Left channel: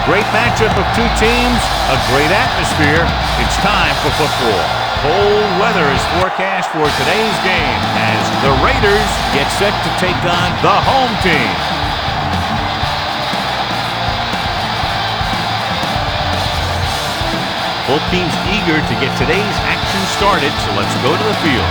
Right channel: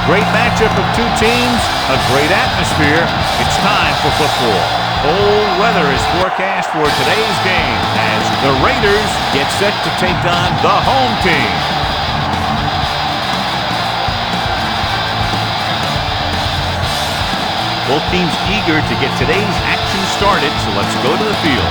A great matchup of two teams, a great atmosphere. It's time for football. Cold weather is forecast for today's game as the Raiders get set to take on the home team. Both teams eager to get today's action started, so let's go to the field.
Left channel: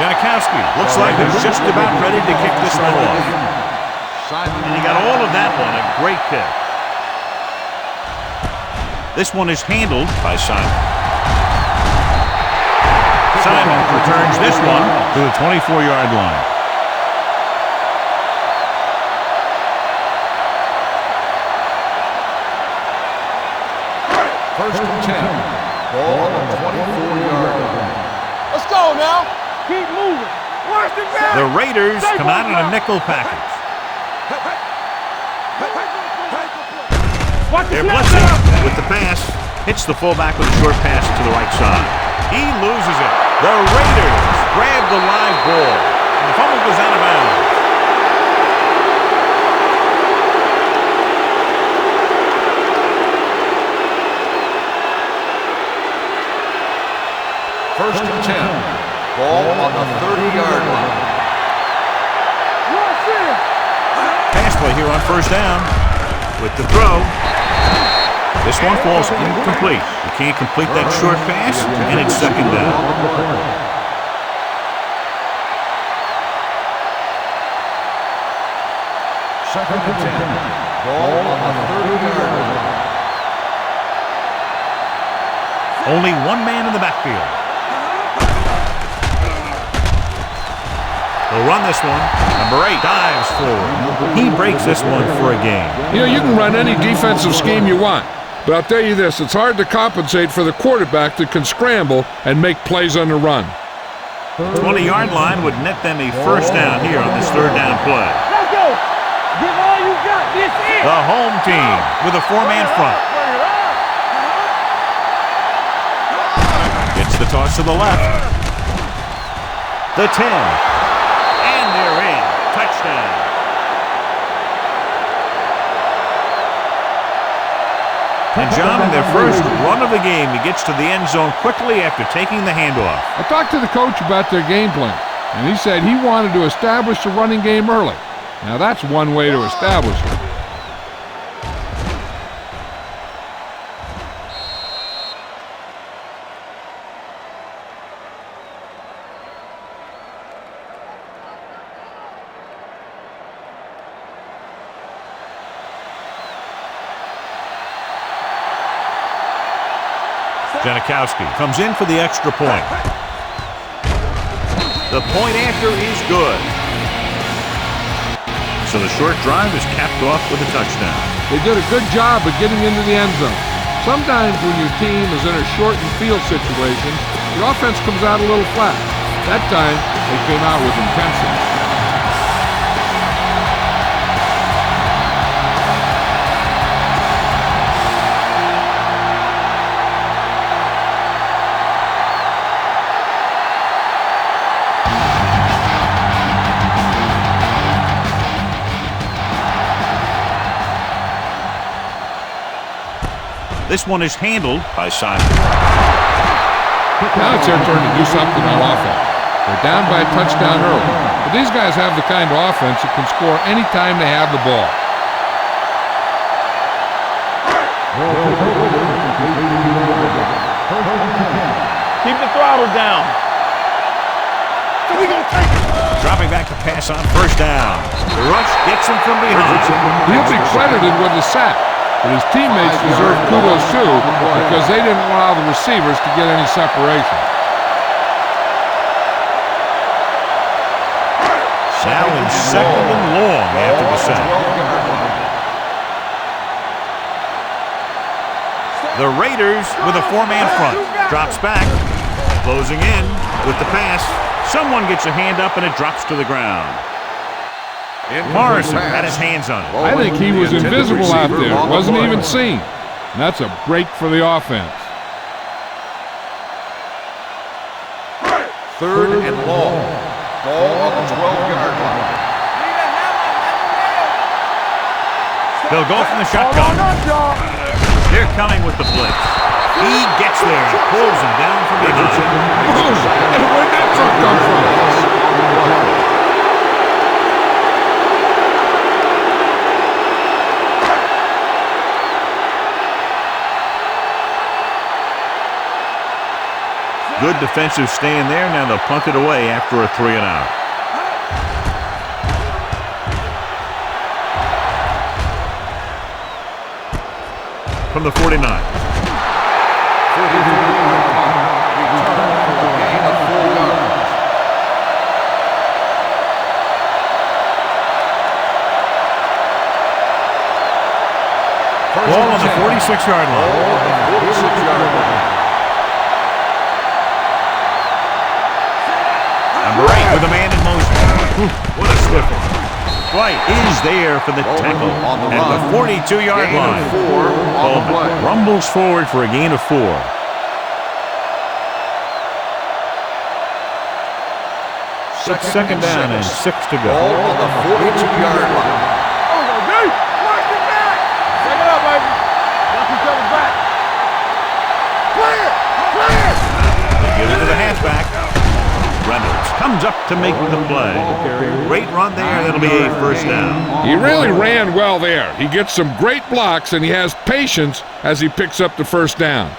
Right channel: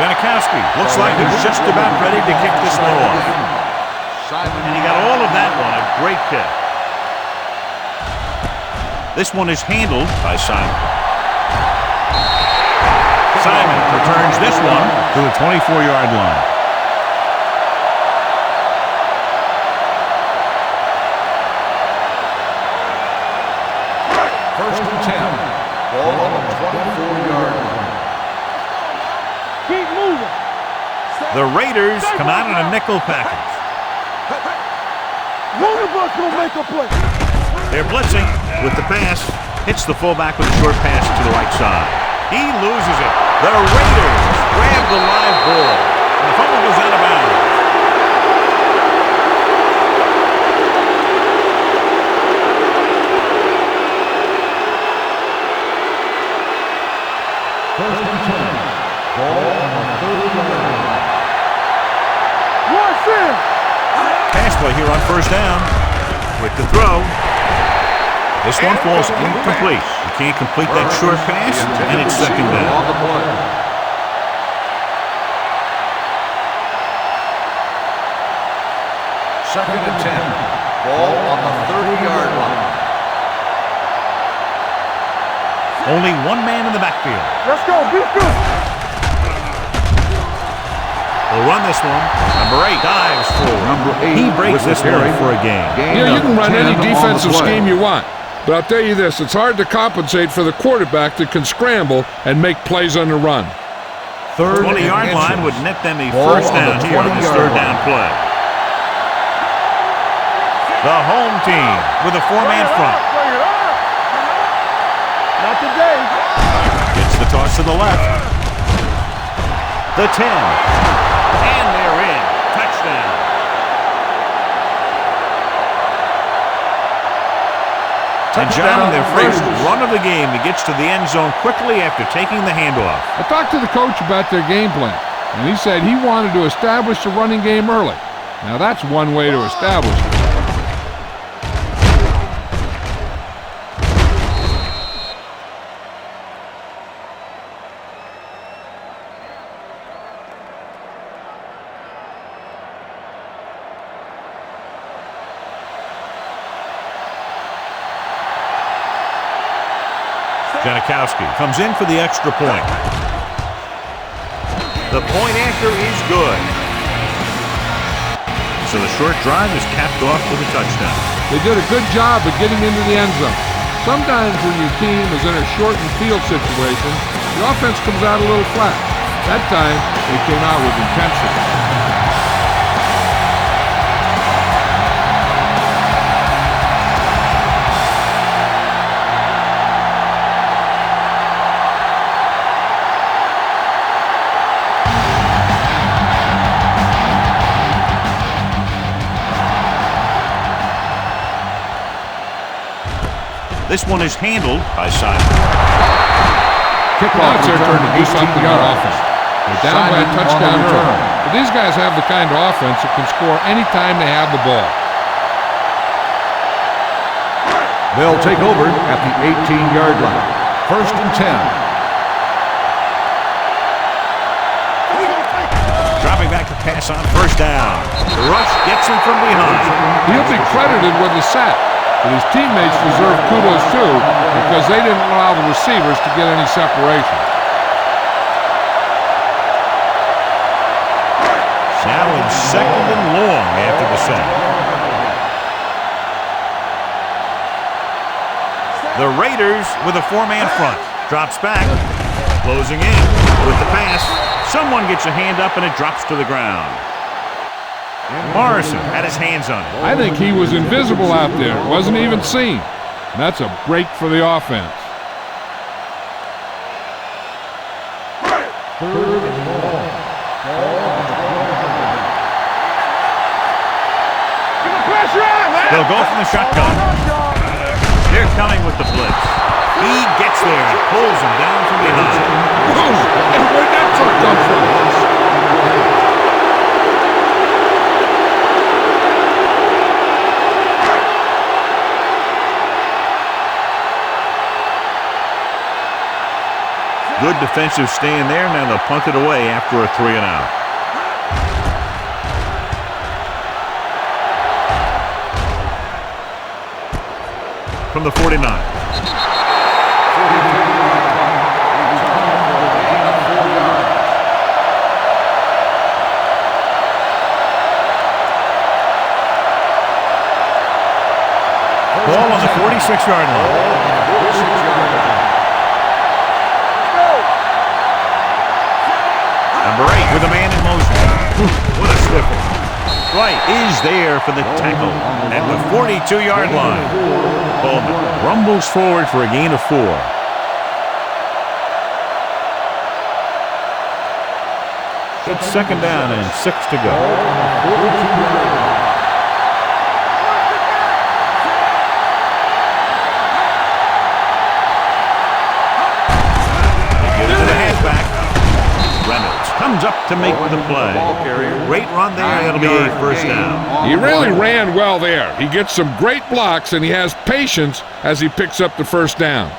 Janikowski looks like he's just about ready to kick this one off. And he got all of that one, a great kick. This one is handled by Simon. Simon returns this one to the 24-yard line. First and 10. Ball on the 24-yard line. Let's go now. Keep moving. The Raiders come out in a nickel package. They're blitzing with the pass. Hits the fullback with a short pass to the right side. He loses it. The Raiders grab the live ball, and the fumble goes out of bounds. First and 10. Ball on the 30-yard line. Pass play here on first down with the throw. This one falls incomplete. You can't complete that short pass, and it's second down. Second and 10. Ball on the 30-yard line. Only one man in the backfield. Let's go. They'll run this one. Number 8 dives forward. He breaks this one for a gain. You know, you can run any defensive scheme you want. But I'll tell you this, it's hard to compensate for the quarterback that can scramble and make plays on the run. 20-yard line would net them a first down here on this third down play. The home team with a 4-man front. Gets the toss to the left. The 10. And they're in. Touchdown. And John, in their first run of the game, he gets to the end zone quickly after taking the handoff. I talked to the coach about their game plan, and he said he wanted to establish the running game early. Now that's one way to establish it. Janikowski comes in for the extra point. The point after is good. So the short drive is capped off with a touchdown. They did a good job of getting into the end zone. Sometimes when your team is in a shortened field situation, the offense comes out a little flat. That time, they came out with intensity. This one is handled by Simon. Now it's their turn to do something on offense. They're down by a touchdown early, but these guys have the kind of offense that can score anytime they have the ball. They'll take over at the 18-yard line. First and 10. Keep the throttle down. Dropping back to pass on first down. The rush gets him from behind. He'll be credited with the sack. But his teammates deserve kudos too because they didn't allow the receivers to get any separation. Now in second and long after the sack. The Raiders with a 4-man front. Drops back. Closing in with the pass. Someone gets a hand up and it drops to the ground. Morrison had his hands on it. I think he was invisible out there. Wasn't even seen. And that's a break for the offense. 3rd and long. Ball on the 12-yard line. They'll go from the shotgun. They're coming with the blitz. He gets there and pulls him down from behind. Boom! And where'd that truck come from? On the play. Good defensive stand there. Now they'll punt it away after a 3-and-out. From the 49. 44-yard punt. Return for a gain of 4 yards. Ball on the 46-yard line. Ball on the 46-yard line. Number 8 with a man in motion. What a stiff one. Dwight is there for the tackle at the 42-yard line. Bowman rumbles forward for a gain of 4. It's 2nd down and 6 to go. On the 42-yard line. They get it to the halfback. Reynolds comes up to make the play. Great run there. That'll be a 1st down. He really ran well there. He gets some great blocks, and he has patience as he picks up the 1st down.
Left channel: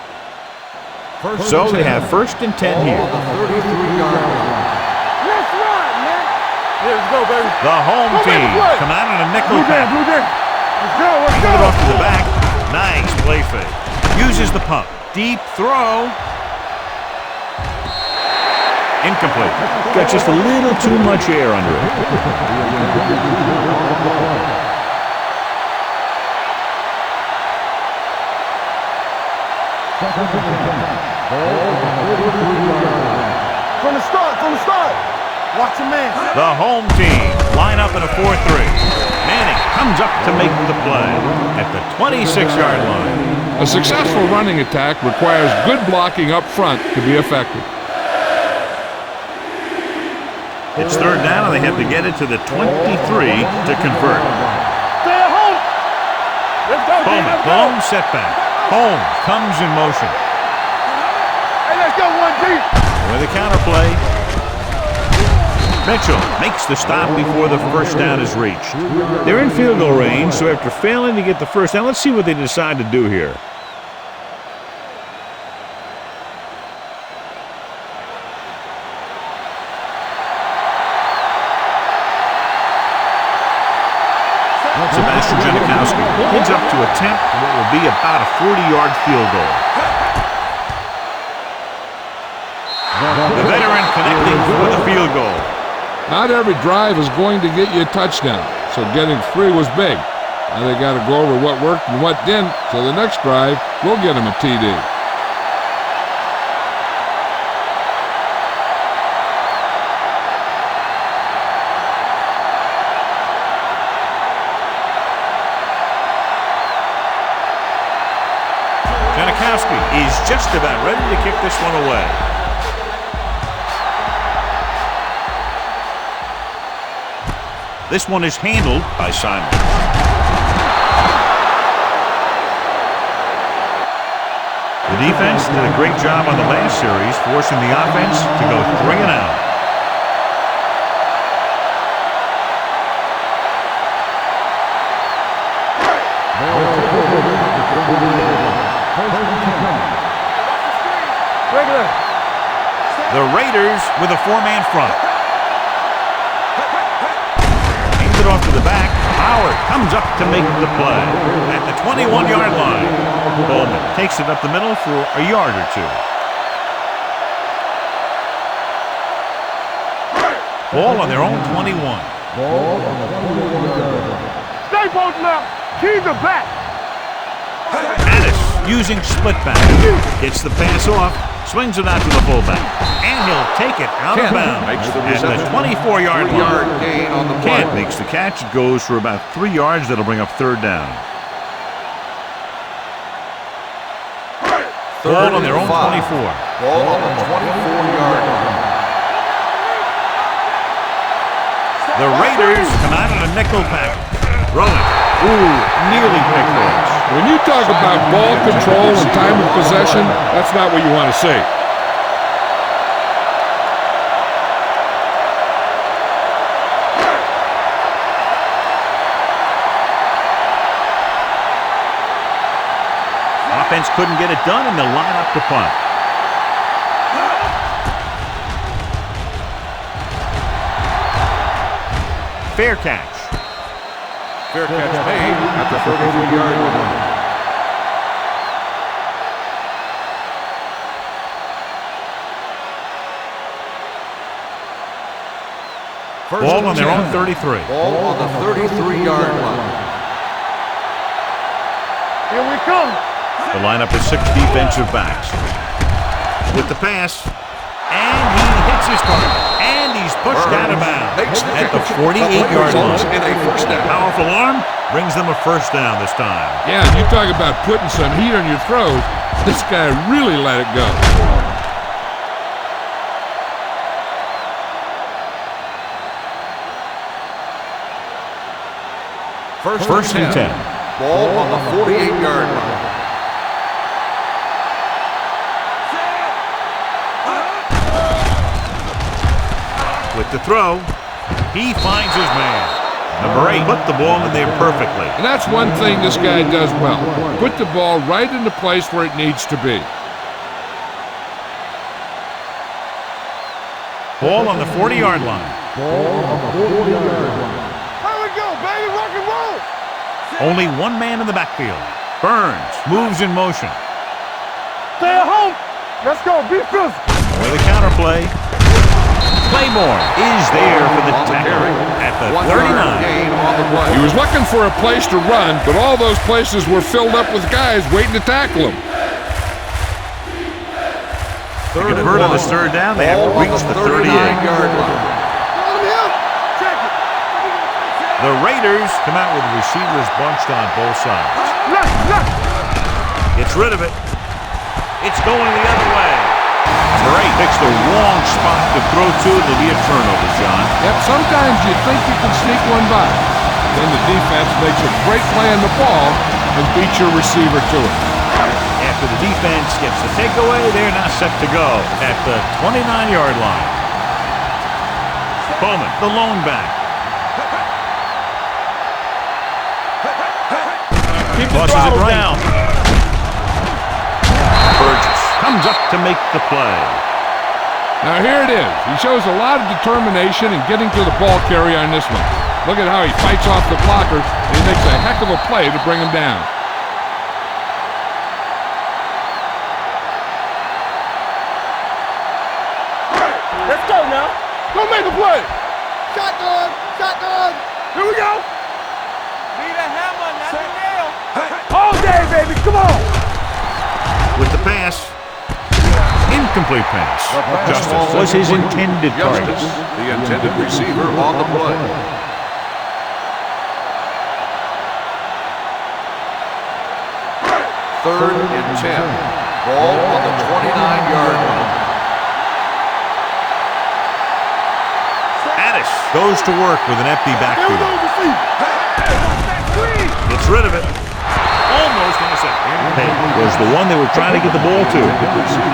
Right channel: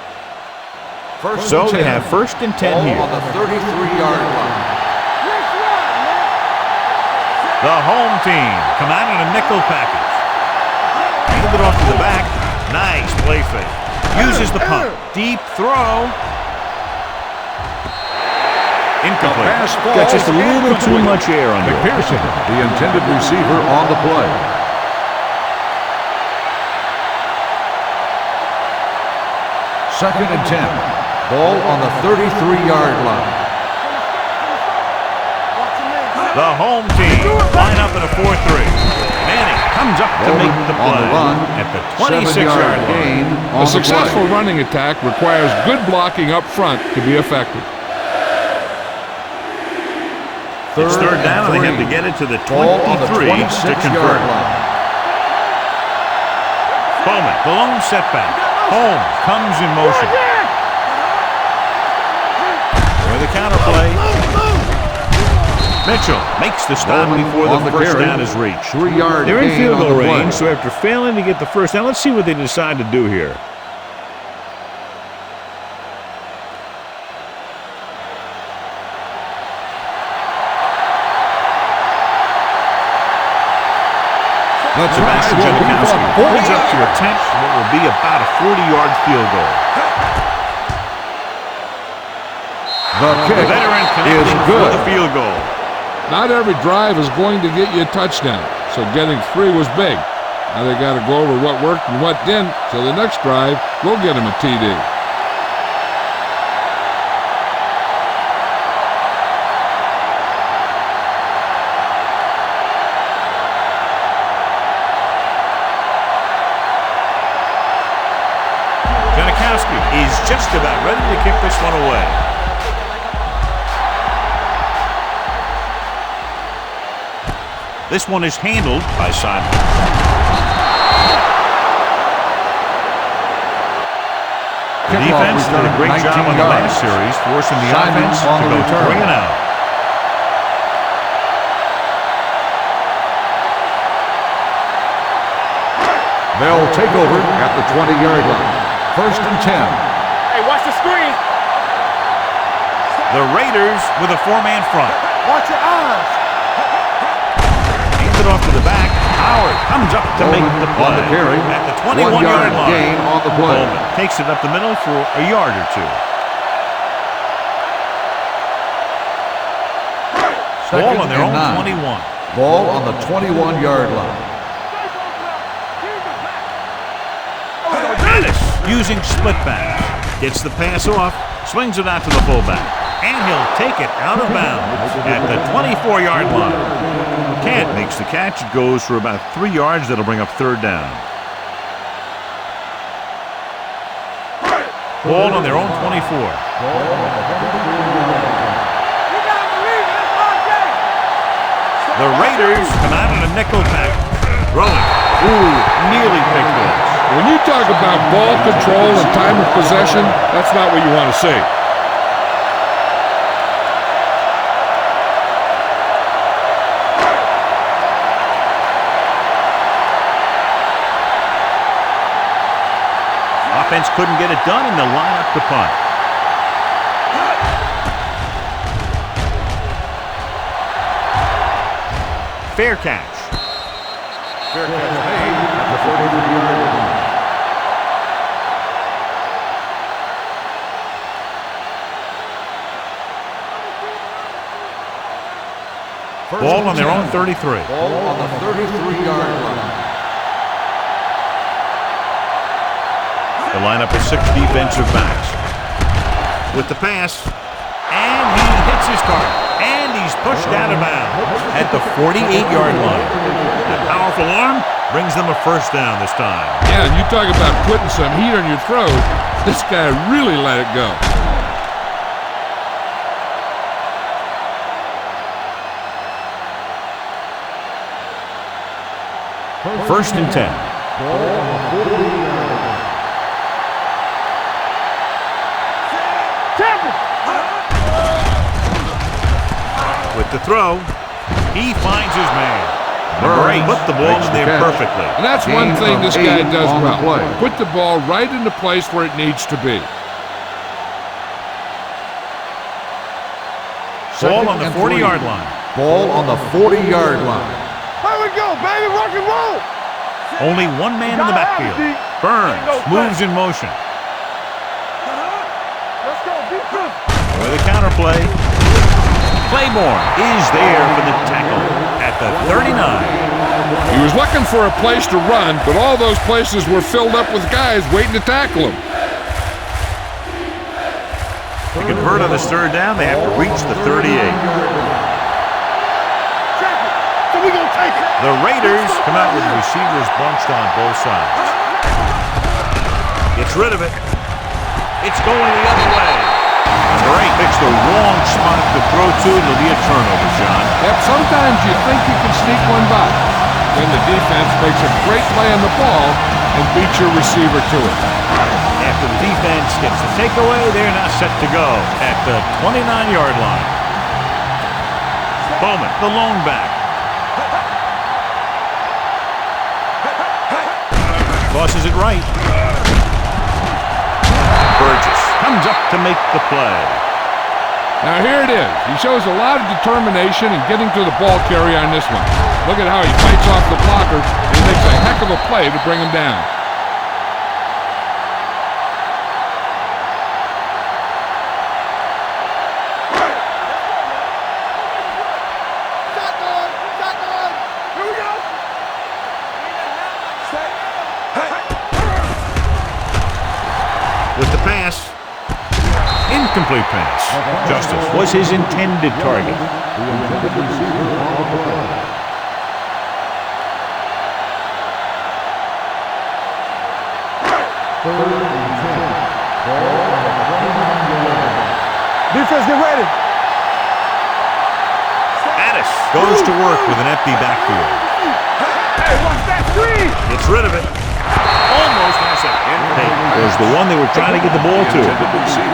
So they have 1st and 10 here. On the 33-yard line. Let's run, man. Let's go, baby. The home team come out on a nickel package. Hand it off to the back. Nice play fake. Uses the pump. Deep throw. Incomplete. Got just a little too much air under it. Pearson, the intended receiver on the play. Second and 10. Ball on the 33-yard line. From the start. Watch your man. The home team line up in a 4-3. Manning comes up to make the play at the 26-yard line. A successful running attack requires good blocking up front to be effective. It's 3rd down, and they have to get it to the 23 to convert. Bowman, the lone setback. Holmes comes in motion. With the counterplay. Mitchell makes the stop before the 1st down is reached. They're in field goal range, so after failing to get the 1st down, let's see what they decide to do here. Sebastian Janikowski holds up to attempt what will be about a 40-yard field goal. The veteran connecting for the field goal. Not every drive is going to get you a touchdown, so getting 3 was big. Now they got to go over what worked and what didn't, so the next drive will get him a TD. Janikowski is just about ready to kick this one away. This one is handled by Simon. The defense did a great job on the last series, forcing the offense to go 3-and-out. They'll take over at the 20-yard line. 1st and 10. Hey, watch the screen. The Raiders with a 4-man front. Watch your eyes. Hands it off to the back. Howard comes up to make the play at the 21-yard line. Bowman takes it up the middle for a yard or 2. Ball on their own 21. Ball on the 21-yard line. Stay both left. Keep the back. Addis using split back. Gets the pass off, swings it out to the fullback, and he'll take it out of bounds at the 24-yard line. Kent makes the catch. It goes for about 3 yards. That'll bring up 3rd down. Ball on their own 24. Ball on the 24-yard line. The Raiders come out in a nickel package. Throwing. Ooh, nearly picked off. When you talk about ball control and time of possession, that's not what you want to see. Offense couldn't get it done, and they'll line up to punt. Fair catch. Fair catch made at the 33-yard line. Ball on their own 33. Ball on the 33-yard line. Here we come. The lineup is 6 defensive backs. With the pass, and he hits his target, and he's pushed out of bounds at the 48-yard line. A powerful arm brings them a first down this time. Yeah, and you talk about putting some heat on your throat. This guy really let it go. First and 10. Ball on the 48-yard line. With the throw, he finds his man. Number 8 put the ball in there perfectly. And that's one thing this guy does well. Put the ball right in the place where it needs to be. Ball on the 40-yard line. Ball on the 40-yard line. Here we go, baby. Rock and roll. Only one man in the backfield. Burns moves in motion. Stay at home. Let's go. Be physical. With a counterplay. Claiborne is there for the tackle at the 39. He was looking for a place to run, but all those places were filled up with guys waiting to tackle him. To convert on this third down, they have to reach the 38. The Raiders come out with receivers bunched on both sides. Gets rid of it. It's going the other way. Number 8 picks the wrong spot to throw to. It'll be a turnover, John. Yep, sometimes you think you can sneak one by. Then the defense makes a great play on the ball and beats your receiver to it. After the defense gets the takeaway, they're now set to go at the 29-yard line. Bowman, the lone back. Tosses it right. Burgess comes up to make the play. Now here it is. He shows a lot of determination in getting to the ball carrier on this one. Look at how he fights off the blocker, and he makes a heck of a play to bring him down. Let's go now. Go make the play. Shotgun. Shotgun. Here we go. Need a hammer, not a nail. All day, baby. Come on. With the pass. Incomplete pass. Justice was his intended target. The intended receiver on the play. Third and 10. Ball on the 29-yard line. Defense, get ready. Addis goes to work with an empty backfield. Hey, watch that screen. Gets rid of it. Almost intercepted. Payton was the one they were trying to get the ball to.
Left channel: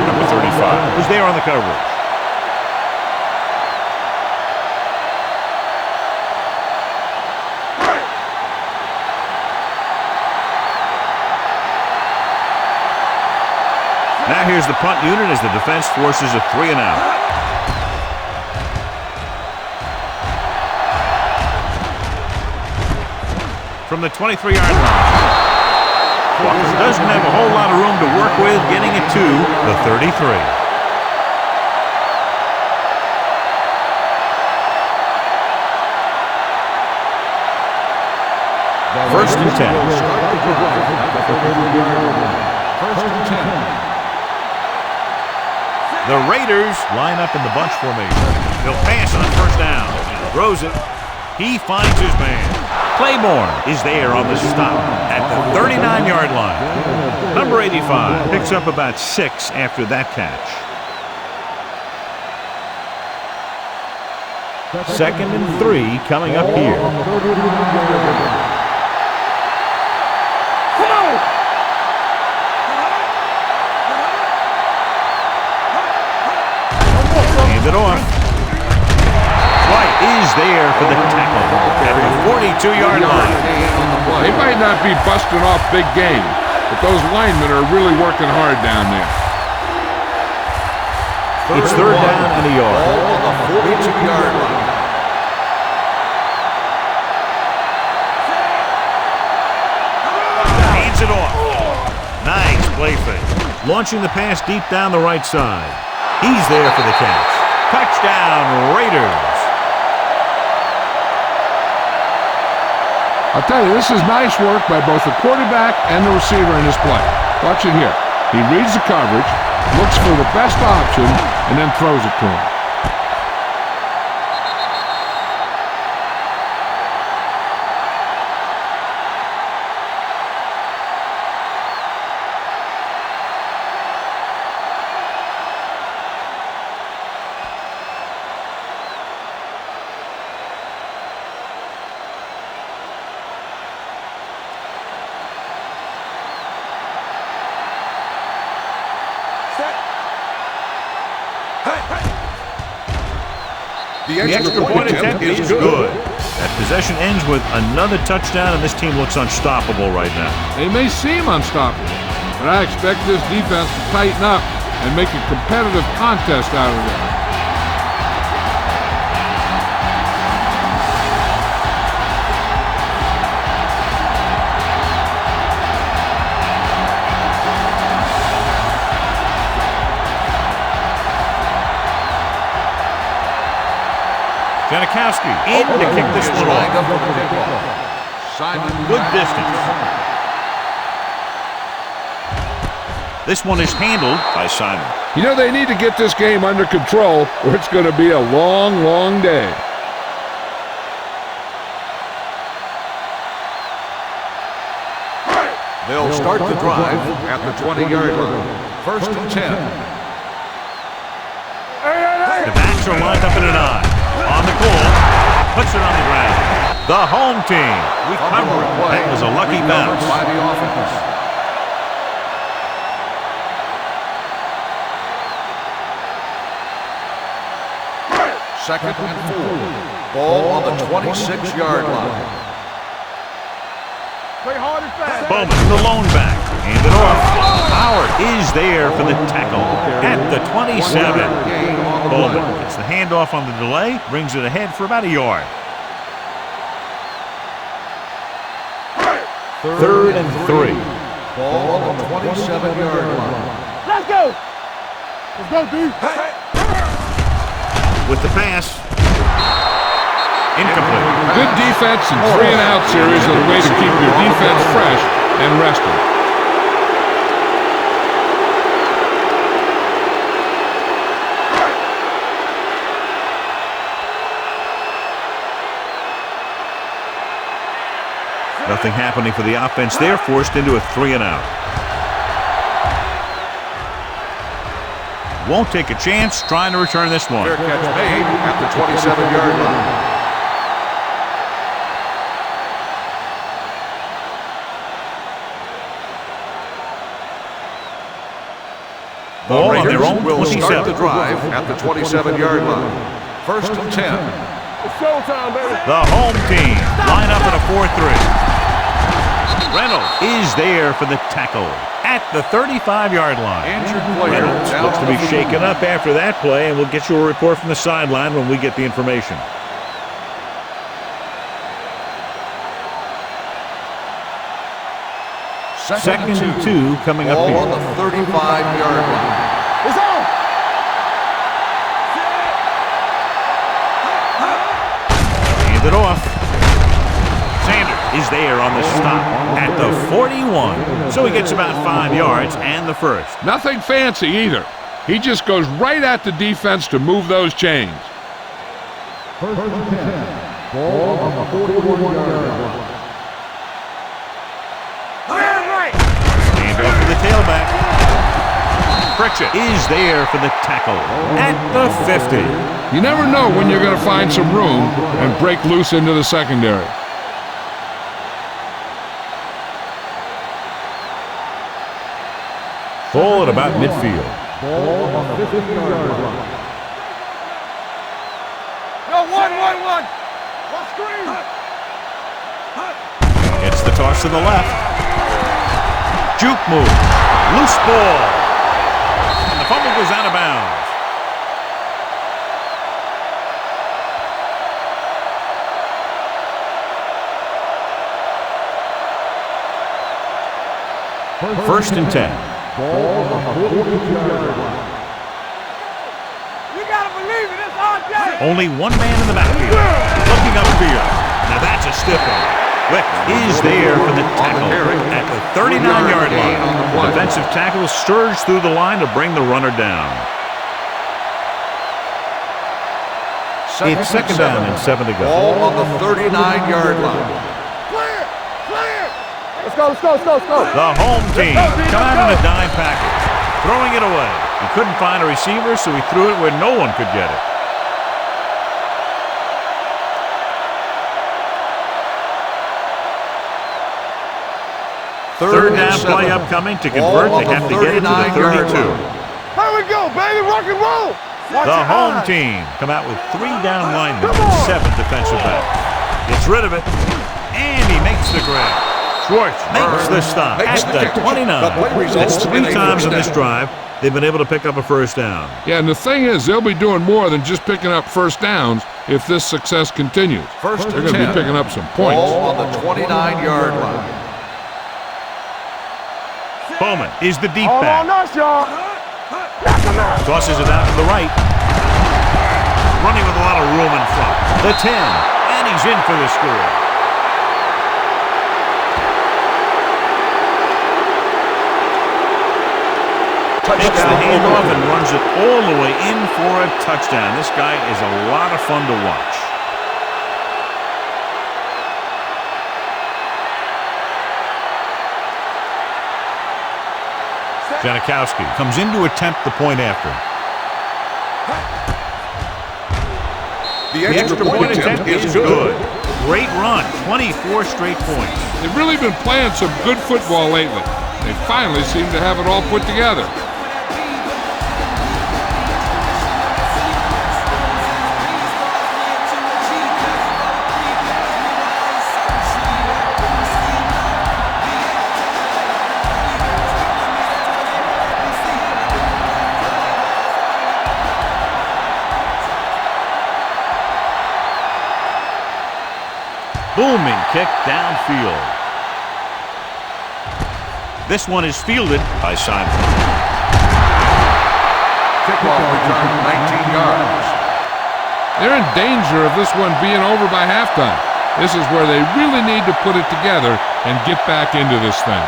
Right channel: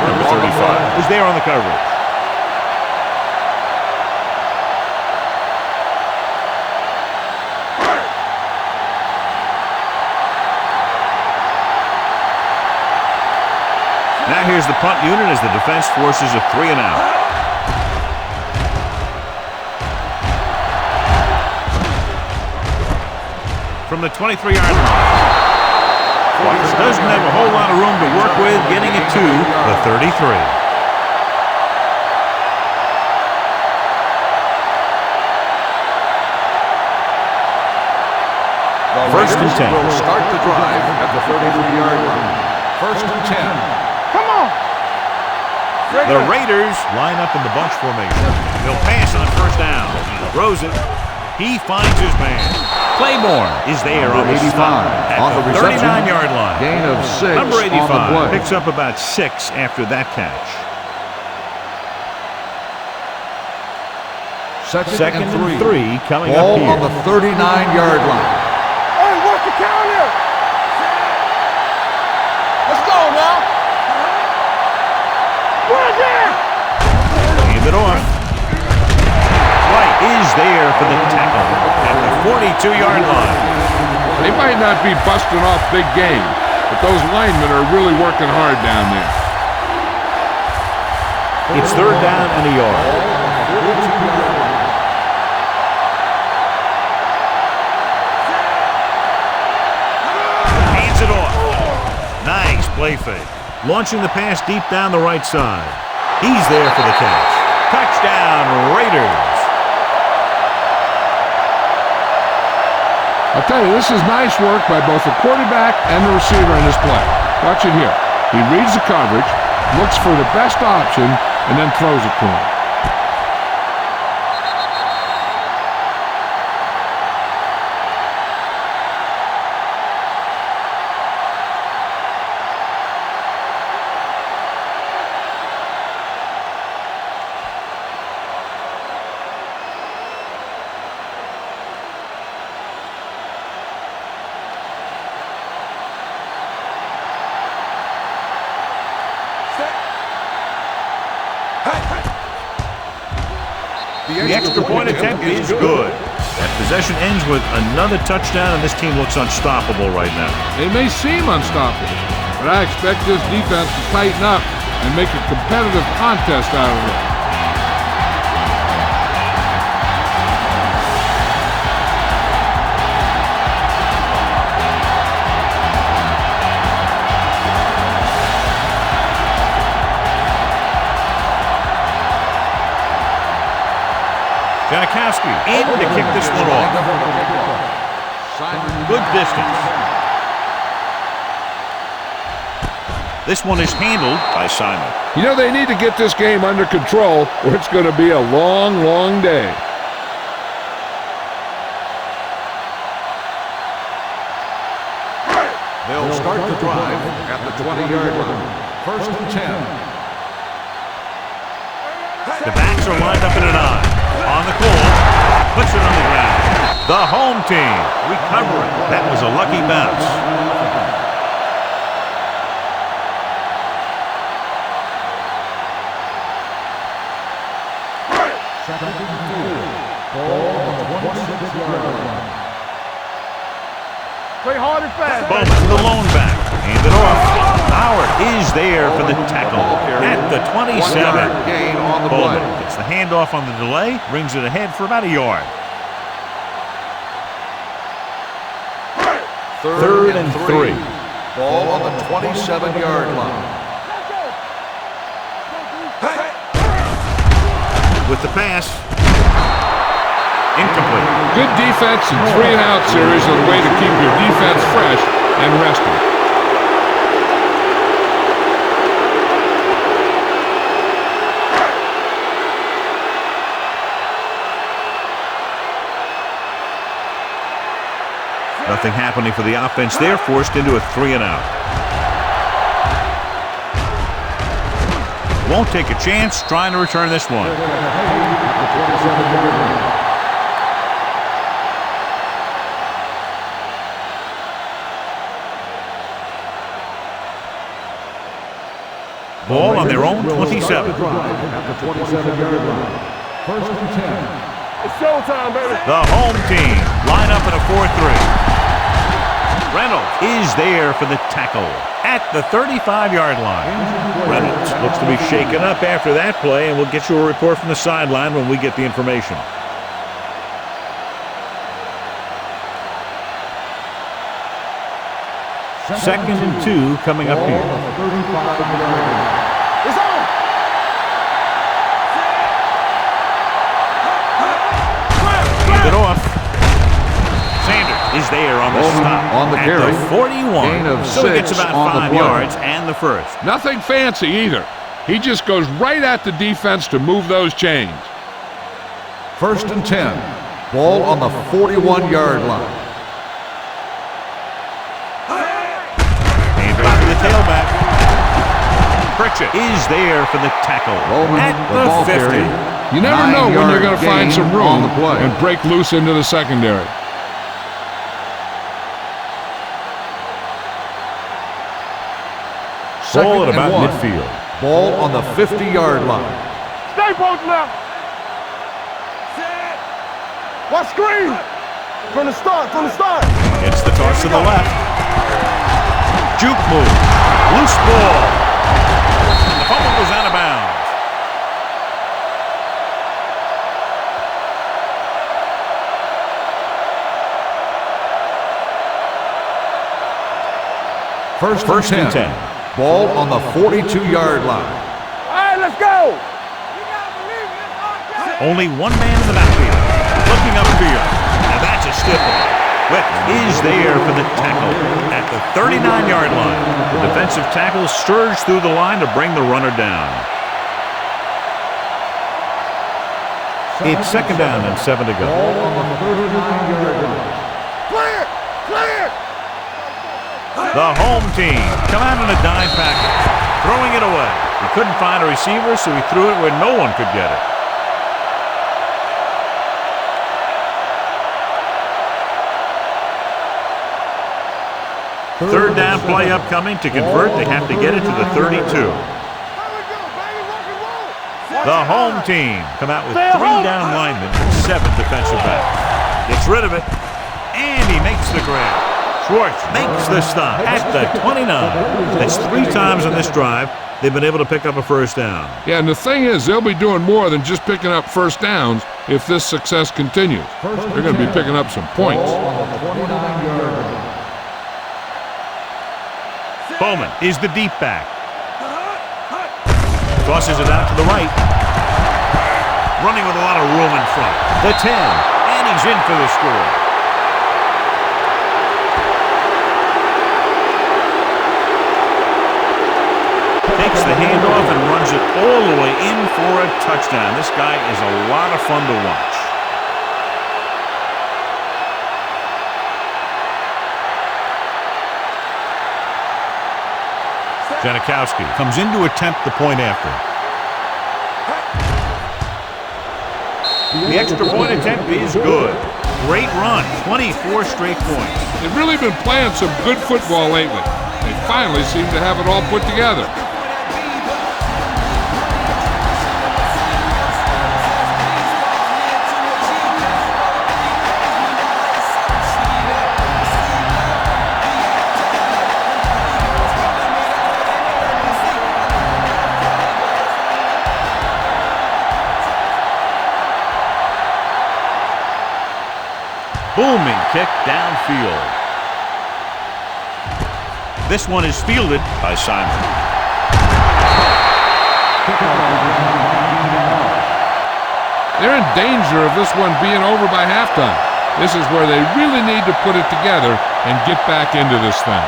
Number 35 was there on the coverage. Now here's the punt unit as the defense forces a 3 and out. From the 23-yard line. Walker doesn't have a whole lot of room to work with, getting it to the 33. First and 10. Will start the drive at the 33-yard line. First and 10. Come on. The Raiders line up in the bunch formation. They'll pass on first down. Throws it. He finds his man. Claiborne is there on the stop at the 39-yard line. Gain of 6. Number 85 picks up about 6 after that catch. Second and 3 coming up here. On the 39-yard line. Hey, what's the count here? Come on. Let's go now. Right there. Hand it off. White is there for the tackle at the 42-yard line. They might not be busting off big games, but those linemen are really working hard down there. It's third down and a yard. On the 42-yard line. Hands it off. Nice play fake. Launching the pass deep down the right side. He's there for the catch. Touchdown, Raiders. I'll tell you, this is nice work by both the quarterback and the receiver in this play. Watch it here. He reads the coverage, looks for the best option, and then throws it to him. The extra point attempt is good. That possession ends with another touchdown, and this team looks unstoppable right now. They may seem unstoppable, but I expect this defense to tighten up and make a competitive contest out of it. Janikowski in to kick this one off. Good distance. This one is handled by Simon. You know, they need to get this game under control or it's going to be a long, long day. They'll start the drive at the 20-yard line. First and 10. The backs are lined up in an eye. On the goal, puts it on the ground. The home team recover it. That was a lucky bounce. Second and 4. Ball on the 26-yard line. Play hard and fast. Bowman, the lone back. Hand it off. Howard is there for the tackle at the 27. Bowman gets the handoff on the delay, brings it ahead for about a yard. Third and 3. Ball on the 27-yard line. Let's go. Let's go, dude. With the pass. Incomplete. Good defense and 3-and-out series are the way to keep your defense fresh and rested. Nothing happening for the offense. They're forced into a 3-and-out. Won't take a chance trying to return this one. At the 27-yard line. Ball on their own 27. The drive at the 27-yard line. First and 10. It's showtime, baby. The home team line up in a 4-3. Reynolds is there for the tackle at the 35-yard line. Reynolds looks to be shaken up after that play, and we'll get you a report from the sideline when we get the information. Second and 2 coming up here. On the 35-yard line. It's on. Hand it off. Sanders is there on the stop at the 41. So he gets about 5 yards and the first. Nothing fancy either. He just goes right at the defense to move those chains. First and 10. Ball on the 41-yard line. Pritchett is there for the tackle at the 50. You never know when you're going to find some room and break loose into the secondary. Ball at about midfield. Ball on the 50-yard line. Stay posted up. Yo, one. Watch screen. From the start. Gets the toss to the left. Juke move. Loose ball. And the fumble goes out of bounds. First and 10. Ball on the 42-yard line. All right, let's go. You got to believe it. It's our day. Only one man in the backfield. Looking upfield. Now that's a stiff one. Wick is there for the tackle at the 39-yard line. The defensive tackle surged through the line to bring the runner down. It's second down and 7 to go. Ball on the 39-yard line. Clear. Let's go. The home team come out in a dime package, throwing it away. He couldn't find a receiver, so he threw it where no one could get it. Third down play upcoming. To convert, they have to get it to the 32. Here we go, baby. Rock and roll. The home team come out with 3 down linemen and 7 defensive backs. Gets rid of it, and he makes the grab. Schwartz makes the stop at the 29. That's 3 times on this drive they've been able to pick up a first down. Yeah, and the thing is, they'll be doing more than just picking up first downs if this success continues. They're going to be picking up some points. Ball on the 29-yard line. Bowman is the deep back. Nice, Tosses it out to the right. Running with a lot of room in front. The 10, and he's in for the score. Takes the handoff and runs it all the way in for a touchdown. This guy is a lot of fun to watch. Janikowski comes in to attempt the point after. The extra point attempt is good. Great run, 24 straight points. They've really been playing some good football lately. They finally seem to have it all put together. Booming kick downfield. This one is fielded by Simon. Kickoff return 19 yards. They're in danger of this one being over by halftime. This is where they really need to put it together and get back into this thing.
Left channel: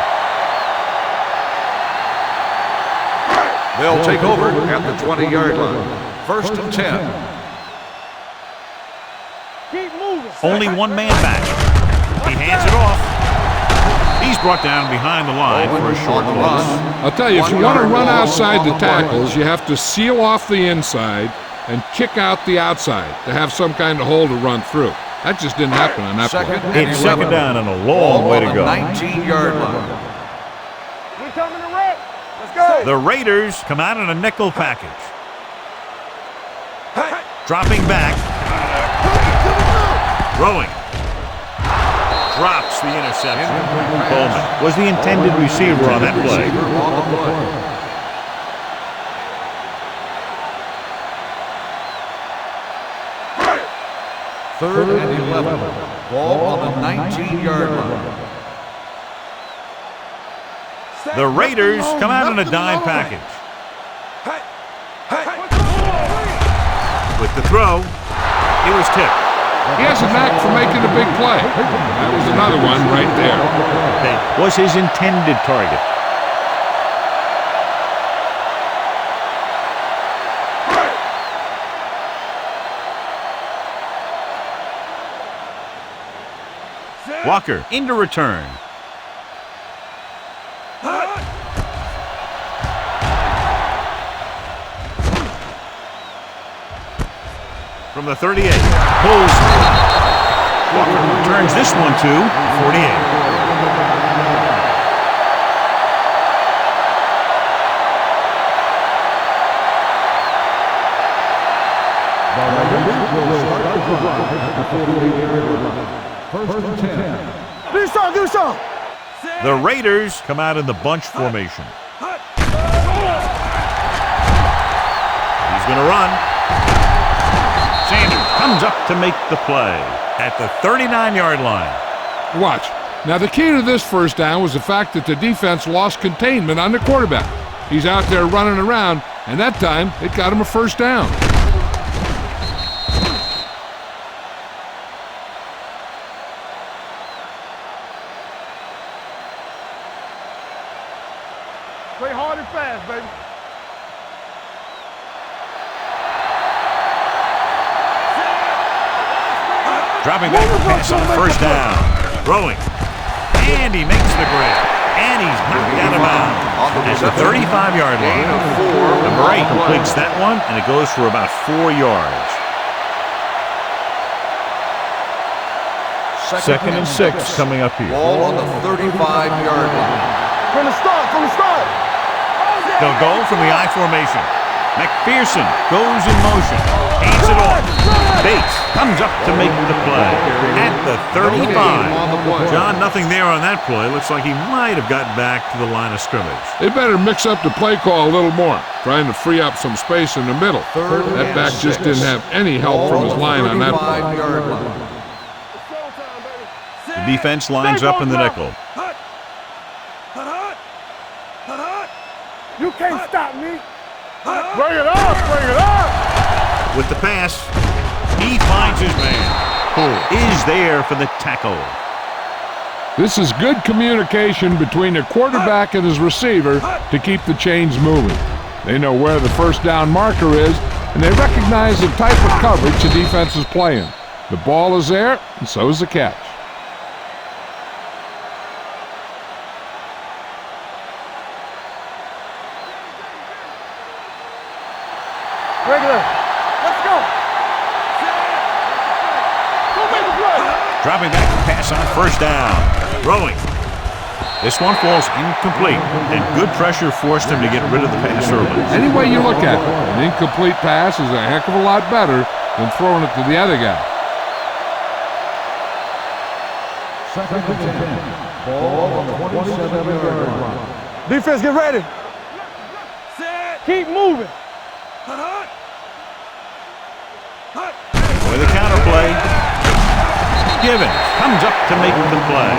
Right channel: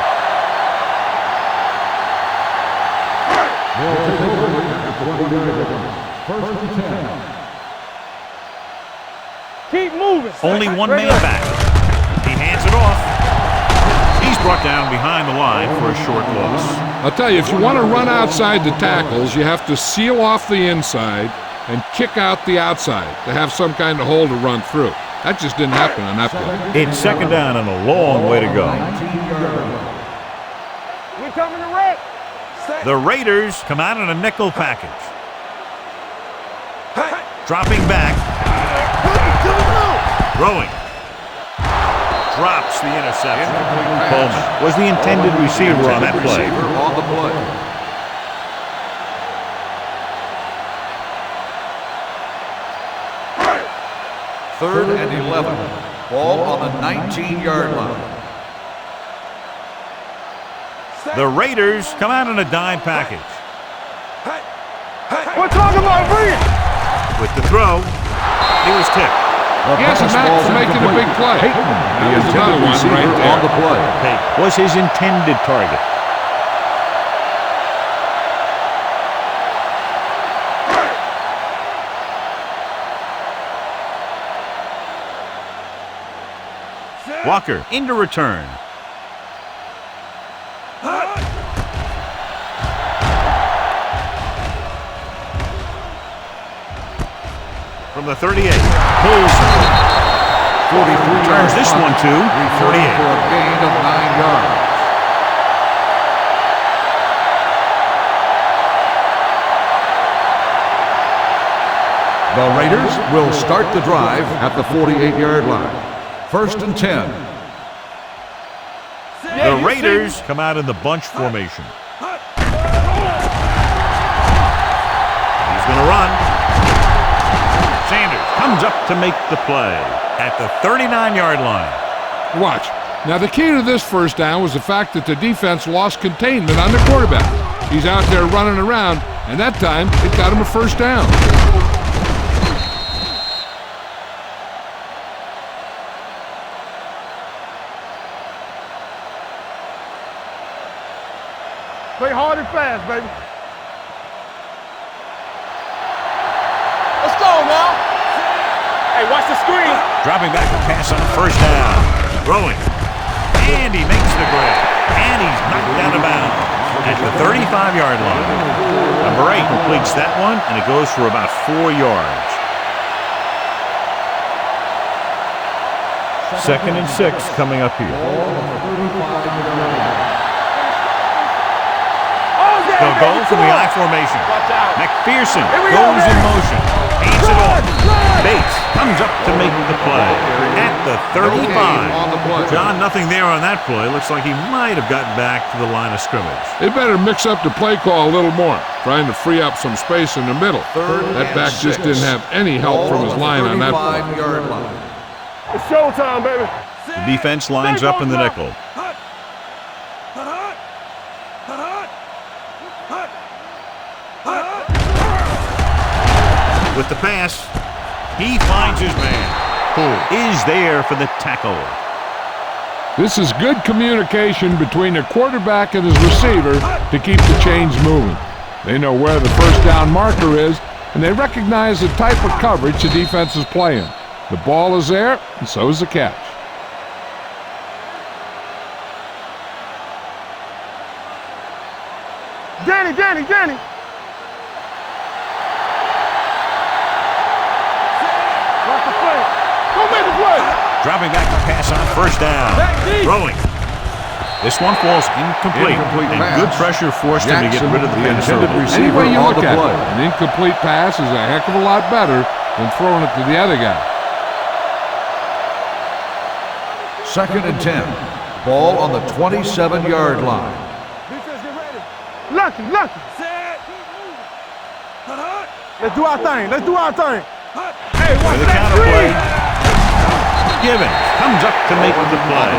They'll take over at the 20-yard line. First and 10. Keep moving. Only one man back. He hands it off. He's brought down behind the line for a short loss. I'll tell you, if you want to run outside the tackles, you have to seal off the inside and kick out the outside to have some kind of hole to run through. That just didn't happen on that play. It's second down and a long way to go. 19-yard line. We coming to wreck. Let's go. The Raiders come out in a nickel package. Dropping back. Throwing. Drops the interception. Bowman was the intended receiver on that play. Third and 11. Ball on the 19-yard line. The Raiders come out in a dime package. With the throw, he was tipped. He has a knack for making a big play. That was another one right there. Payton was his intended target. Walker into return. the 38. Pulls. Walker returns this one to 48. Gain of 9 yards. The Raiders will start the drive at the 48-yard line. 1st and 10. Do something. The Raiders come out in the bunch formation. He's going to run. Sanders comes up to make the play at the 39-yard line. Watch. Now, the key to this first down was the fact that the defense lost containment on the quarterback. He's out there running around, and that time it got him a first down. Play hard and fast, baby. Let's go, now. Hey, watch the screen. Dropping back to pass on first down. Throwing. And he makes the grab. And he's knocked out of bounds at the 35-yard line. Number 8 completes that one, and it goes for about 4 yards. 2nd and 6 coming up here. Ball on the 35-yard line. From the start. They'll go from the I formation. McPherson goes in motion. Hands it off. Bates comes up to make the play at the 35. John, nothing there on that play. Looks like he might have gotten back to the line of scrimmage. They better mix up the play call a little more, trying to free up some space in the middle. That back just didn't have any help from his line on that play. 35-yard line. It's showtime, baby. The defense lines up in the nickel. You can't stop me. Bring it on. With the pass, he finds his man, who is there for the tackle. This is good communication between the quarterback and his receiver to keep the chains moving. They know where the first down marker is, and they recognize the type of coverage the defense is playing. The ball is there, and so is the catch. Danny. Break it up. Let's go. Watch the play. Go make the play. Dropping back to pass on first down. Throwing. This one falls incomplete, and good pressure forced him to get rid of the pass early. Any way you look at it, an incomplete pass is a heck of a lot better than throwing it to the other guy. 2nd and 10. Ball on the 27-yard line. Defense, get ready. Lucky. Keep moving. Let's do our thing. For the counter play, Givens comes up to make the play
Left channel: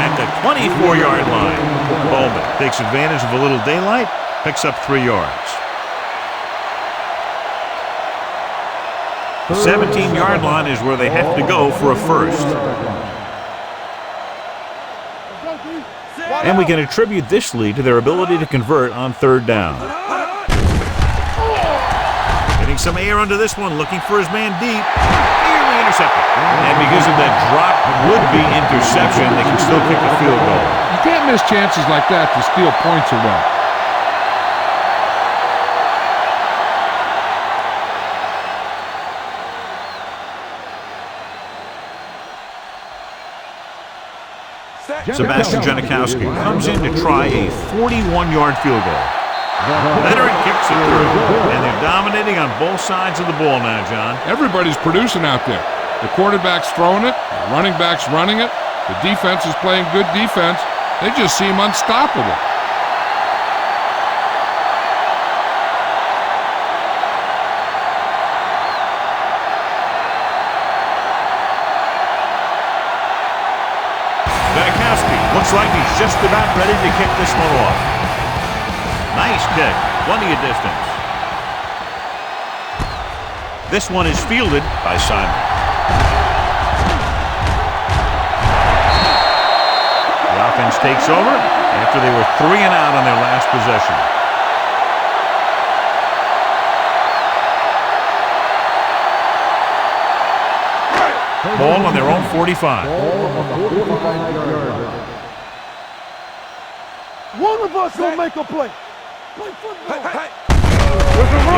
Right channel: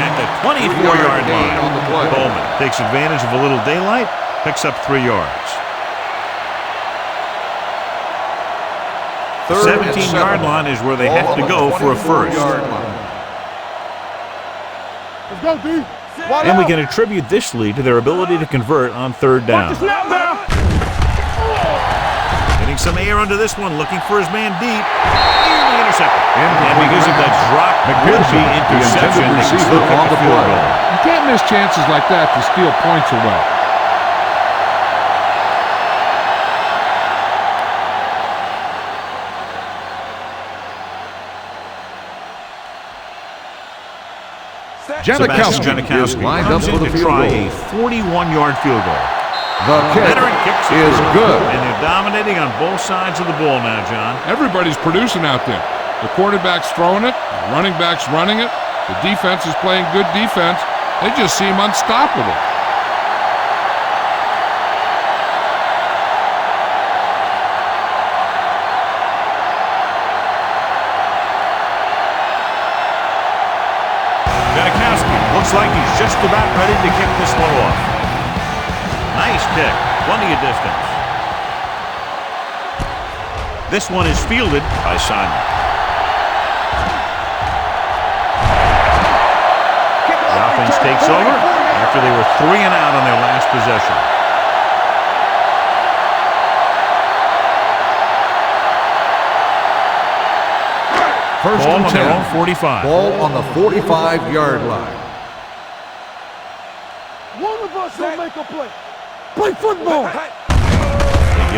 at the 24-yard line. Bowman takes advantage of a little daylight, picks up 3 yards. The 17-yard line is where they have to go for a first. Let's go, D. And we can attribute this lead to their ability to convert on 3rd down. Getting some air under this one, looking for his man deep. Nearly intercepted. And because of that drop would-be interception, they can still kick a field goal. You can't miss chances like that to steal points away. Sebastian Janikowski comes in to try a 41-yard field goal. The veteran kicks it through, and they're dominating on both sides of the ball now, John. Everybody's producing out there. The quarterback's throwing it, the running back's running it, the defense is playing good defense. They just seem unstoppable. Janikowski looks like he's just about ready to kick this one off. Nice kick, plenty of distance. This one is fielded by Simon. The offense takes over after they were 3 and out on their last possession. Ball on their own 45. Ball on the 45-yard line. One of us will make a play. Play football. Give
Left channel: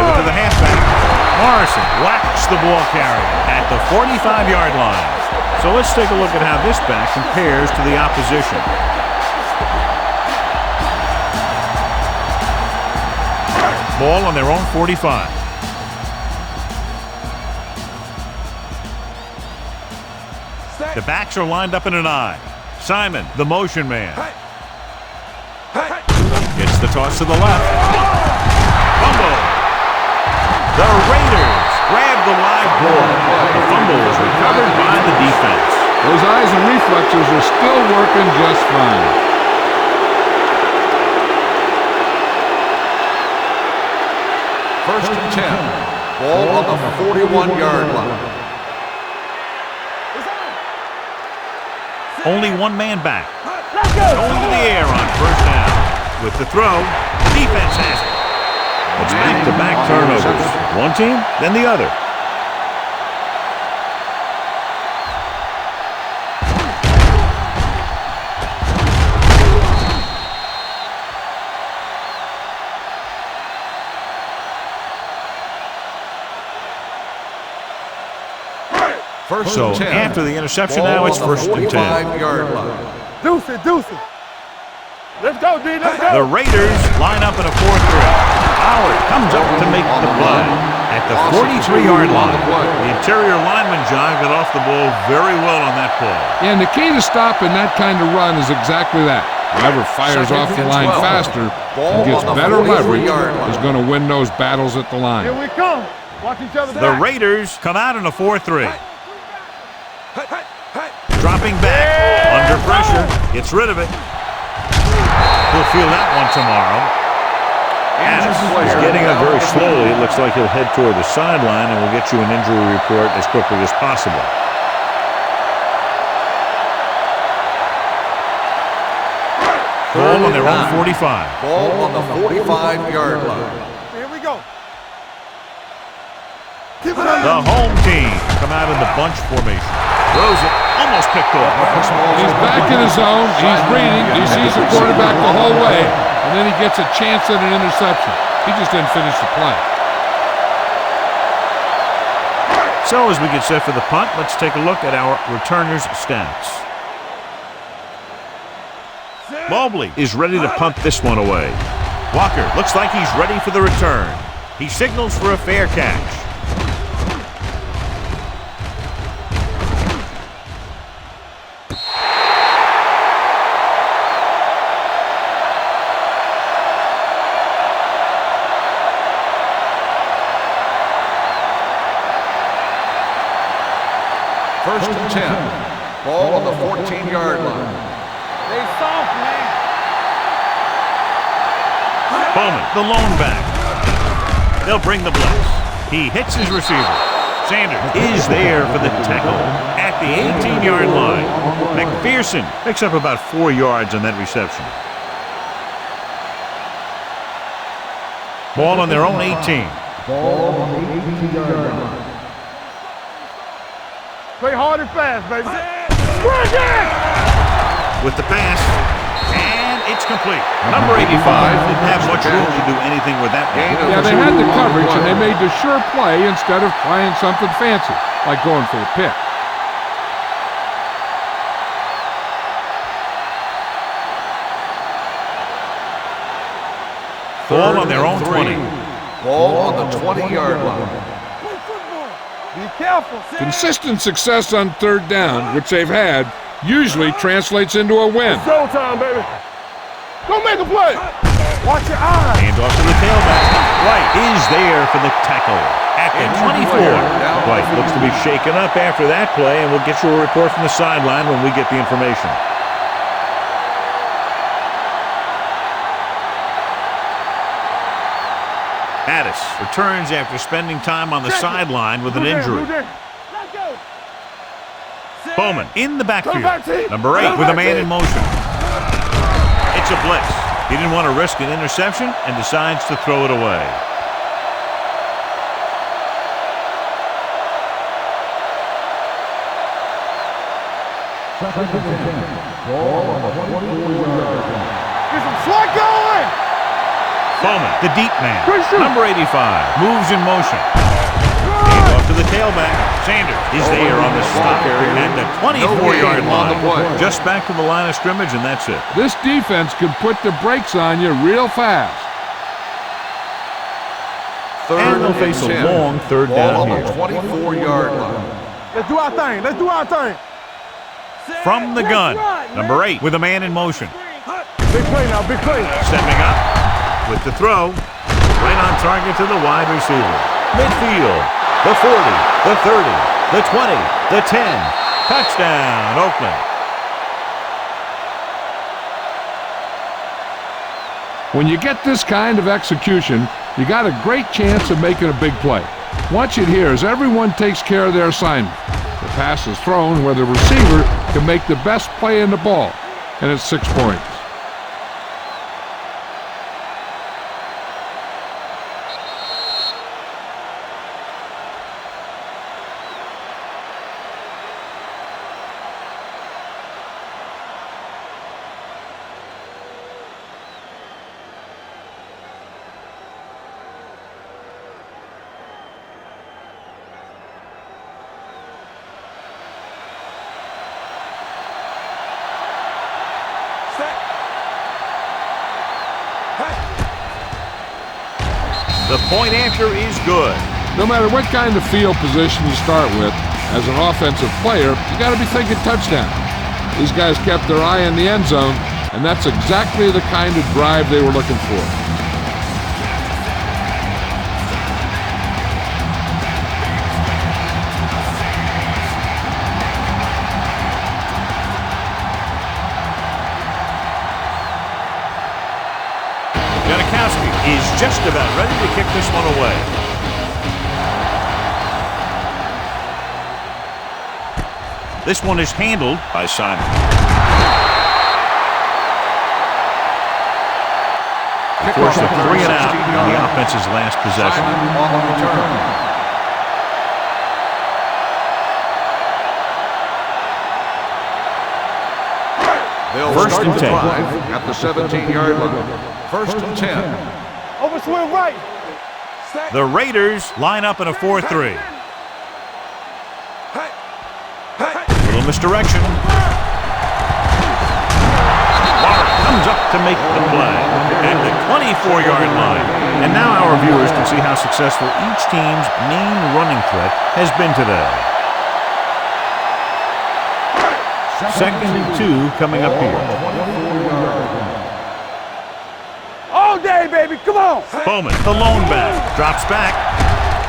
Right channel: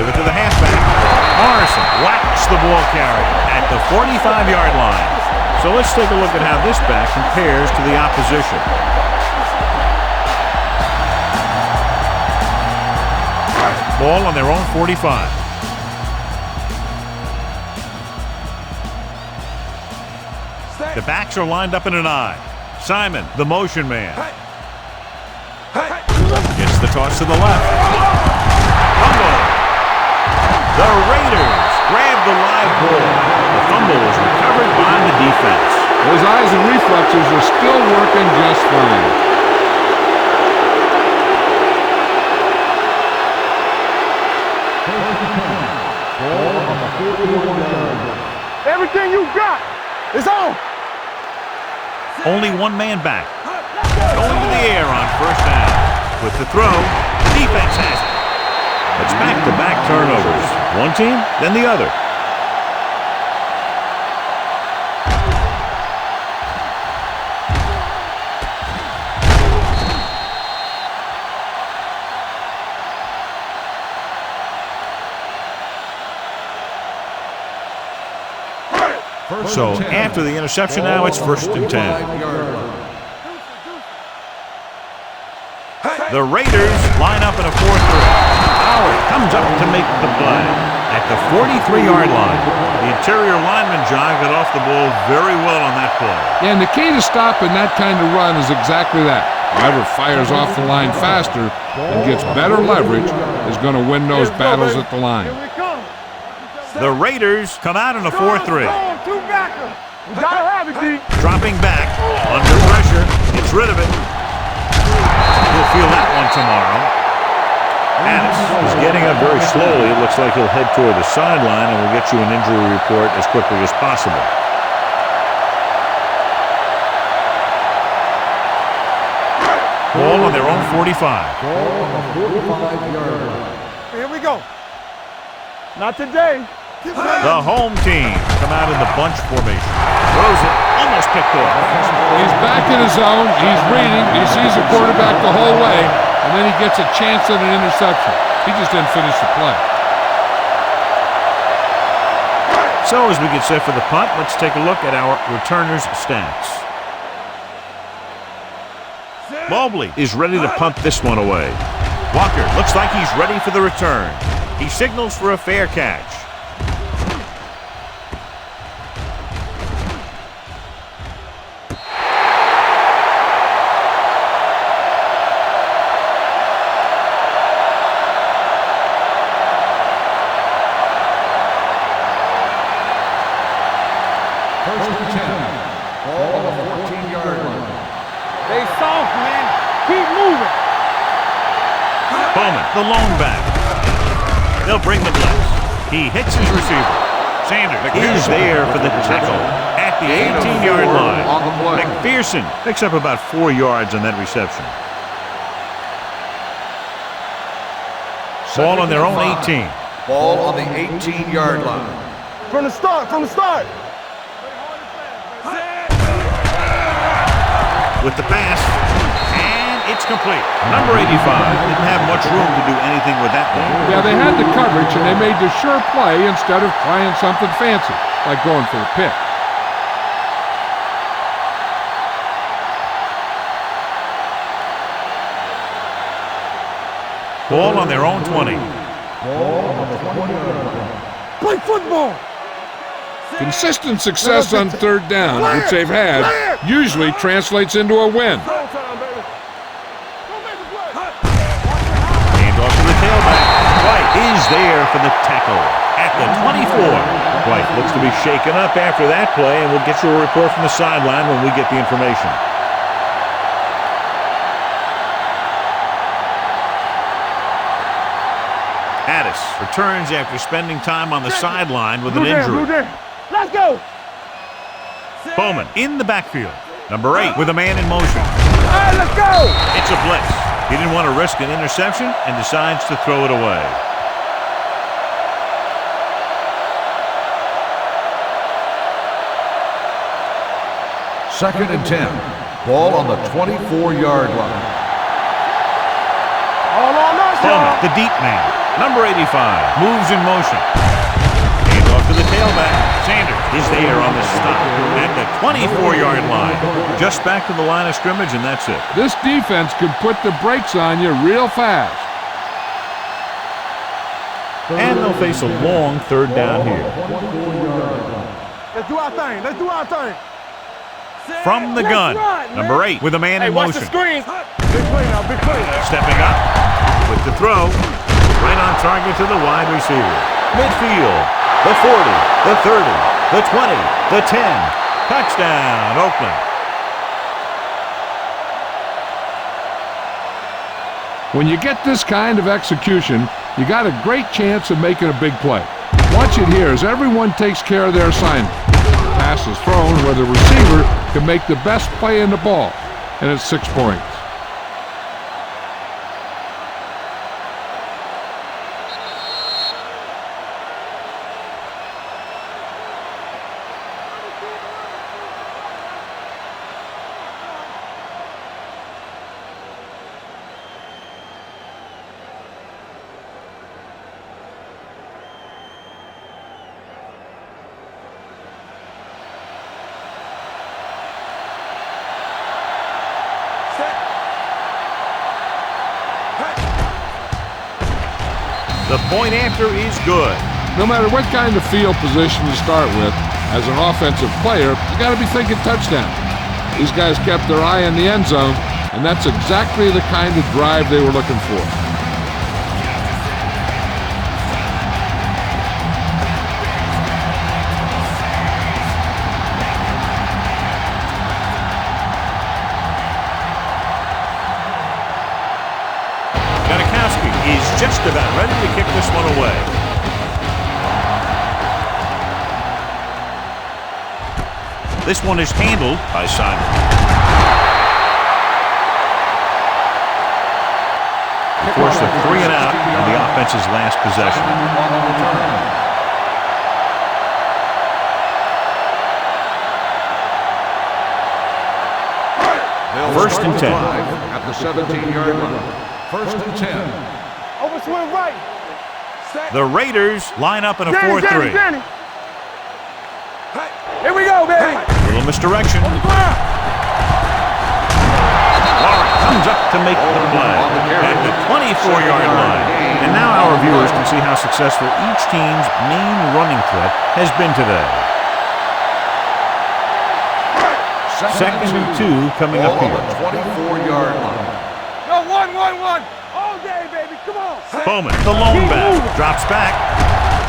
it to the halfback. Morrison whacks the ball carrier at the 45-yard line. So let's take a look at how this back compares to the opposition. Ball on their own 45. The backs are lined up in an I. Simon, the motion man. Gets the toss to the left. Fumble. The Raiders grab the live ball. The fumble is recovered by the defense. Those eyes and reflexes are still working just fine. First and 10. Ball on the 41-yard line. Everything you got is on. Only one man back. Going to the air on first down. With the throw, the defense has it. It's back-to-back turnovers. One team, then the other. So after the interception now, it's first and 10. Deuce it. Let's go, D. The Raiders line up in a 4-3. Howard comes up to make the play at the 43-yard line. The interior lineman, John, got off the ball very well on that play. Yeah, and the key to stopping that kind of run is exactly that. Whoever fires off the line faster and gets better leverage is going to win those battles at the line. Here we come. Watch each other. The Raiders come out in a 4-3. Dropping back, under pressure, gets rid of it. He'll feel that one tomorrow. Addis is getting up very slowly. It looks like he'll head toward the sideline, and we'll get you an injury report as quickly as possible. Ball on their own 45. Ball on the 45-yard line. Here we go. Not today. The home team come out in the bunch formation. Throws it, almost picked off. He's back in his zone. He's reading. He sees the quarterback the whole way, and then he gets a chance at an interception. He just didn't finish the play. So as we get set for the punt, let's take a look at our returners' stats. Mobley is ready to punt this one away. Walker looks like he's ready for the return. He signals for a fair catch. First and 10. Ball on the 14-yard line. They soft, man. Keep moving. Bowman, the lone back. They'll bring the blitz. He hits his receiver. Sanders is there for the tackle at the 18-yard line. McPherson picks up about 4 yards on that reception. Ball on their own 18. Ball on the 18-yard line. From the start. Play hard and fast, baby. With the pass, and it's complete. Number 85 didn't have much room to do anything with that one. Yeah, they had the coverage, and they made the sure play instead of trying something fancy, like going for the pick. Ball on their own 20. Ball on the 20-yard line. Play football. Be careful. Consistent success on third down, which they've had, usually translates into a win. Showtime, baby. Go make a play. Watch your eyes. Hand off to the tailback. White is there for the tackle at the 24. White looks to be shaken up after that play, and we'll get you a report from the sideline when we get the information. Addis returns after spending time on the sideline with an injury. Let's go. Bowman in the backfield. Number 8 with a man in motion. Let's go. It's a blitz. He didn't want to risk an interception and decides to throw it away. Second and 10. Ball on the 24-yard line. Bowman, the deep man. Number 85 moves in motion. to the tailback. Sanders is there on the stop at the 24-yard line. Just back to the line of scrimmage, and that's it. This defense could put the brakes on you real fast. And they'll face a long third down here. 24-yard line. Let's do our thing. Let's do our thing. From the gun, number 8 with a man in motion. Big play now, big play. Stepping up with the throw. Right on target to the wide receiver. Midfield, the 40, the 30, the 20, the 10. Touchdown, Oakland. When you get this kind of execution, you got a great chance of making a big play. Watch it here as everyone takes care of their assignment. The pass is thrown where the receiver can make the best play in the ball, and it's 6 points. The point after is good. No matter what kind of field position you start with, as an offensive player, you got to be thinking touchdown. These guys kept their eye on the end zone, and that's exactly the kind of drive they were looking for. Janikowski is just about ready to kick this one away. This one is handled by Simon. Forced a 3 and out on the offense's last possession. Simon on the return. They'll First start and the 10. drive at the 17-yard line. First and 10. Over swing right. The Raiders line up in a 4-3. Hey, here we go, baby. Little misdirection. Warren comes up to make the play at the 24-yard line. And now our viewers can see how successful each team's main running threat has been today. Second and 2 coming up here. 24-yard line. Go, one. All day, baby. Come on. Bowman, the lone back, drops back,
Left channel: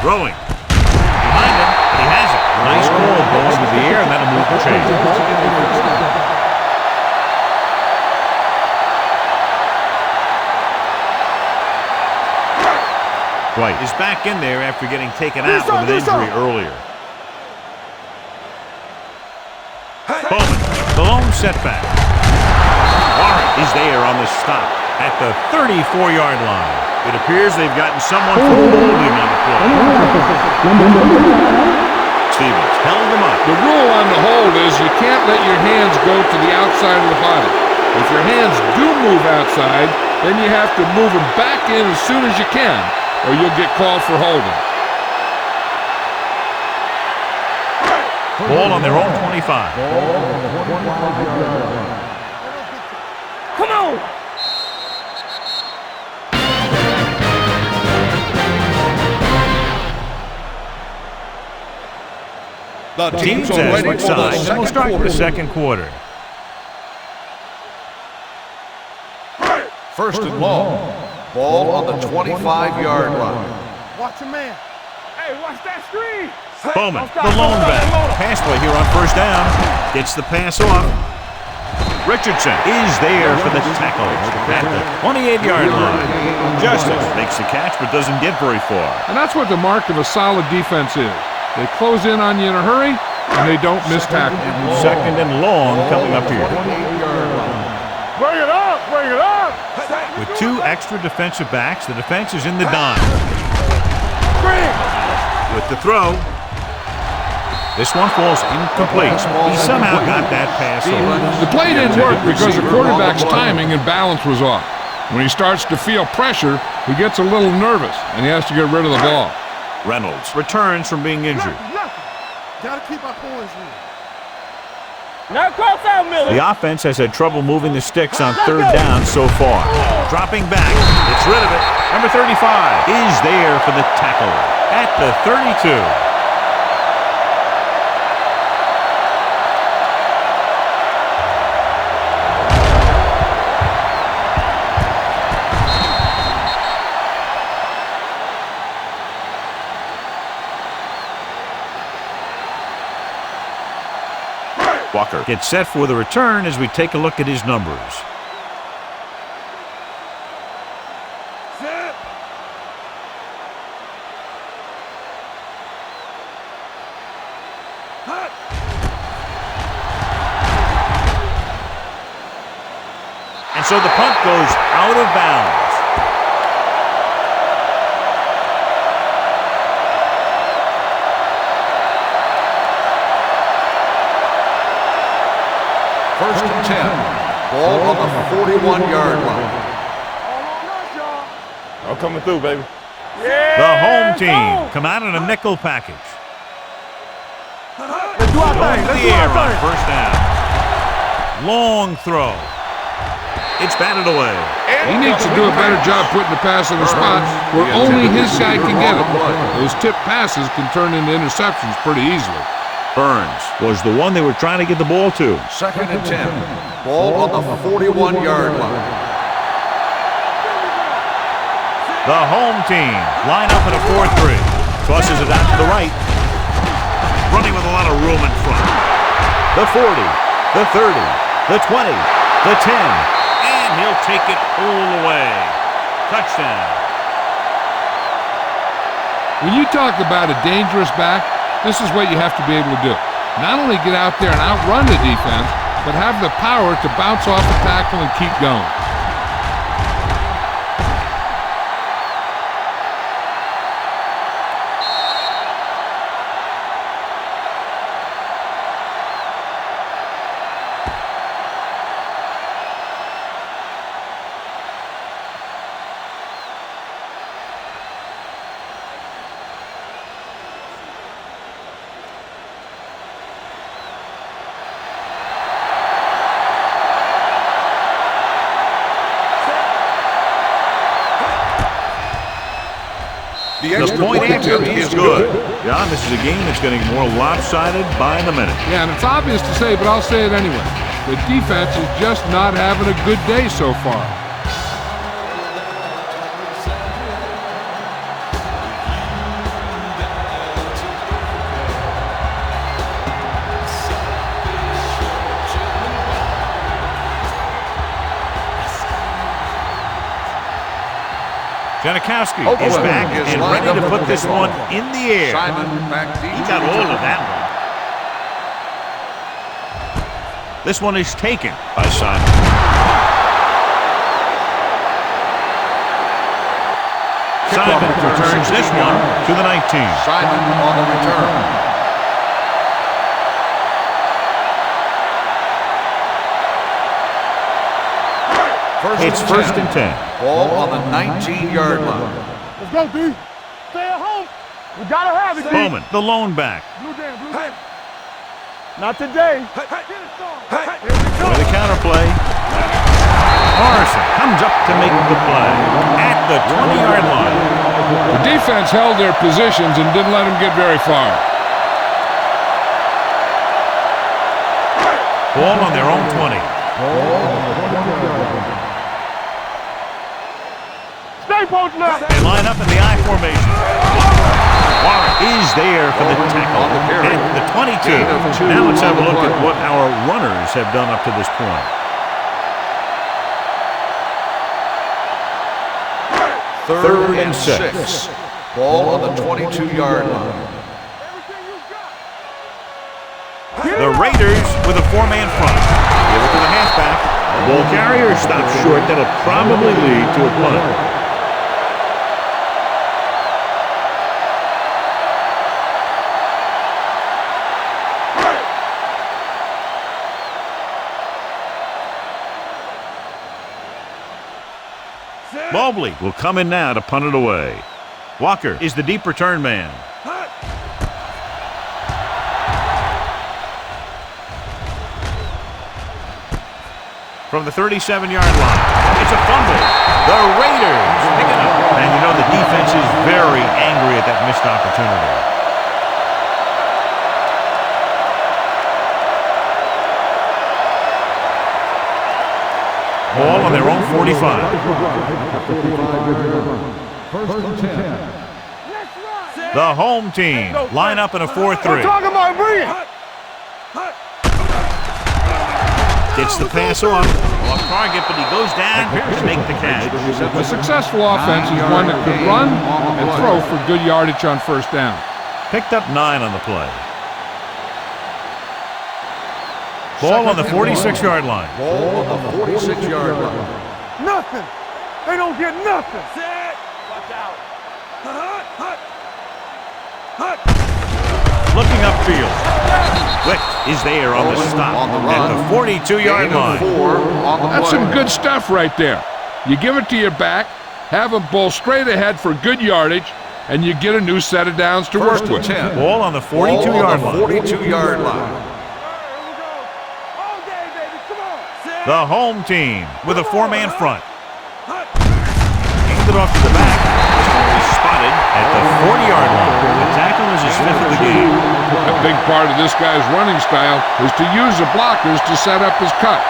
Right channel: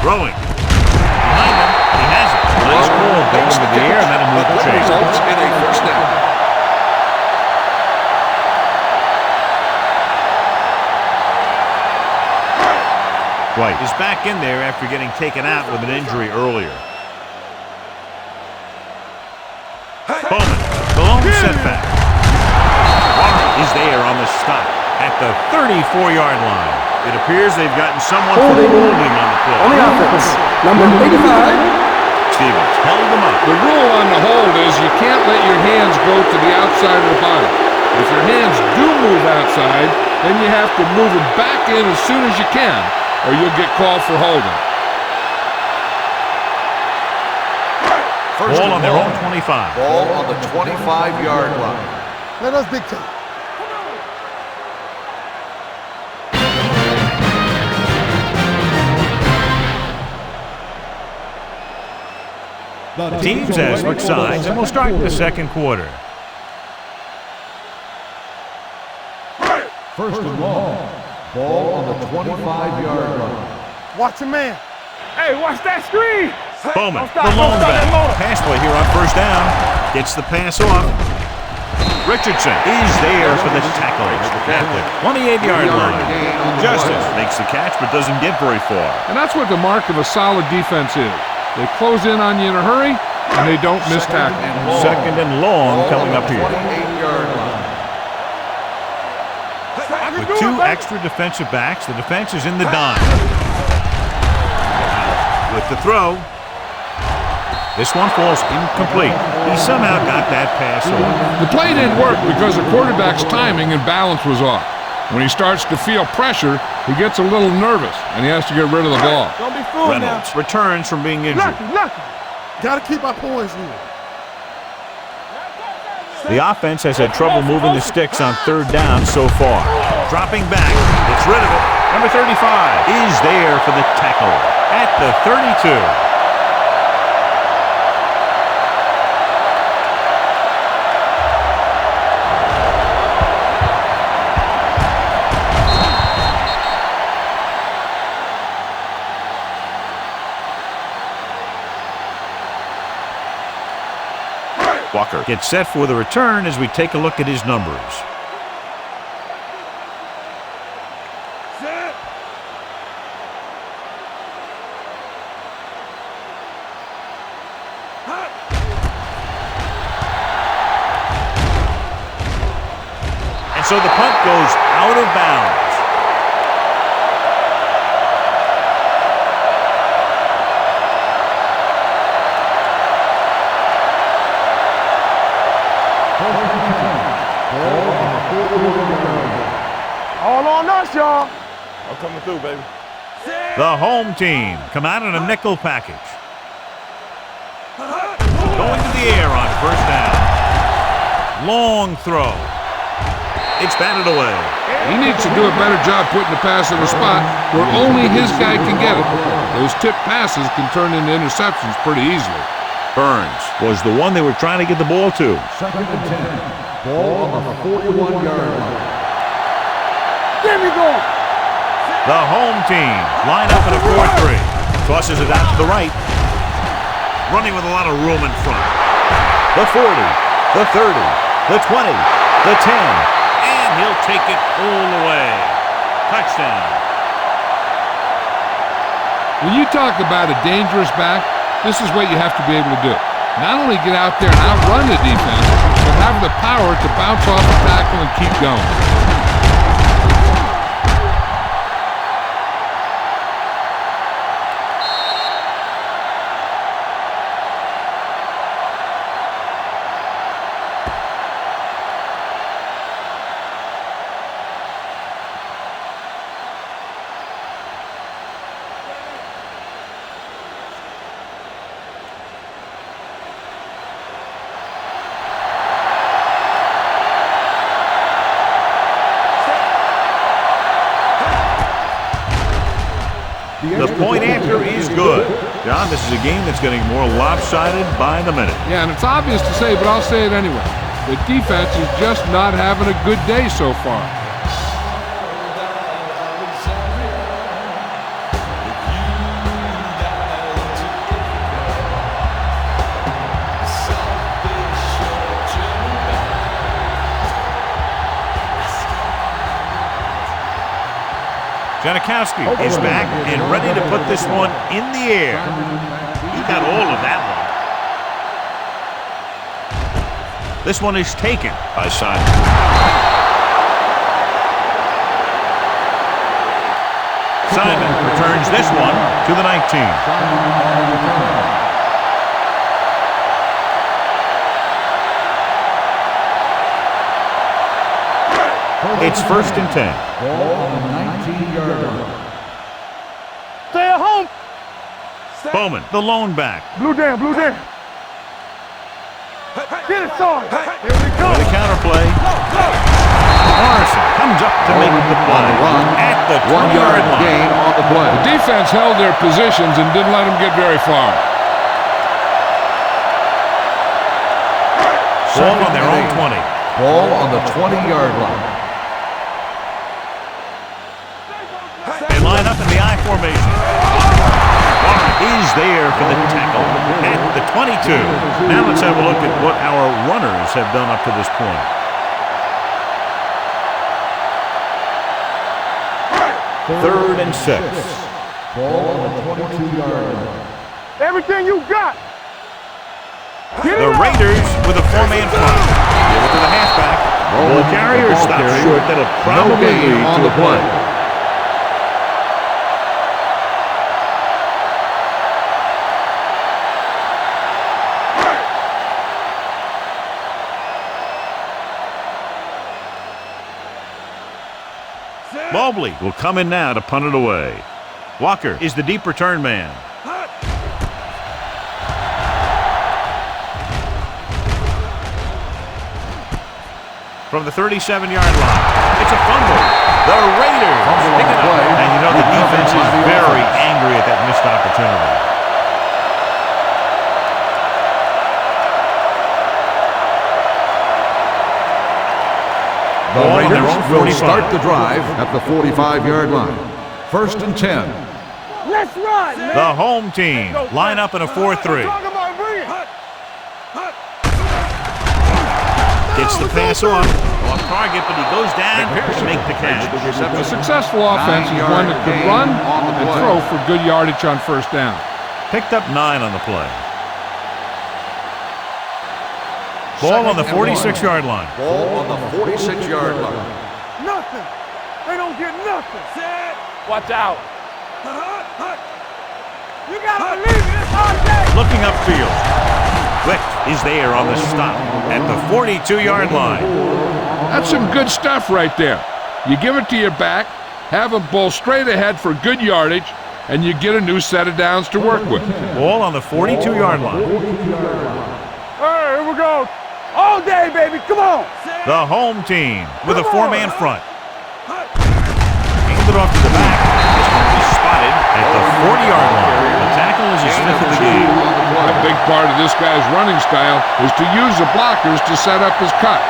throwing. Behind him, and he has it. Nice ball going to the air, and that'll move the chains. Results in a first down. White is back in there after getting taken out with an injury earlier. Bowman, the lone setback. Warren is there on the stop at the 34-yard line. It appears they've gotten someone for holding on the play. On the offense, number 85. Stevens held them up. The rule on the hold is you can't let your hands go to the outside of the body. If your hands do move outside, then you have to move them back in as soon as you can, or you'll get called for holding. Ball on their own 25. Ball on the 25-yard line. Let us dictate. Come on. The teams have switched sides, and we'll start the second quarter. First and long. Ball on the 25-yard line. Watch your man. Hey, watch that screen. Bowman, the lone back. Pass play here on first down. Gets the pass off. Richardson is there for the tackle at the 28-yard line. Justice makes the catch but doesn't get very far. And that's what the mark of a solid defense is. They close in on you in a hurry, and they don't miss tackle. Second and long coming up here. 28-yard line. Bring it up. With 2 extra defensive backs, the defense is in the dime. With the throw, this one falls incomplete. He somehow got that pass off. The play didn't work because the quarterback's timing and balance was off. When he starts to feel pressure, he gets a little nervous, and he has to get rid of the ball. Don't be Reynolds returns from being injured. Nothing. Gotta keep our poise here. The offense has had trouble moving the sticks on third down so far. Dropping back, gets rid of it. Number 35 is there for the tackle at the 32. Walker gets set for the return as we take a look at his numbers. Set. Hut. And so the punt goes out of bounds. First and 10. Ball on the 41-yard line. All on us, y'all. I'm coming through, baby. The home team come out in a nickel package. Going to the air on first down. Long throw. It's batted away. He needs to do a better job putting the pass in a spot where only his guy can get it. Those tip passes can turn into interceptions pretty easily. Burns was the one they were trying to get the ball to. Second and 10. Ball on the 41-yard line. There we go. The home team line up in a 4-3. Tosses it out to the right. Running with a lot of room in front. The 40, the 30, the 20, the 10. And he'll take it all the way. Touchdown. When you talk about a dangerous back, this is what you have to be able to do. Not only get out there and outrun the defense, but have the power to bounce off a tackle and keep going. The point after is good. John, this is a game that's getting more lopsided by the minute. Yeah, and it's obvious to say, but I'll say it anyway. The defense is just not having a good day so far. Janikowski is back and ready to put this one in the air. He got all of that one. This one is taken by Simon. Simon returns this one to the 19. Simon on the return. It's first and 10. Ball on the 19-yard line. Let's go, D. Stay at home. We gotta have it, D. Bowman, the lone back. Blue down. Not today. Get it, son. Here we go. With a counterplay. Morrison comes up to make the play at the 20-yard line. The defense held their positions and didn't let them get very far. Ball on their own 20. Ball on the 20-yard line. They line up in the I formation. Warren is there for the tackle at the 22. Now let's have a look at what our runners have done up to this point. Third and 6. Ball on the 22-yard line. Everything you got. The Raiders with a 4-man front. Give it to the halfback. Ball carrier stops short. That'll probably lead to a punt. Mobley will come in now to punt it away. Walker is the deep return man. From the 37-yard line, it's a fumble. The Raiders pick it up. And you know the defense is very angry at that missed opportunity. Ball on their own 45. Start the drive at the 45-yard line. First and 10. Let's run. The home team line up in a 4-3. Gets the pass off target, but he goes down to make the catch. A successful offense is one that could run and throw for good yardage on first down. Picked up 9 on the play. Ball on the 46-yard line. Ball on the 46-yard line. Nothing. They don't get nothing. Set. Watch out. You gotta believe it. Looking upfield. Wick is there on the stop at the 42-yard line. That's some good stuff right there. You give it to your back, have him bull straight ahead for good yardage, and you get a new set of downs to work with. Ball on the 42-yard line. 42-yard line. All right, here we go. All day, baby. Come on. The home team with a 4-man front. Handed it off to the back. This one will be spotted at the 40-yard line. The tackle is his 5th of the game. A big part of this guy's running style is to use the blockers to set up his cut,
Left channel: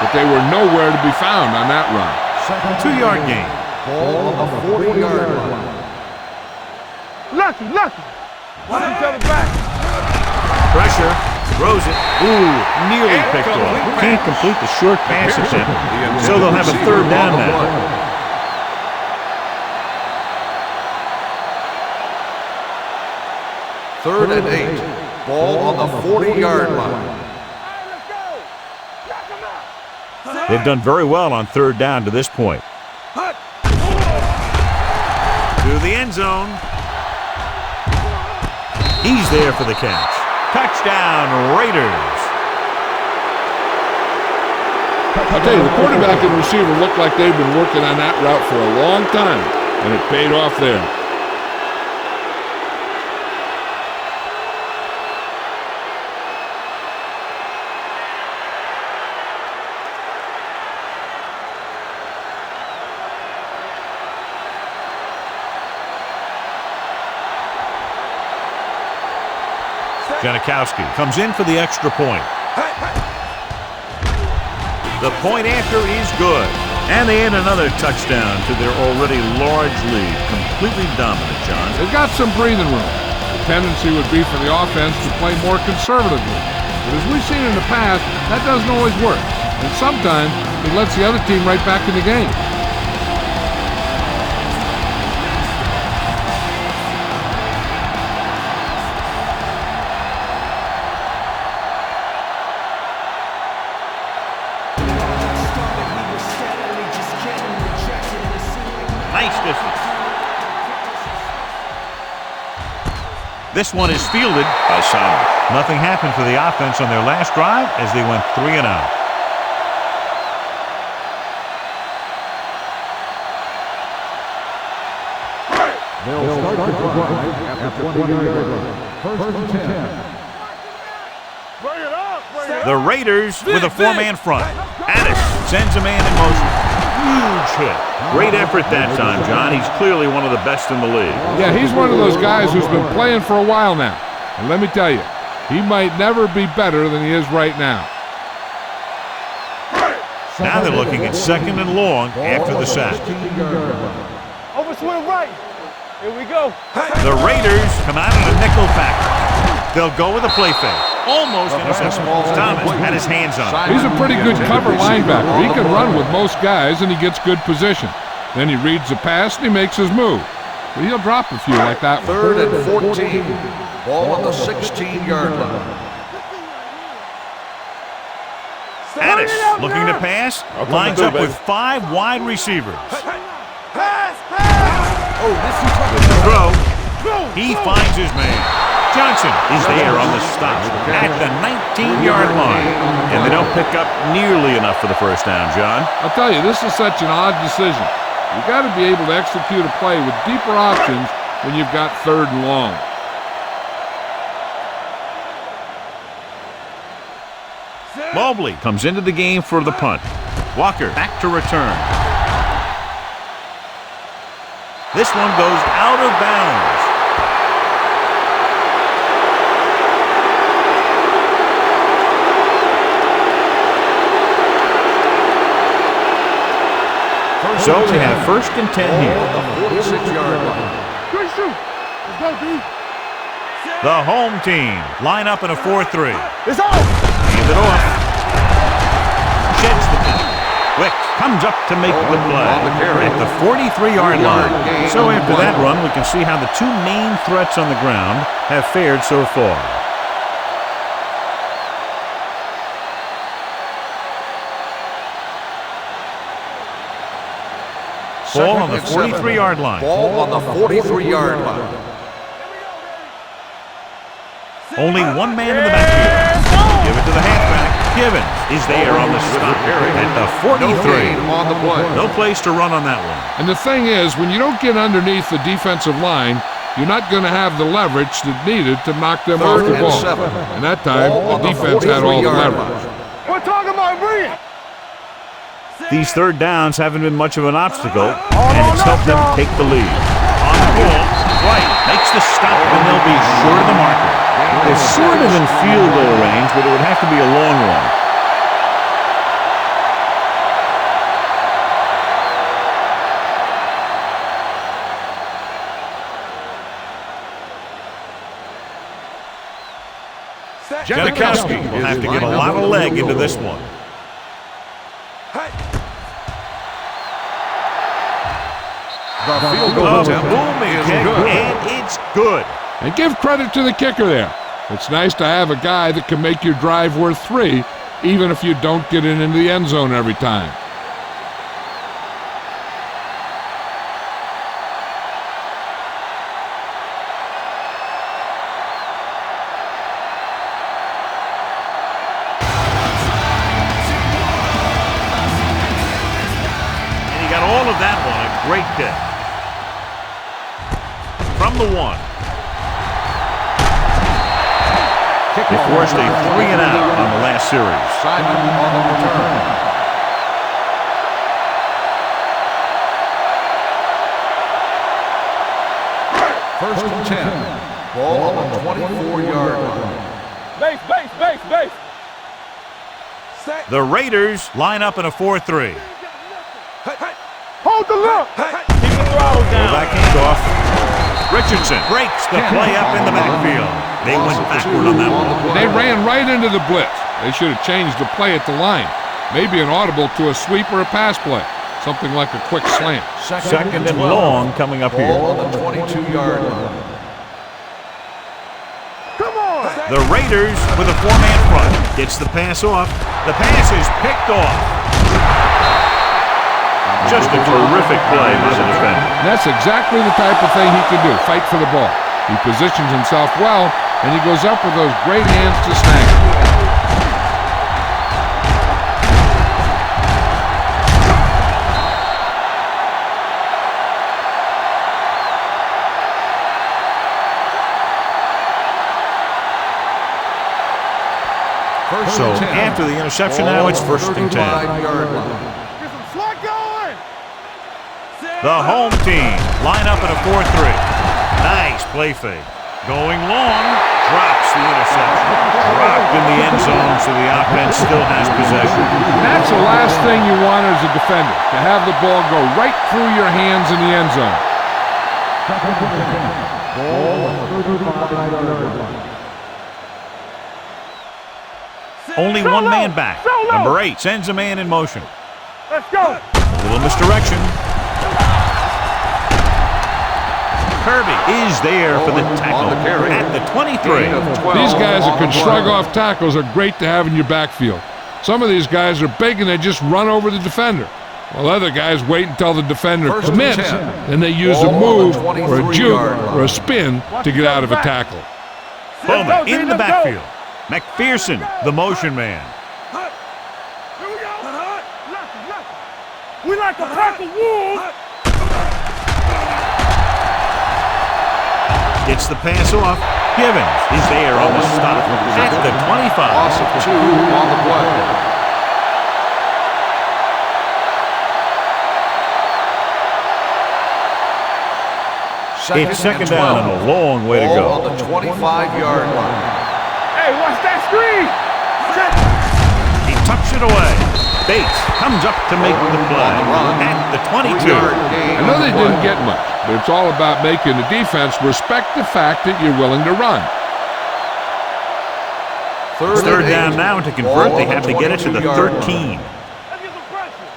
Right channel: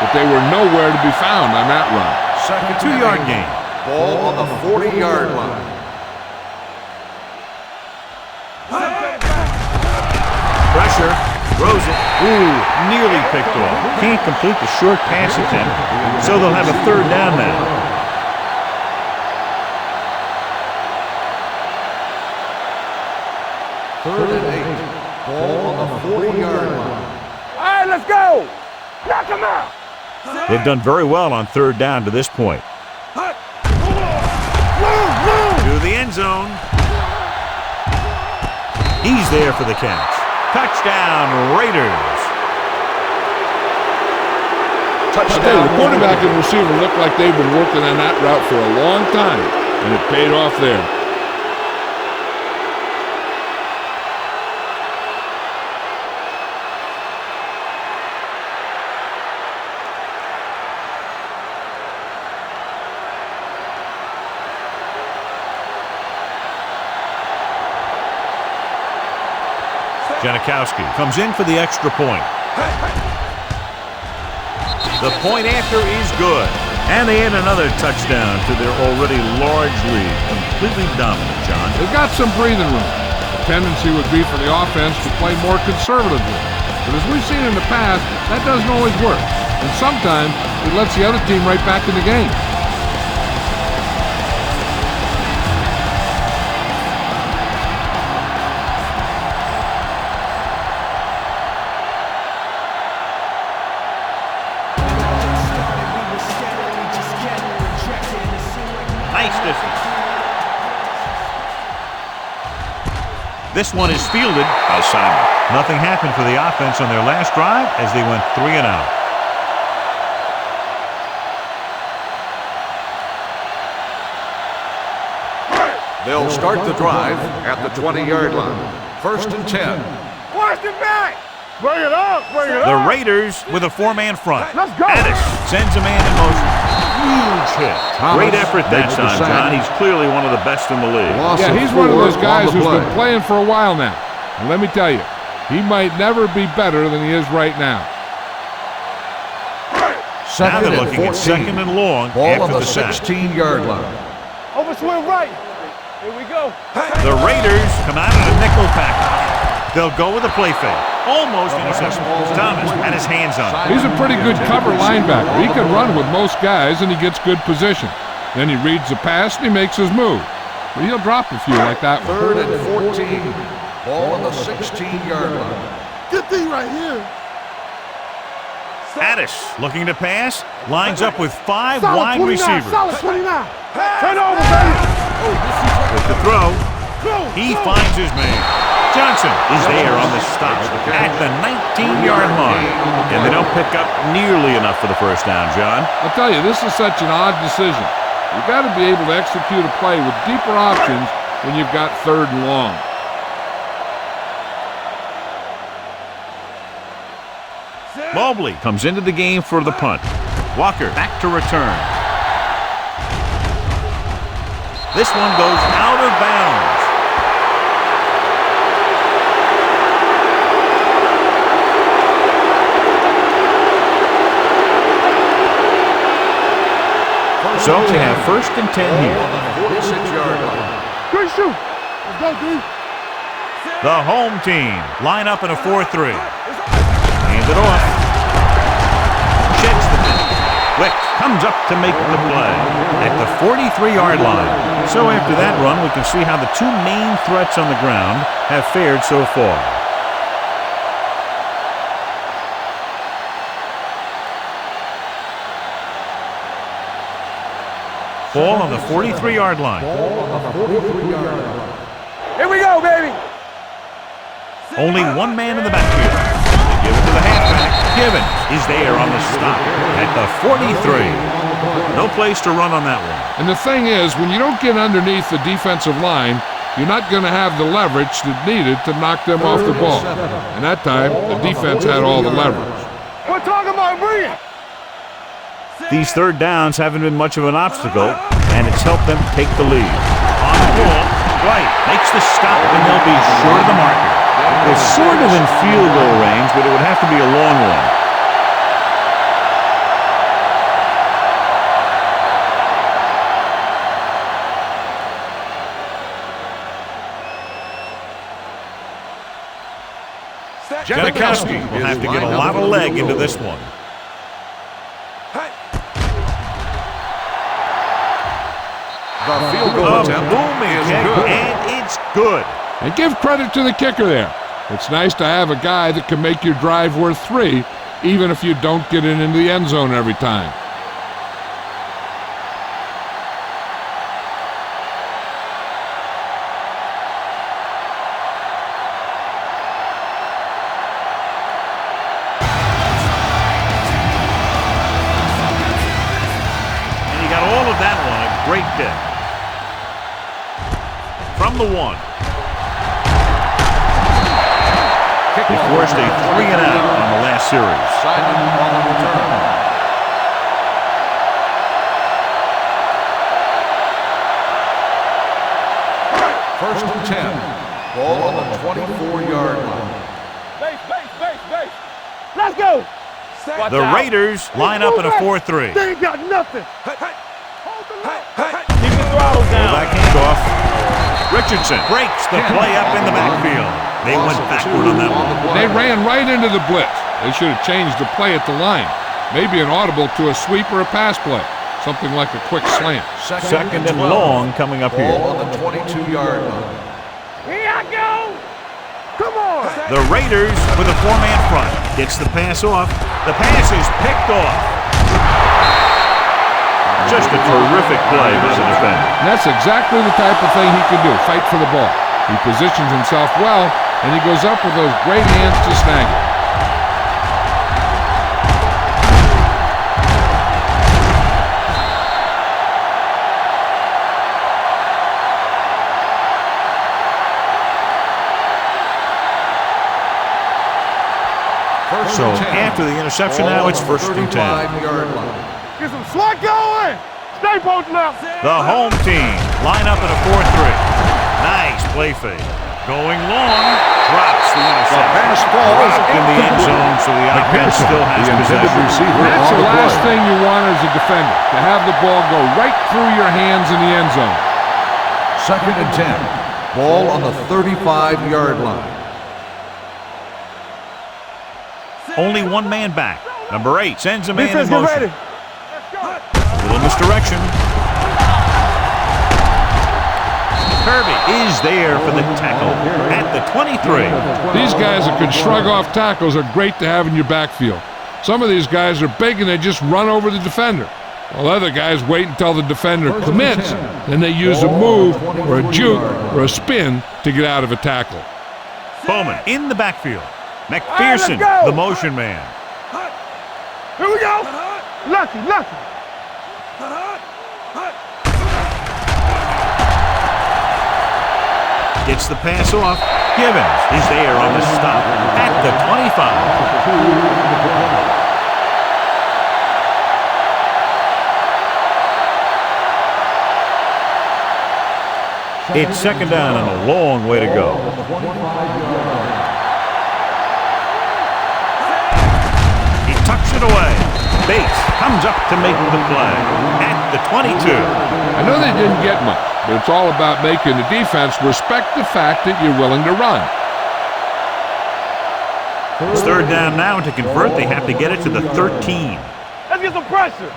but they were nowhere to be found on that run. Second 2-yard gain. Ball on the 40-yard line. Lucky. Back. Pressure. Throws it. Ooh, nearly picked off. Can't complete the short pass attempt, so they'll have a 3rd down now. Third and 8. Ball on the 40-yard line. All right, let's go. Knock him out. They've done very well on 3rd down to this point. To the end zone. He's there for the catch. Touchdown, Raiders. I'll tell you, the quarterback and receiver look like they've been working on that route for a long time, and it paid off there. Janikowski comes in for the extra point. The point after is good. And they add another touchdown to their already large lead. Completely dominant, John. They've got some breathing room. The tendency would be for the offense to play more conservatively. But as we've seen in the past, that doesn't always work. And sometimes it lets the other team right back in the game. Nice distance. This one is fielded by Simon. Nothing happened for the offense on their last drive as they went 3 and out. They'll start the drive at the 20-yard line. First and 10. Watch it back. Bring it up. The Raiders with a 4-man front. Addis sends a man in motion. Huge hit. Great effort that time, John. He's clearly one of the best in the league. Yeah, he's one of those guys who's been playing for a while now. And let me tell you, he might never be better than he is right now. Now they're looking at 2nd and long after the sack. 16-yard line. Over swing right. Here we go. The Raiders come out in a nickel package. They'll go with a play fake. Almost intercepted. Thomas had his hands on it. He's a pretty good cover linebacker. He can run with most guys, and he gets good position. Then he reads the pass, and he makes his move. But he'll drop a few like that one. 3rd and 14. Ball on the 16-yard line. Good thing right here. Addis looking to pass. Lines up with 5 wide receivers. With the throw, he finds his man. Johnson is there on the stop at the 19-yard line. And they don't pick up nearly enough for the first down, John. I'll tell you, this is such an odd decision. You've got to be able to execute a play with deeper options when you've got 3rd and long. Mobley comes into the game for the punt. Walker back to return. This one goes out of bounds. So they have 1st and 10 here. On the 46-yard line. Good shoot. Let's go, dude. The home team line up in a 4-3. It's on. Hand it off. Sheds the penalty. Wicks comes up to make the play at the 43-yard line. So after that run, we can see how the 2 main threats on the ground have fared so far. Ball on the 43-yard line. Ball on the 43-yard line. Here we go, baby. Only one man in the backfield. Give it to the halfback. Givens is there on the stop at the 43. On the play. No place to run on that one. And the thing is, when you don't get underneath the defensive line, you're not going to have the leverage that's needed to knock them off the ball. And that time, the defense had all the leverage. We're talking about brilliant. These 3rd downs haven't been much of an obstacle, and it's helped them take the lead. On the ball, White makes the stop, and they'll be short of the marker. They're sort of in field goal range, but it would have to be a long one. Janikowski will have to get a lot of leg into this one. The field goal attempt booming is kick, good. and it's good. And give credit to the kicker there. It's nice to have a guy that can make your drive worth 3, even if you don't get it into the end zone every time. And he got all of that one. A great day. From the 1. They forced a 3-and-out on the last series. Simon on the return. First and 10. Ball on the 24-yard line. Base. Let's go. The Raiders line up in a 4-3. They ain't got nothing. Hold the look. Keep the throttle down. Back handoff. Richardson breaks the play up in the backfield. They went backward on that one. They ran right into the blitz. They should have changed the play at the line. Maybe an audible to a sweep or a pass play. Something like a quick slant. Second and long coming up here. Ball on the 22-yard line. Here I go. Come on. The Raiders with a 4-man front. Gets the pass off. The pass is picked off. Just a terrific play by the defender. And that's exactly the type of thing he can do, fight for the ball. He positions himself well, and he goes up with those great hands to snag it. So after the interception now, it's 1st and 10. 35-yard line. Get some slot going. Stay posted up. The home team line up in a 4-3. Nice play fake. Going long, drops the interception. Dropped in the end zone, so the offense still has possession. And that's the last thing you want as a defender, to have the ball go right through your hands in the end zone. Second and 10. Ball on the 35-yard line. Only one man back. Number 8 sends a man in motion. Let's go. A little misdirection. Kirby is there for the tackle at the 23. These guys that can shrug off tackles are great to have in your backfield. Some of these guys are big and they just run over the defender, while other guys wait until the defender commits, then they use a move or a juke or a spin to get out of a tackle. Bowman in the backfield. McPherson, the motion man. Here we go. Lucky. We like to lucky wolves. Gets the pass off. Givens is there on the stop at the 25. Loss of 2 on the play. It's second down and a long way to go. On the 25-yard line. Hey, watch that screen! He tucks it away. Bates comes up to make the play at the 22. I know they didn't get much, but it's all about making the defense respect the fact that you're willing to run. It's third down now, and to convert, they have to get it to the 13. Let's get some pressure.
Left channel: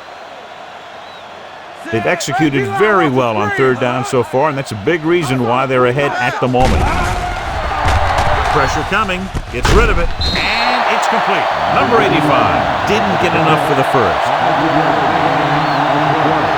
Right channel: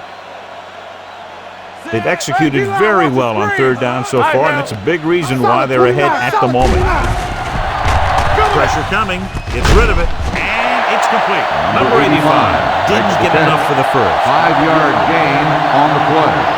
They've executed very well on third down so far, and that's a big reason why they're ahead at the moment. Pressure coming, gets rid of it, and it's complete. Number 85 didn't get enough for the first. 5-yard gain on the play.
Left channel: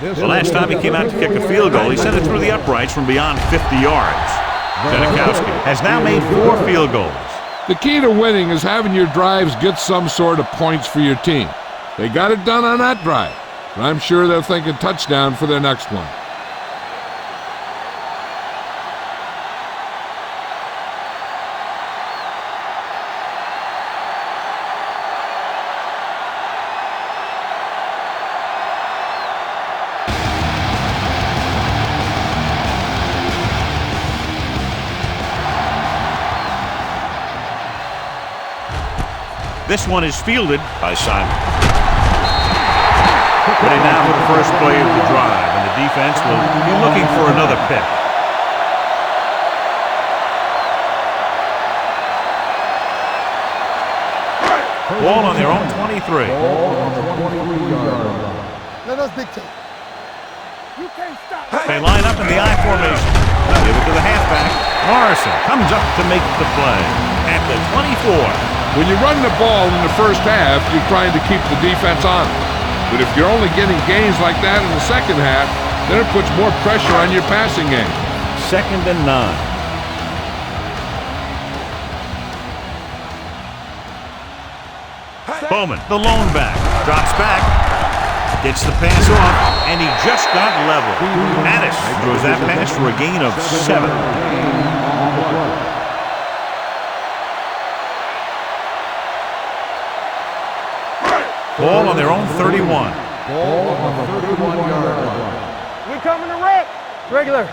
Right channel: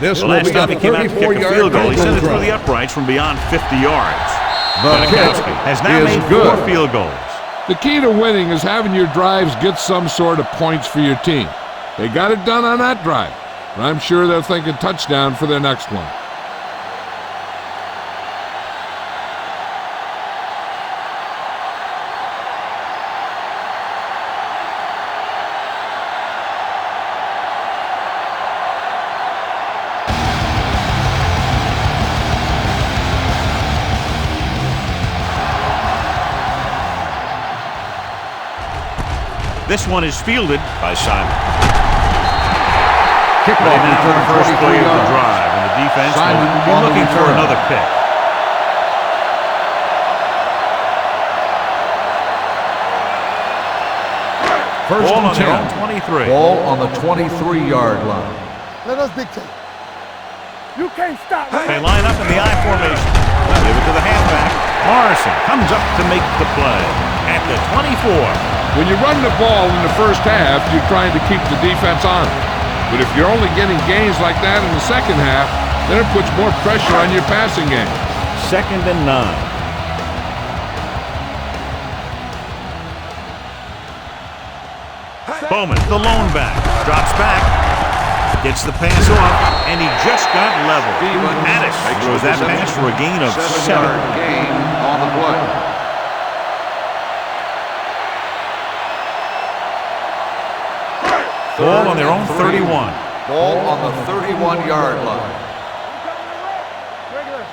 The last time he came out to kick a field goal, he sent it through the uprights from beyond 50 yards. Janikowski has now made 4 field goals. The key to winning is having your drives get some sort of points for your team. They got it done on that drive, but I'm sure they're thinking touchdown for their next one. This one is fielded by Simon. Ready now for the first play of the drive, and the defense will be looking for another pick. Ball on their own 23. Ball on the 23-yard line. Let us dictate. You can't stop me. They line up in the I formation. Give it to the halfback. Morrison comes up to make the play at the 24. When you run the ball in the first half, you're trying to keep the defense on it. But if you're only getting gains like that in the second half, then it puts more pressure on your passing game. Second and 9. Bowman, the lone back, drops back, gets the pass off, and he just got level. Addis throws that pass for a gain of 7. Gain on the play. Ball on their own 31. Ball on the 31-yard line. We're coming to rep. Regular.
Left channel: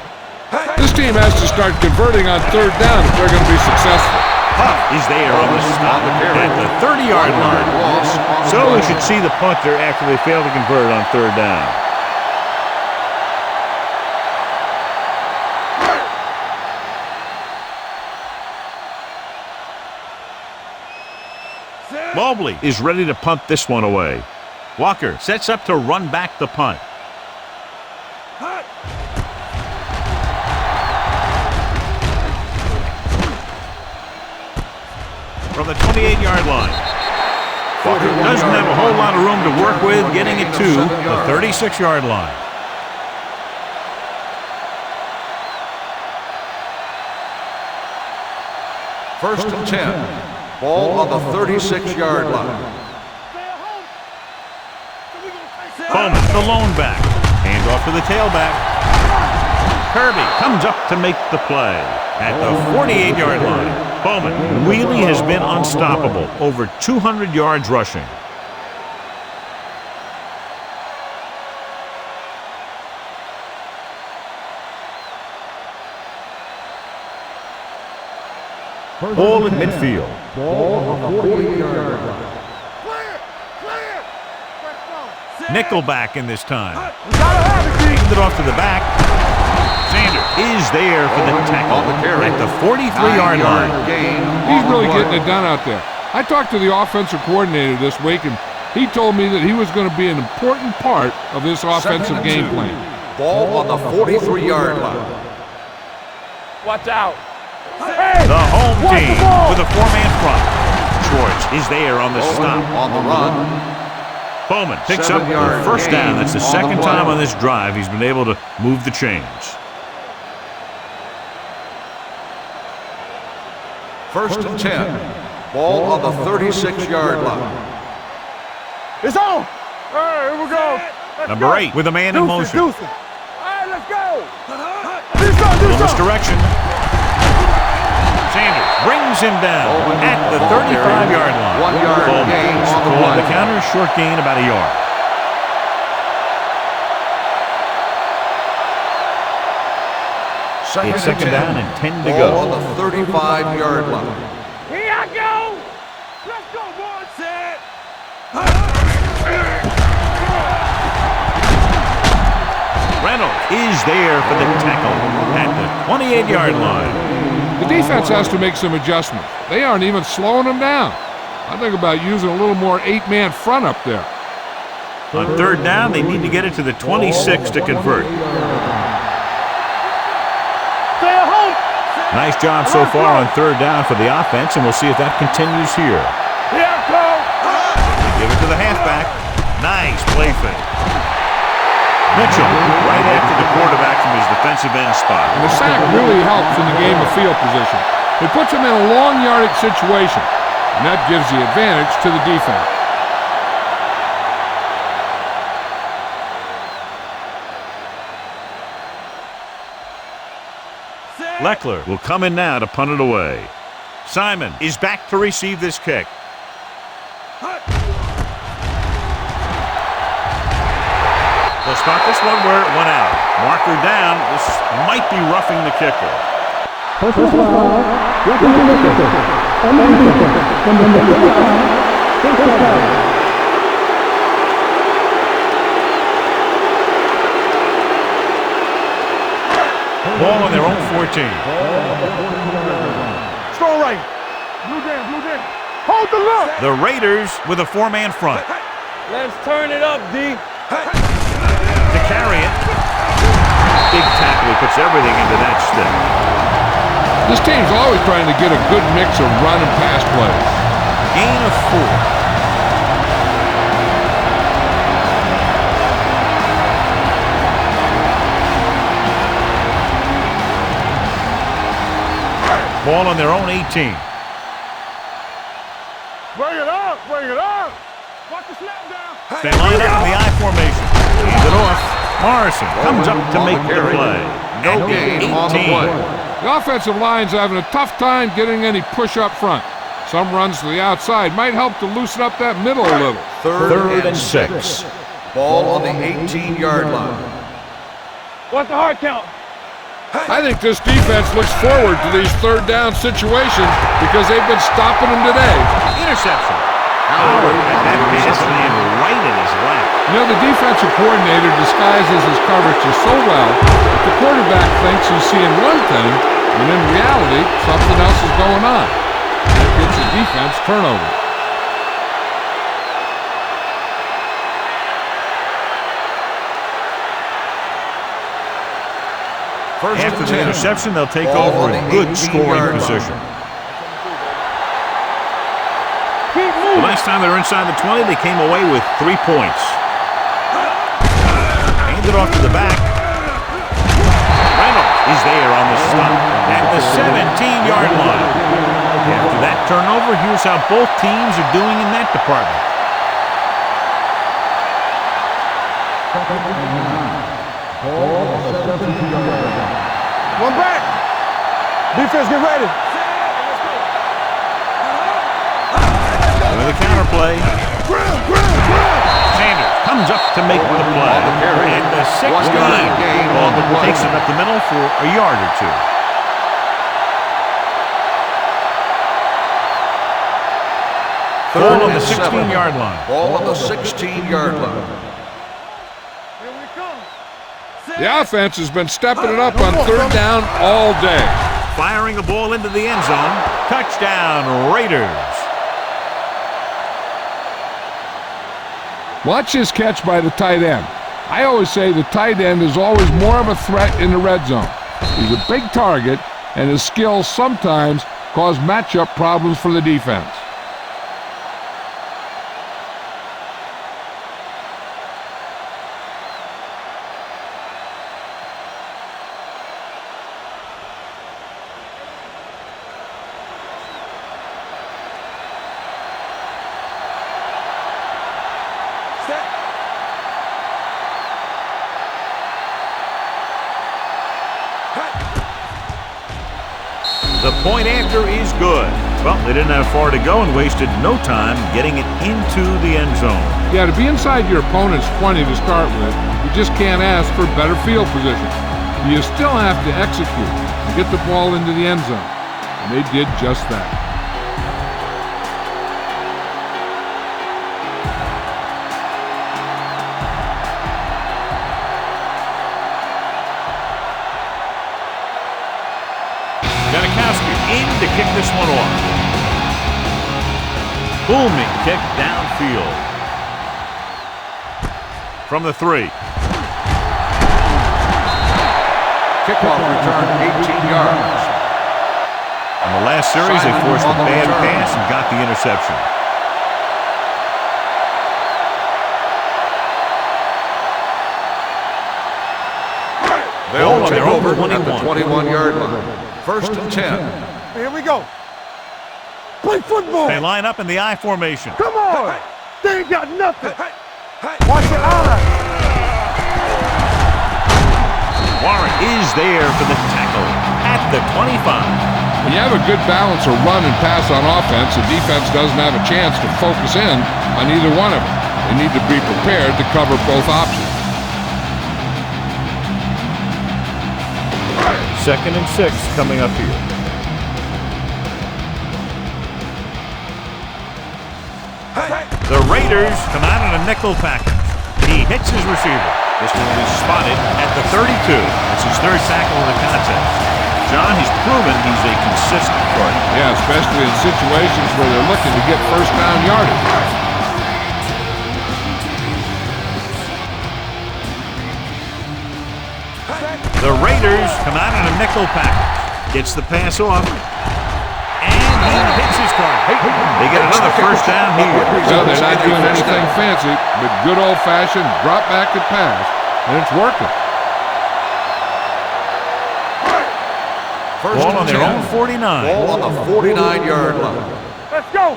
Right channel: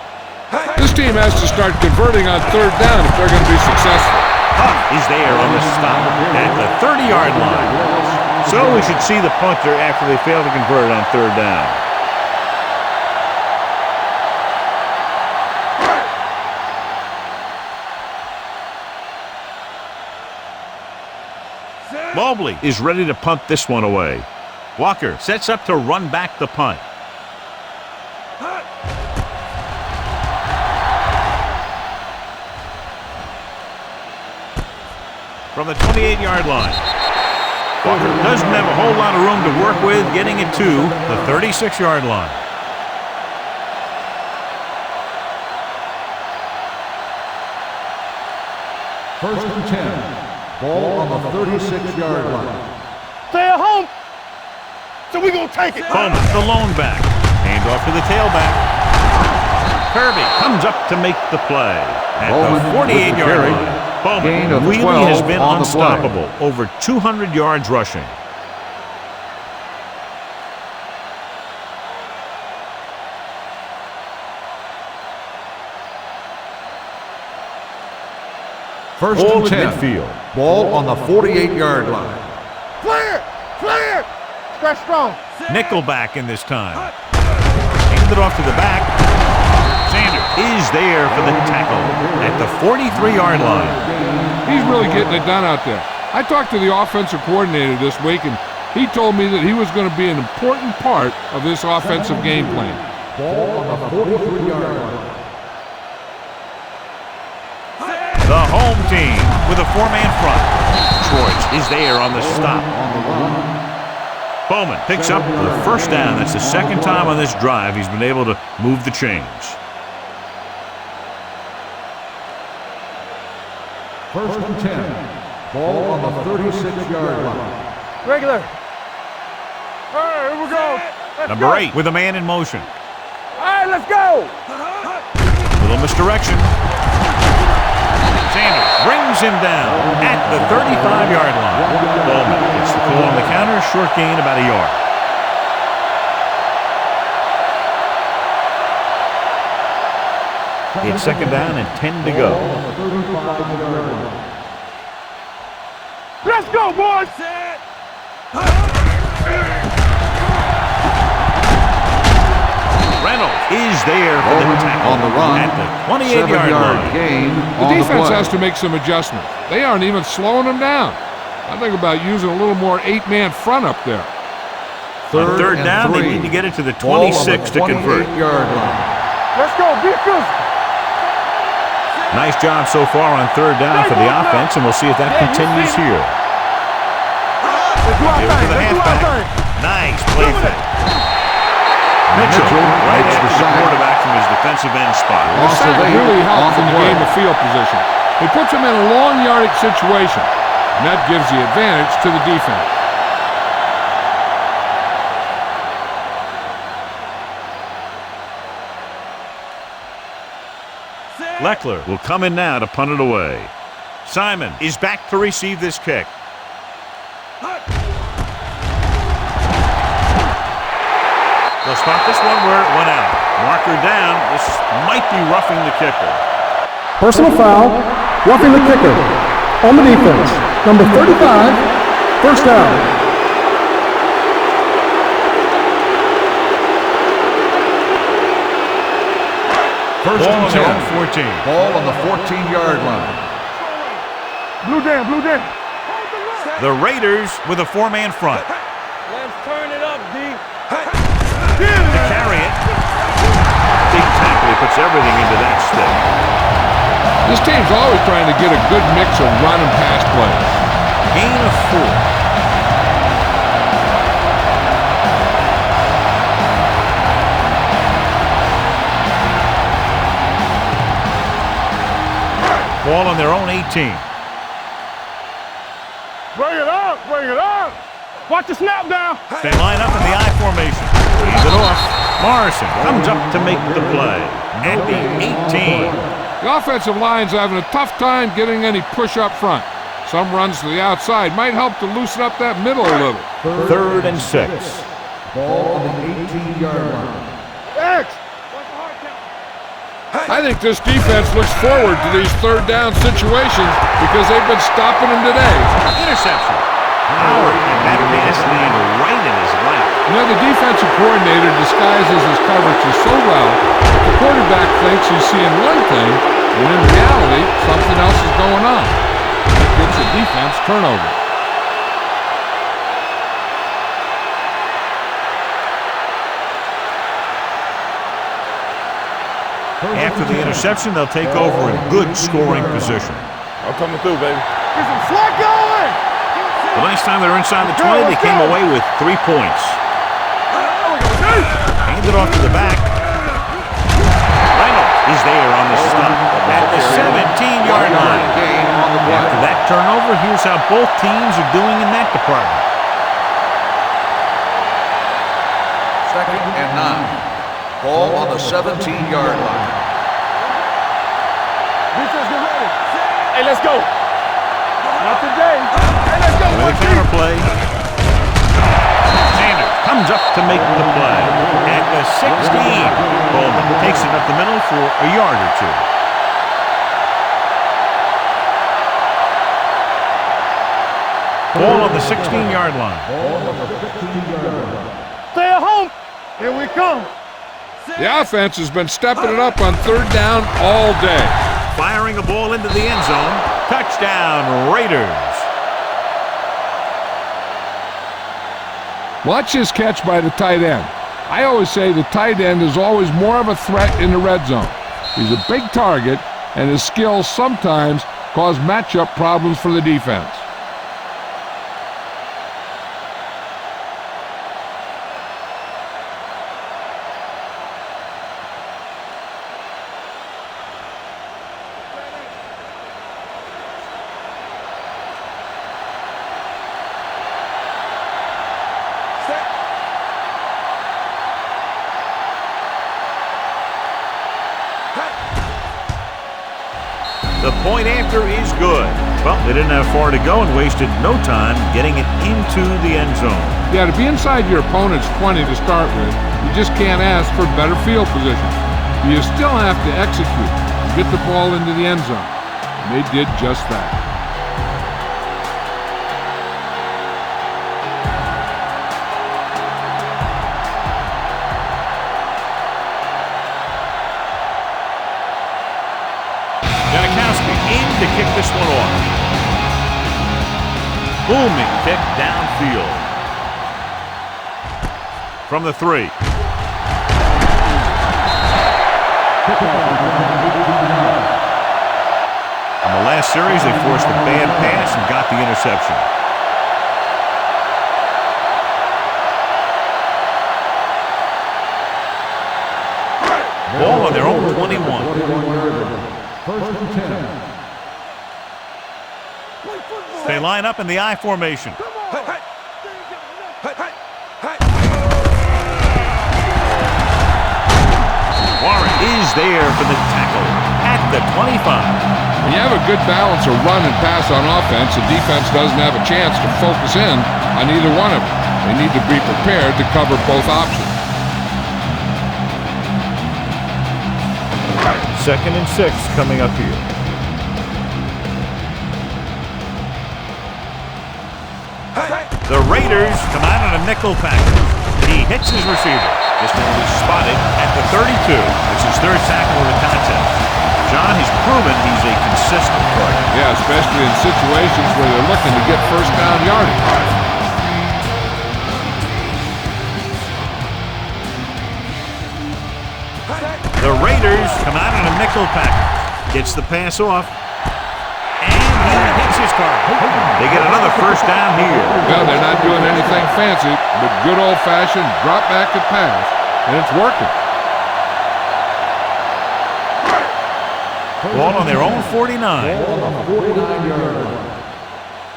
This team has to start converting on third down if they're going to be successful. Huff is there on the stop at the 30-yard line. So we should see the punter after they fail to convert on third down. Mobley is ready to punt this one away. Walker sets up to run back the punt. From the 28-yard line. Walker doesn't have a whole lot of room to work with, getting it to the 36-yard line. First and 10. Ball on the 36-yard line. Stay at home. So we're going to take it. Bowman, the lone back. Hand off to the tailback. Kirby comes up to make the play at the 48-yard line. Bowman really has been unstoppable. Over 200 yards rushing. First Ball and at 10. midfield. Ball on the 48-yard line. Clear. Clear. Stretch strong. Nickelback in this time. Handed it off to the back. Sanders is there for the tackle at the 43-yard line. He's really getting it done out there. I talked to the offensive coordinator this week, and he told me that he was going to be an important part of this offensive game plan. Ball on the 43-yard line. Watch out. The home team with a 4-man front. Schwartz is there on the stop. On the run. Bowman picks up the first down. That's the second time on this drive he's been able to move the chains. First and 10. Ball on the 36-yard line. Regular. It's on. All right, here we go. Number 8 with a man in motion. All right, let's go. Little misdirection. Sanders brings him down at the 35-yard line. Bowman gets the call on the counter. Short gain, about a yard. It's second down and 10 to go. On the 35-yard line. Here I go. Let's go, boys. Set. Reynolds is there for the tackle at the 28-yard line. The defense has to make some adjustments. They aren't even slowing them down. I think about using a little more 8-man front up there. On third down, they need to get it to the 26 to convert. Let's go. Defense. Stay at home. Nice job so far on third down for the offense, and we'll see if that continues here. They give it to the halfback. Nice play fake. Mitchell right after the quarterback from his defensive end spot. The sack really helps in the game of field position. It puts them in a long yardage situation, and that gives the advantage to the defense. Leckler will come in now to punt it away. Simon is back to receive this kick. They'll spot this one where it went out. Marker down. This might be roughing the kicker. Personal foul, roughing the kicker. On the defense, number 35, first down. Ball on their own 14. Ball on the 14-yard line. Strong right. Blue down. Hold the look. The Raiders with a 4-man front. Let's turn it up, D. To carry it. Big tackle. He puts everything into that stick. This team's always trying to get a good mix of run and pass plays. Gain of 4. Ball on their own 18. Bring it up. Watch the snap down. They line up in the I formation. Leave it off. Morrison comes up to make the play at the 18. The offensive line's having a tough time getting any push up front. Some runs to the outside might help to loosen up that middle a little. Third and 6. Ball on the 18-yard line. X. What's the hard count? I think this defense looks forward to these third down situations because they've been stopping them today. Interception. Howard had that pass land right in his lap. You know, the defensive coordinator disguises his coverages so well that the quarterback thinks he's seeing one thing, when in reality, something else is going on. That gets the defense turnover. After the interception, they'll take over a good scoring position. I'm coming through, baby. The last time they were inside the 20, they came away with 3 points. Handed off to the back. Reynolds is there on the stop at the 17-yard line. After that turnover, here's how both teams are doing in that department. Second and 9. Ball on the 17-yard line. One back. Defense, get ready. Hey, let's go. With a counterplay. Sanders comes up to make the play at the 16. Bowman takes it up the middle for a yard or 2. Ball on the 16-yard line. Ball on the 16-yard line. Stay at home. Here we come. The offense has been stepping it up on third down all day. Firing a ball into the end zone. Touchdown, Raiders. Watch his catch by the tight end. I always say the tight end is always more of a threat in the red zone. He's a big target, and his skills sometimes cause matchup problems for the defense. The point after is good. Well, they didn't have far to go and wasted no time getting it into the end zone. Yeah, to be inside your opponent's 20 to start with, you just can't ask for better field position. You still have to execute and get the ball into the end zone. And they did just that. Janikowski in to kick this one off. Booming kick downfield. From the 3. Kickoff return 18 yards. On the last series, they forced a bad pass and got the interception. Ball on their own 21. 21-yard line. First and 10. Here we go. Play football. They line up in the I formation. Come on. They ain't got nothing. Warren is there for the tackle at the 25. When you have a good balance of run and pass on offense, the defense doesn't have a chance to focus in on either one of them. They need to be prepared to cover both options. 2nd and 6 coming up here. The Raiders come out on a nickel package. He hits his receiver. This one will be spotted at the 32. It's his 3rd tackle of the contest. John, he's proven he's a consistent target. Yeah, especially in situations where they're looking to get first down yardage. The Raiders come out on a nickel package. Gets the pass off. And he hits his target. They get another first down here. Well, they're not doing anything fancy, but good old-fashioned drop back and pass, and it's working. Ball on their own 49. Ball on the 49-yard line. Let's go.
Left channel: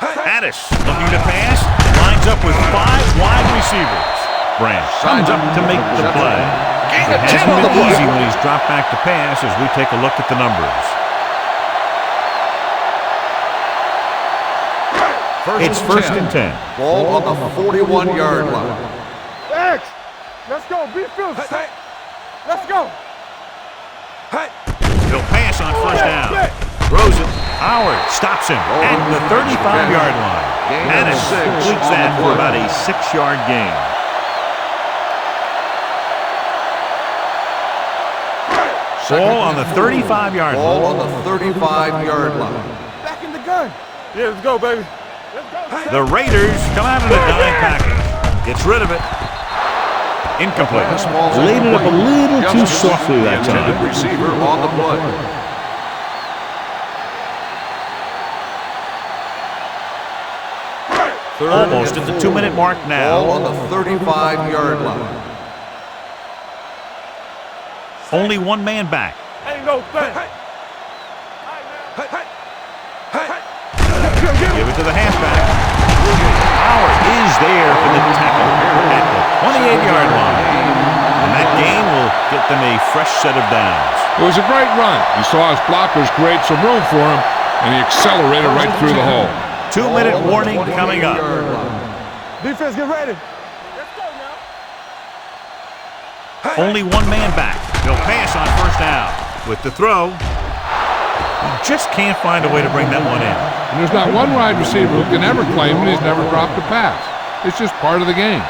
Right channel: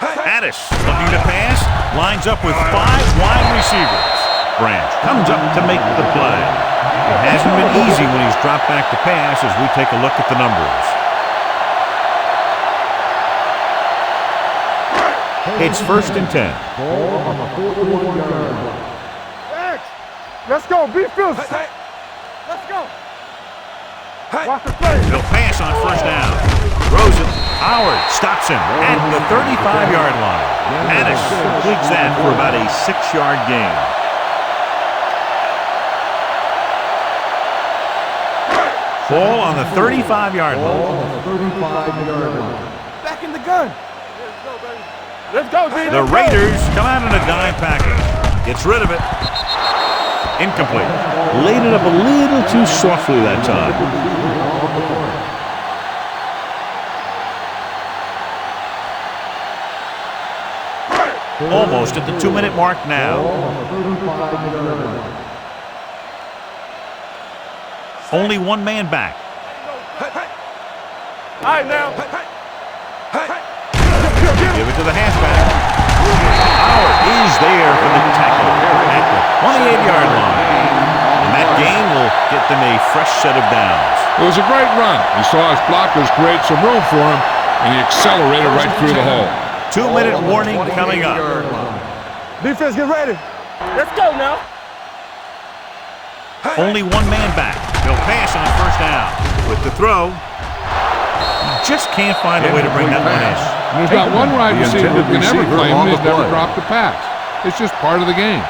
Addis looking to pass. Lines up with 5 wide receivers. Branch comes up to make the play. It hasn't been easy when he's dropped back to pass as we take a look at the numbers. It's 1st and 10. Ball on the 41-yard line. X. Let's go. Be fierce. Let's go. Watch the play. He'll pass on first down. Throws it. Howard stops him at the 35-yard line. Addis completes that for about a 6-yard gain. Ball on the 35-yard line. Ball on the 35-yard line. Back in the gun. Yeah, let's go, baby. Let's go. The Raiders come out in a dime package. Gets rid of it. Incomplete. Laid it up a little too softly that time. Receiver on the play. Almost at the 2-minute mark Ball now. on the 35-yard line. Only one man back. Ain't no play. All right, now. Give it to the halfback. Howard is there for the tackle at the 28-yard line. And that gain will get them a fresh set of downs. It was a great run. He saw his blockers create some room for him, and he accelerated right through the hole. 2-minute warning coming up. Defense, get ready. Let's go now. Only one man back. He'll pass on first down. With the throw, he just can't find a way to bring that one in. And there's not one wide receiver who can ever claim that he's never dropped a pass. It's just part of the game.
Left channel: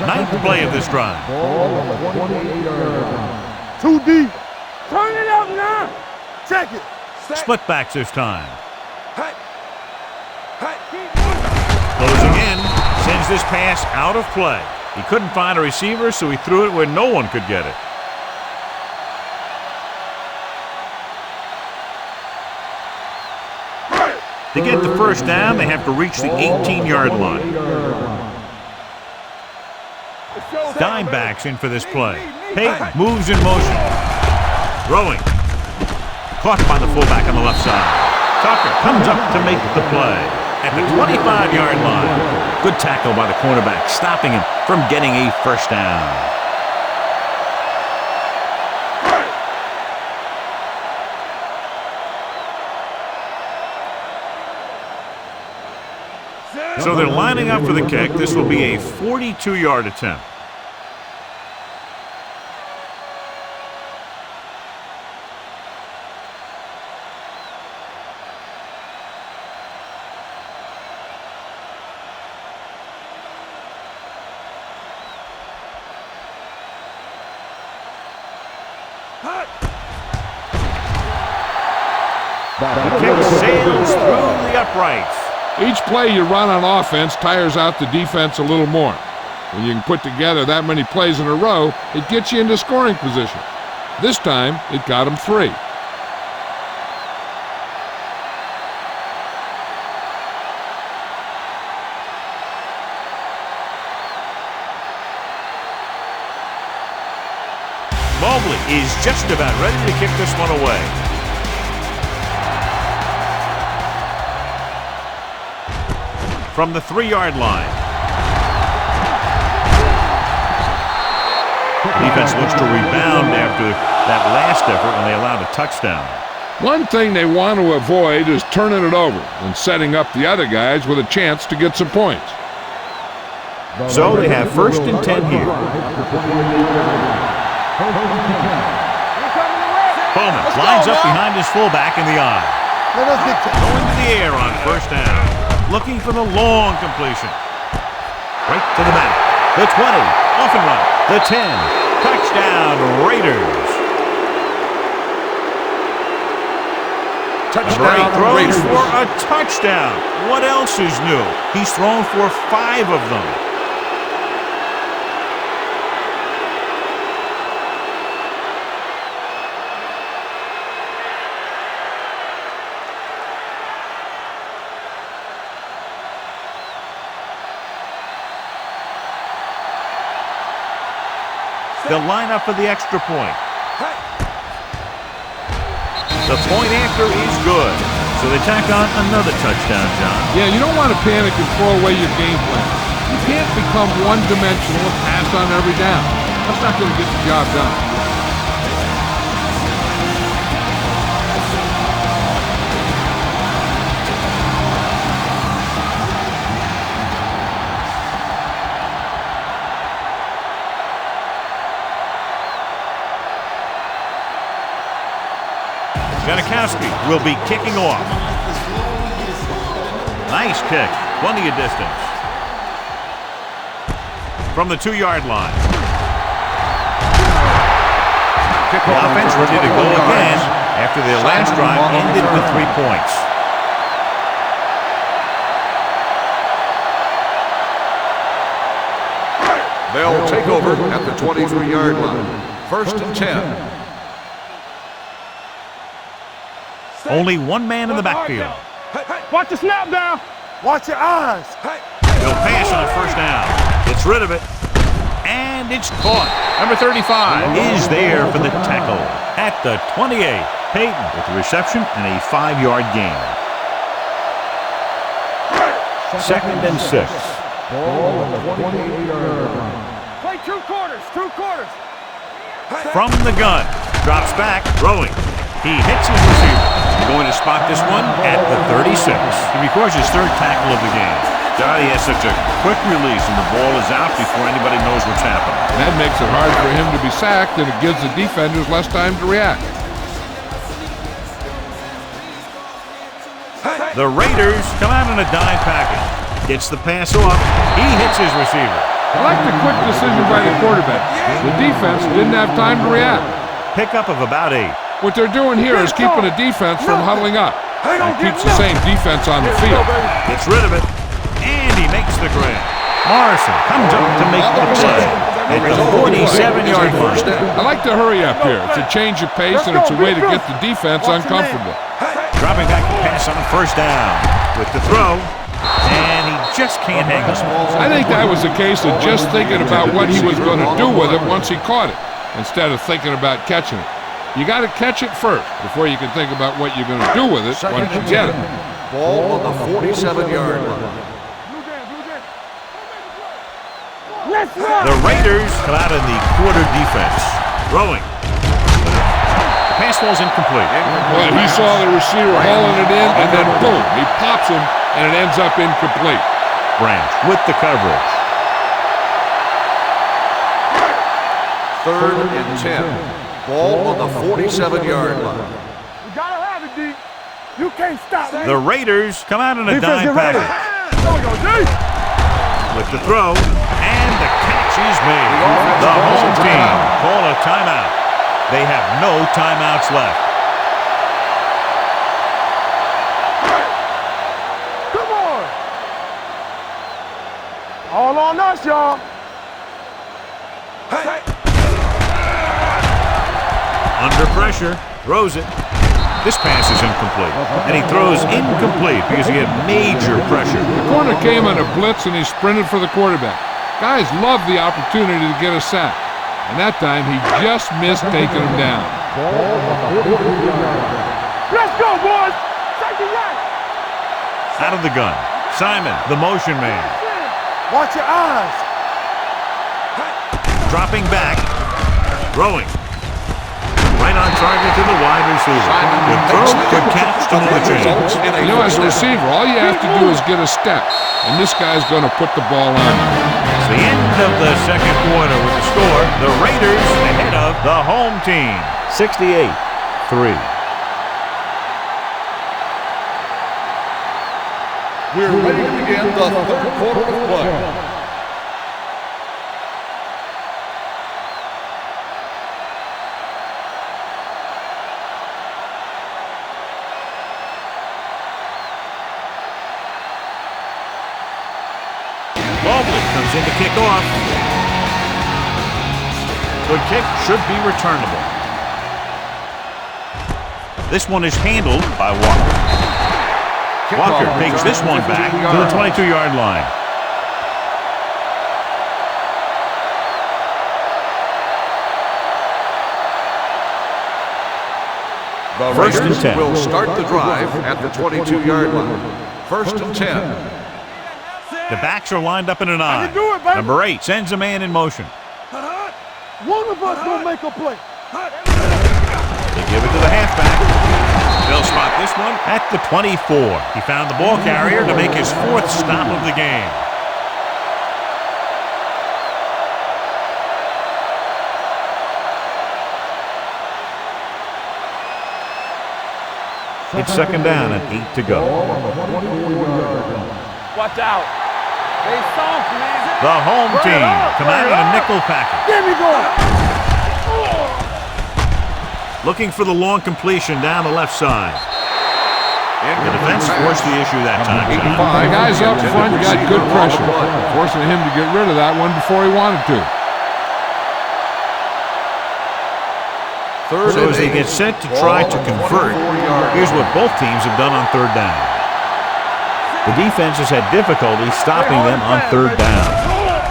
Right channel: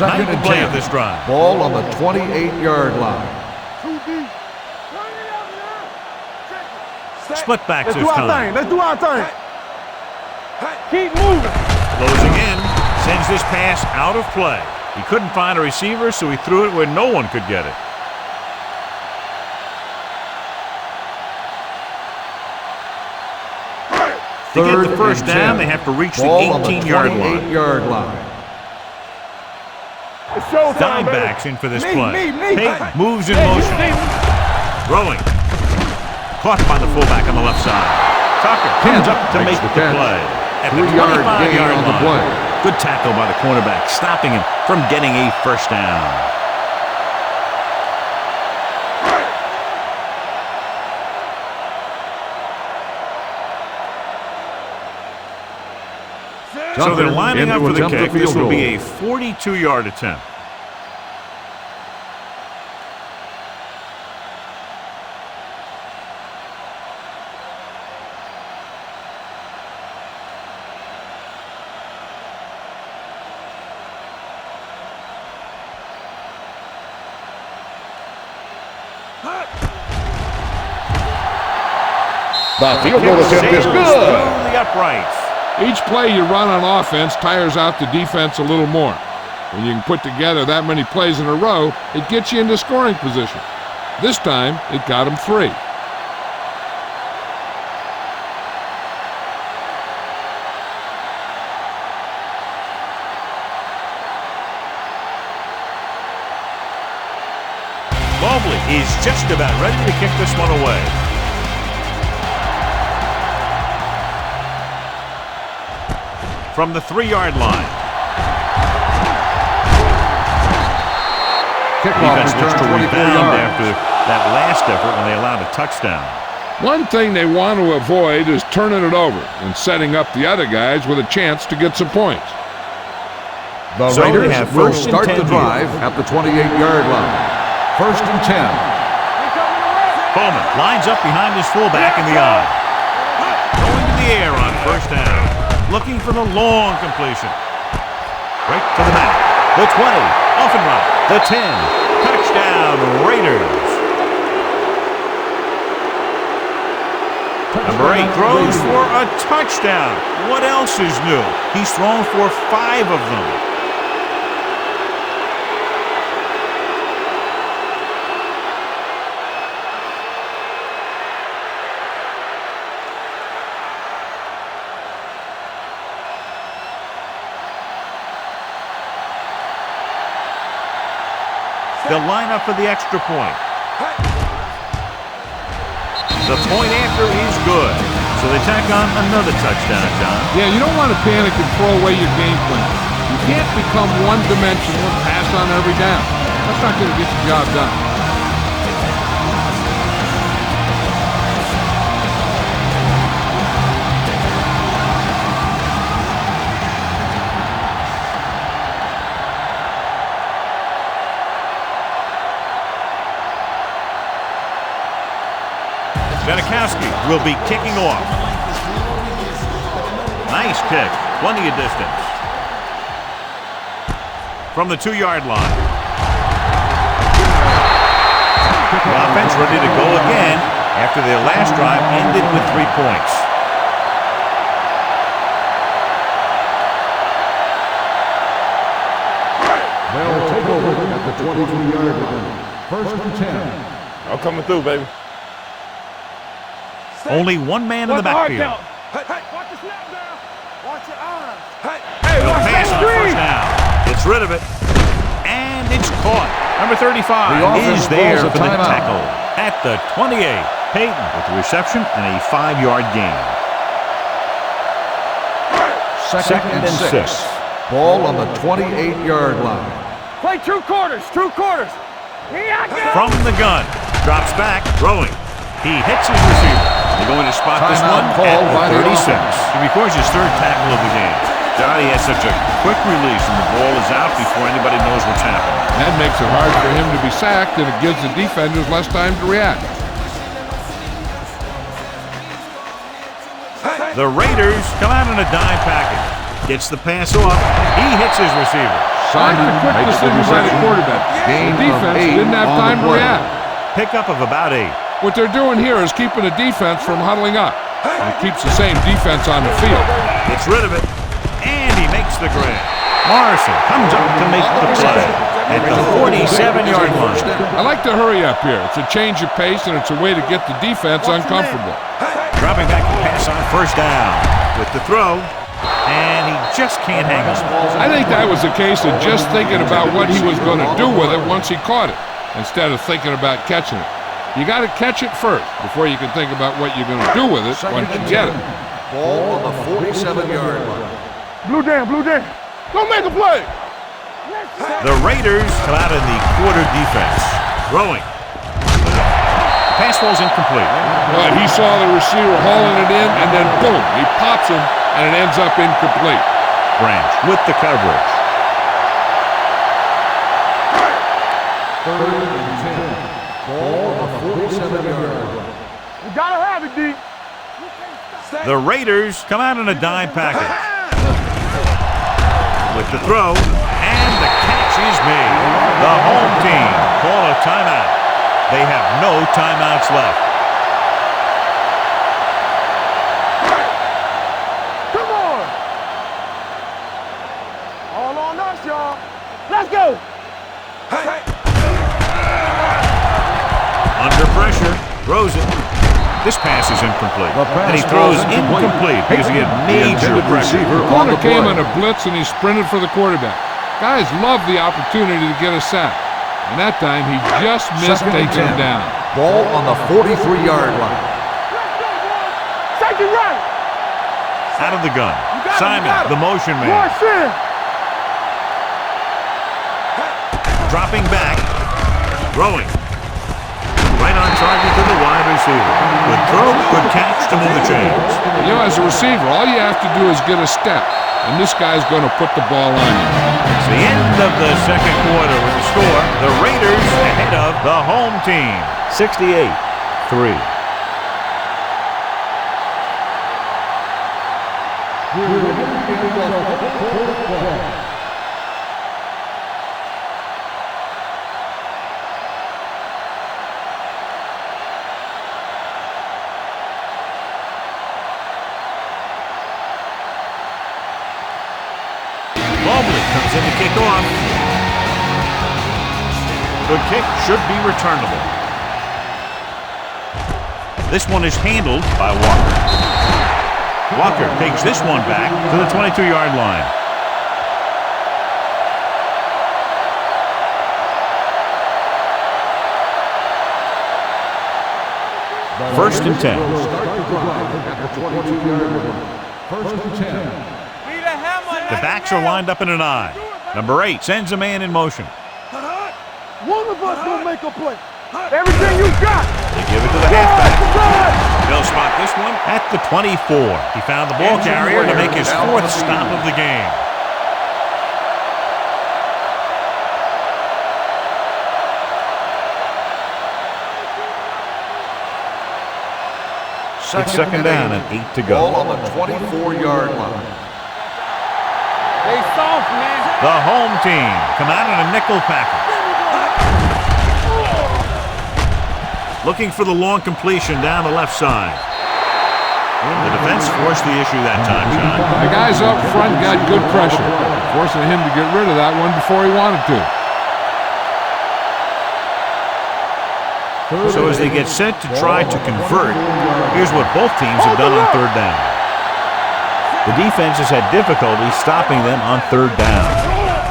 Ninth play of this drive. Ball on the 28-yard line. Too deep. Turn it up now. Check it. Split backs this time. Let's do our thing. Keep moving. Closing in, sends this pass out of play. He couldn't find a receiver, so he threw it where no one could get it. To get the first down, they have to reach the 18-yard line. Dime backs in for this play. Payton moves in motion. Throwing. Caught by the fullback on the left side. Tucker comes up to make the play at the 25-yard line. Good tackle by the cornerback, stopping him from getting a first down. So they're lining up for the kick. This will be a 42-yard attempt. The kick sails through the uprights. Each play you run on offense tires out the defense a little more. When you can put together that many plays in a row, it gets you into scoring position. This time, it got them 3. Mobley is just about ready to kick this one away. From the 3-yard line. Defense looks to rebound after that last effort when they allowed a touchdown. One thing they want to avoid is turning it over and setting up the other guys with a chance to get some points. So they have first and 10 here. At the 28-yard line. First and 10. Bowman lines up behind his fullback in the eye. Going to the air on first down. Looking for the long completion. Right to the mat. The 20. Off and run. The 10. Touchdown, Raiders. Number 8 throws for a touchdown. What else is new? He's thrown for 5 of them. They'll line up for the extra point. The point after is good. So they tack on another touchdown, John. Yeah, you don't want to panic and throw away your game plan. You can't become one-dimensional and pass on every down. That's not going to get the job done. Janikowski will be kicking off. Nice kick. Plenty of distance. From the 2-yard line. The offense ready to go again after their last drive ended with 3 points. They'll take over at the 23-yard line. First and 10. I'm coming through, baby. Only one man in the backfield. Hey, watch the snap down. Watch your eyes. He'll pass on first down. Gets rid of it. And it's caught. Number 35 is there for the tackle at the 28. Payton with the reception and a 5-yard gain. Second and 6. Ball on the 28-yard line. Play 2 quarters. 2 quarters. From the gun. Drops back. Throwing. He hits his receiver. They're going to spot this one at the 36. He records his 3rd tackle of the game. Johnny has such a quick release and the ball is out before anybody knows what's happening. That makes it hard for him to be sacked, and it gives the defenders less time to react. The Raiders come out in a dime package. Gets the pass off. He hits his receiver. I like the quick decision by the quarterback. The defense didn't have time to react. Pickup of about 8. What they're doing here is keeping the defense from huddling up. And keeps the same defense on the field. Gets rid of it. And he makes the grab. Morrison comes up to make the play at the 47-yard line. I like to hurry up here. It's a change of pace, and it's a way to get the defense uncomfortable. Dropping back to pass on first down with the throw. And he just can't hang on. I think that was a case of just thinking about what he was going to do with it once he caught it, instead of thinking about catching it. You got to catch it first before you can think about what you're going to do with it once you get it. Ball on the 47-yard line. Blue jam, blue jam. Go make a play. Let's go. The Raiders come out in the quarter defense. Throwing. The pass falls incomplete. Well, he saw the receiver hauling it in, and then boom, he pops him, and it ends up incomplete. Branch with the coverage. 3rd and 10. Ball on the 47-yard line. We gotta have it, D. You can't stop. The Raiders come out in a dime package. With the throw, and the catch is made. The home team call a timeout. They have no timeouts left. Come on. All on us, y'all. Let's go. Hey. Under pressure, throws it. This pass is incomplete. And he throws incomplete because he had major pressure. The corner came on a blitz, and he sprinted for the quarterback. Guys love the opportunity to get a sack. And that time, he just missed taking him down. Ball on the 43-yard line. Let's go, boys. Safety right. Out of the gun. Simon, the motion man. Watch your eyes. Dropping back. Throwing. Right on target to the wide receiver. Good throw, good catch to move the chains. You know, as a receiver, all you have to do is get a step, and this guy's going to put the ball on you. It's the end of the second quarter with the score. The Raiders ahead of the home team. 68-3. We're ready to begin the 3rd quarter of play. Mobley comes in to kick off. Good kick, should be returnable. This one is handled by Walker. Walker takes this one back to the 22-yard line. The 1st and Raiders 10. will start the drive at the 22-yard line. 1st and 10. The backs are lined up in an I. Number 8 sends a man in motion. One of us gonna make a play. Everything you got. They give it to the halfback. They'll spot this one at the 24. He found the ball carrier to make his 4th stop of the game. It's 2nd down and 8 to go. Ball on the 24-yard line. Watch out. They soft, man. The home team come out in a nickel package. Looking for the long completion down the left side. The defense forced the issue that time, John. The guys up front got good pressure, forcing him to get rid of that one before he wanted to. So as they get set to try to convert, here's what both teams have done on 3rd down. The defense has had difficulty stopping them on 3rd down.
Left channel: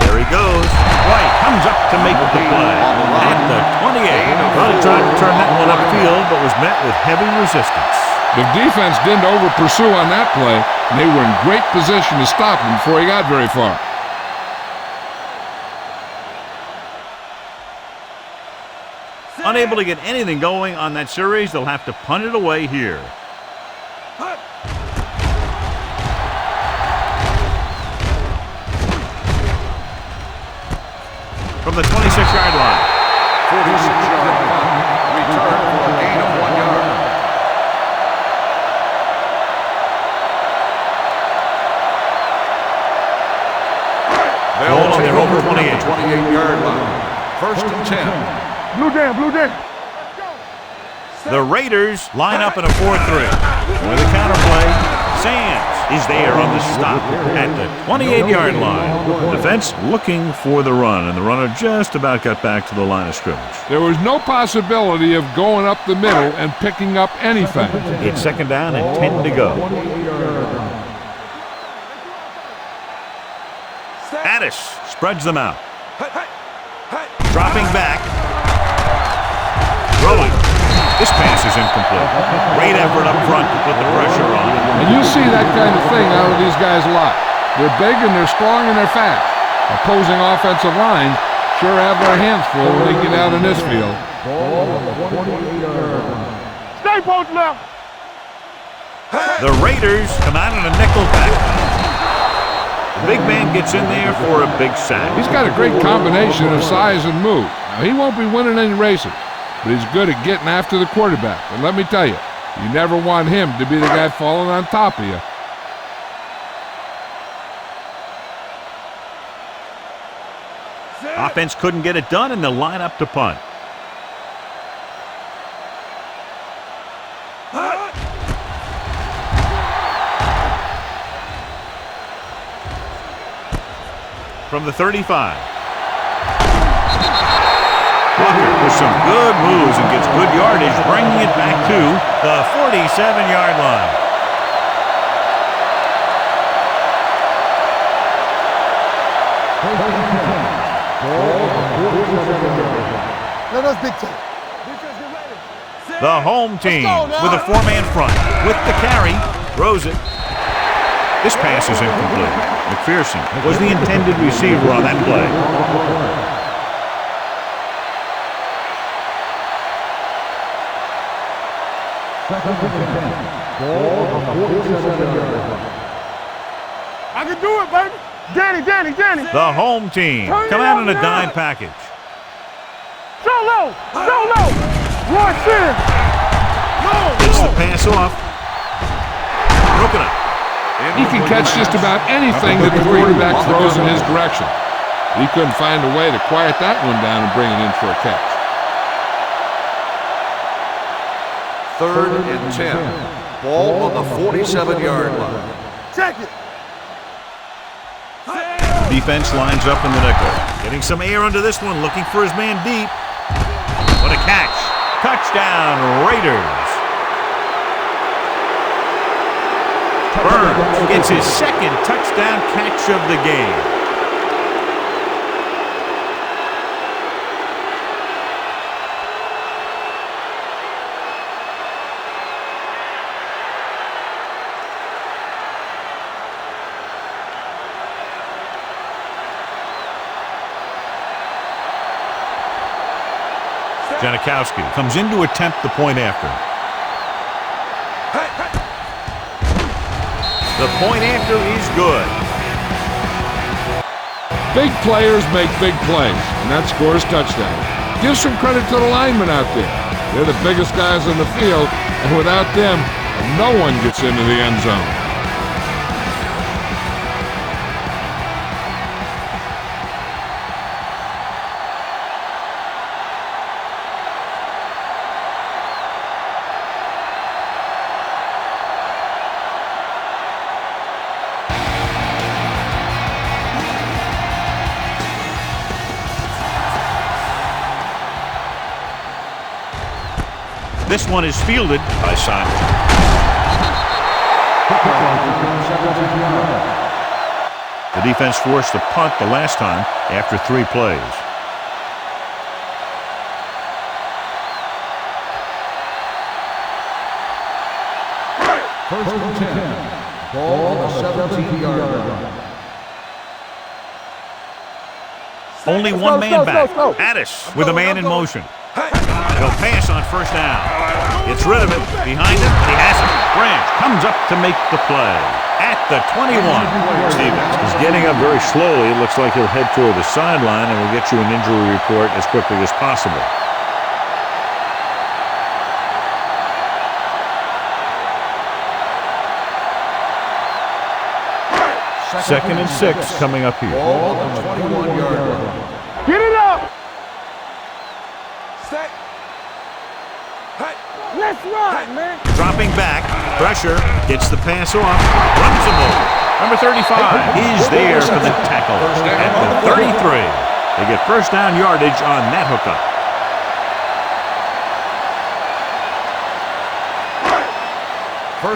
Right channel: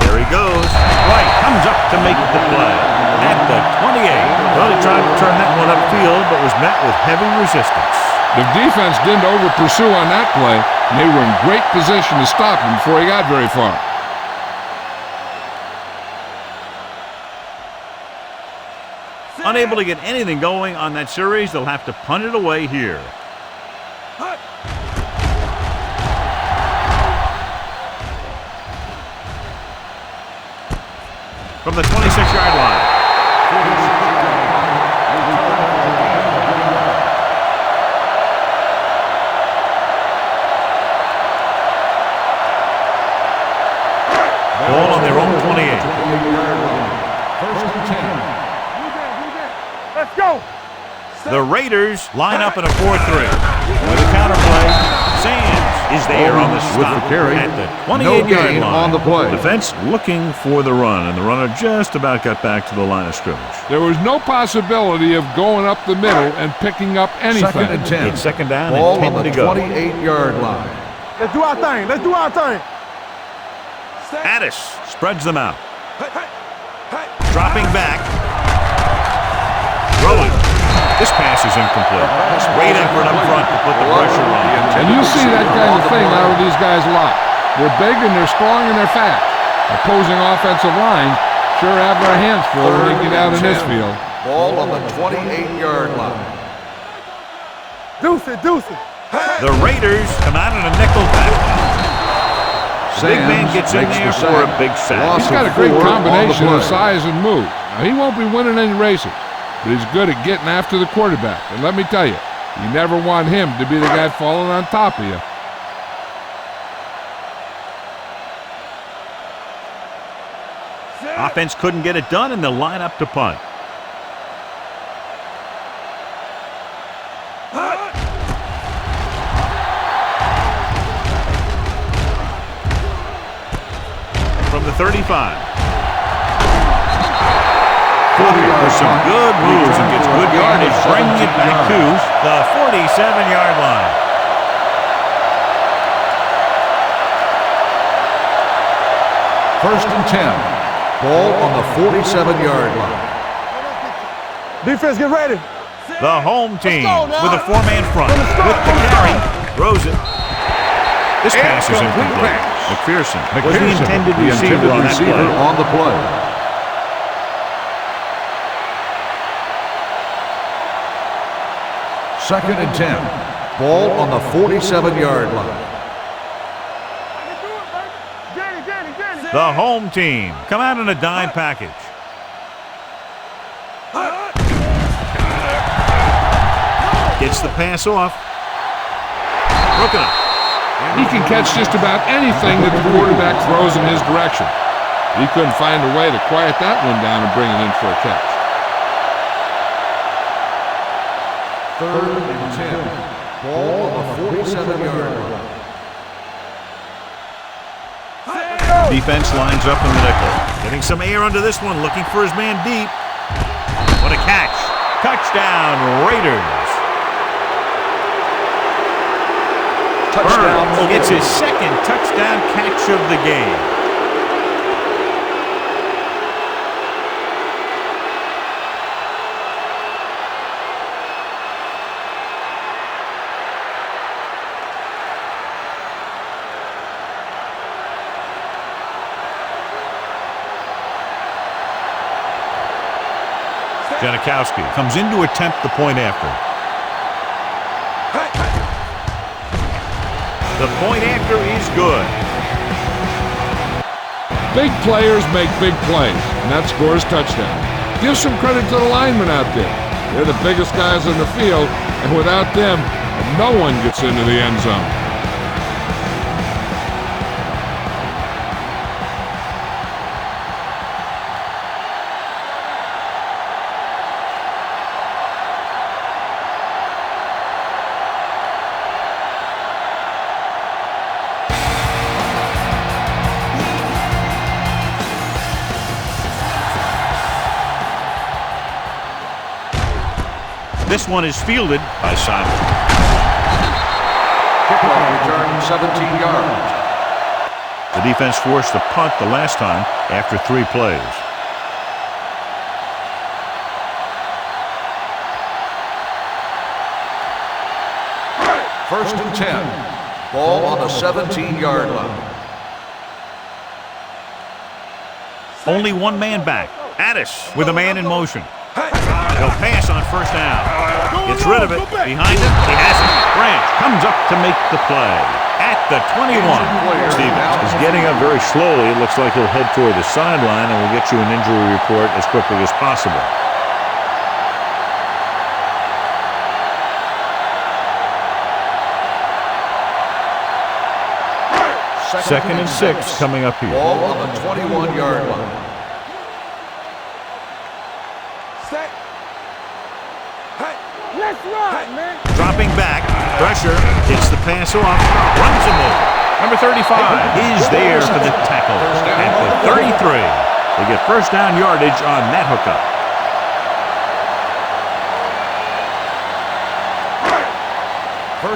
There he goes. White comes up to make the play at the 28. Well, he tried to turn that one upfield, but was met with heavy resistance. The defense didn't over-pursue on that play, and they were in great position to stop him before he got very far. Unable to get anything going on that series, they'll have to punt it away here. From the 26-yard line. 46-yard punt. Return for a gain of 1 yard. Ball on their own 28. 28-yard line. 1st and 10. Blue den. Let's go. The Raiders line up in a 4-3. With a counterplay, Sands is there on the stop at the 28-yard line. Defense looking for the run, and the runner just about got back to the line of scrimmage. There was no possibility of going up the middle and picking up anything. It's 2nd down and 10 to go. 28-yard line. Let's do our thing. Addis spreads them out. Dropping back. Throwing. This pass is incomplete. Great effort up front to put the pressure on. And you'll see that kind of thing out of these guys a lot. They're big and they're strong and they're fast. Opposing offensive lines sure have their hands full when they get out in this field. Ball on the 28-yard line. Stay post now. Deuce it. The Raiders come out in a nickel back. The big man gets in there for a big sack. He's got a great combination of size and moves. Now, he won't be winning any races, but he's good at getting after the quarterback. And let me tell you, you never want him to be the guy falling on top of you. Offense couldn't get it done, and they'll line up to punt. From the 35. Walker with some good moves and gets good yardage, bringing it back to the 47-yard line. First and 10. Ball on the 47-yard line. Defense, get ready. The home team with a four-man front. With the carry, throws it. This pass is incomplete. McPherson was the intended receiver on that play. On the play. Second and 10. Ball on the 47-yard line. I can do it, baby. Danny. The home team come out in a dime package. Go low. Watch this. Gets the pass off. Broken up. He can catch just about anything that the quarterback throws in his direction. He couldn't find a way to quiet that one down and bring it in for a catch. Third and 10. Ball on the 47-yard line. Check it. Defense lines up in the nickel. Getting some air under this one, looking for his man deep. What a catch. Touchdown, Raiders. Burns gets his second touchdown catch of the game. Janikowski comes in to attempt the point after. The point after is good. Big players make big plays, and that scores touchdown. Give some credit to the linemen out there. They're the biggest guys on the field, and without them, no one gets into the end zone. This one is fielded by Simon. Kickoff return 17 yards. The defense forced the punt the last time after 3 plays. First and 10. Ball on the 17-yard line. Only one man back. Addis with a man in motion. He'll pass on first down. Gets rid of it. Behind him, he has it. Branch comes up to make the play. At the 21. Stevens is getting up very slowly. It looks like he'll head toward the sideline, and we'll get you an injury report as quickly as possible. Second and 6 coming up here. Ball on the 21-yard line. Get it up. Set. Let's run, man. Dropping back. Pressure. Gets the pass off. Runs him over. Number 35 is there for the tackle. At the 33. They get first down yardage on that hookup.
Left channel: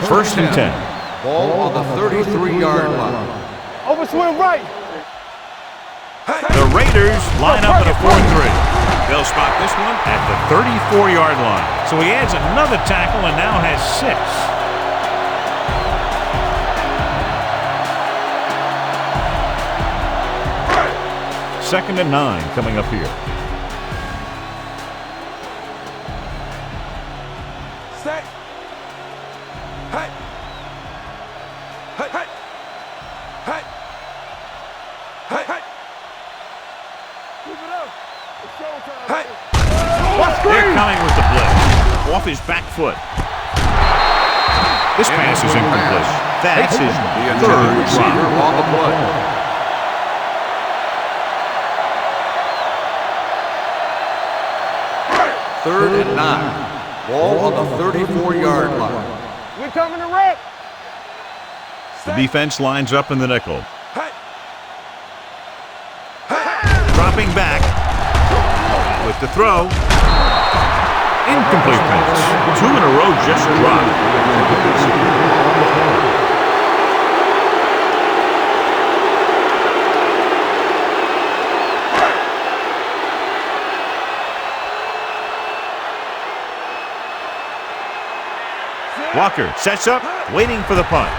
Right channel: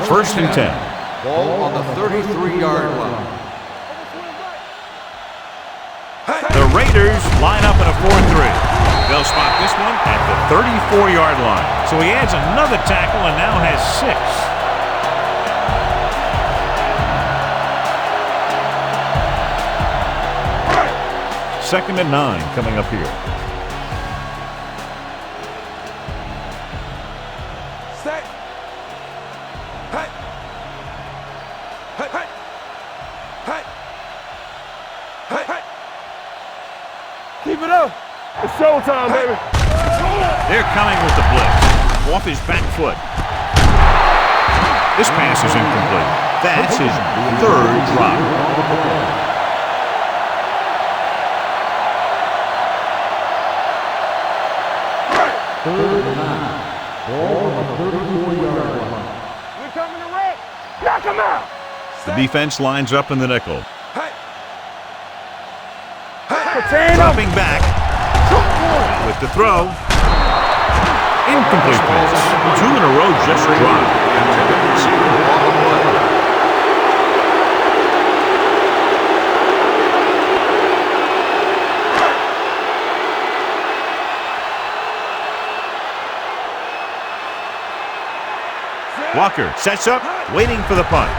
First and 10. Ball on the 33-yard line. Overswing right. The Raiders line up in a 4-3. They'll spot this one at the 34-yard line. So he adds another tackle and now has 6. 2nd and 9 coming up here. Set. Hey. Hey. Hey. Hey. Hey. Hey. Keep it up. It's showtime, baby. They're coming with the blitz. Off his back foot. This pass is incomplete. That's his 3rd drop. 3rd and 9. Ball on the 34-yard line. We're coming to wreck. Knock him out. The defense lines up in the nickel. Hey. Hey. Dropping back with the throw. Incomplete pass. 2 in a row just dropped. The intended receiver on the play. Walker sets up, waiting for the punt.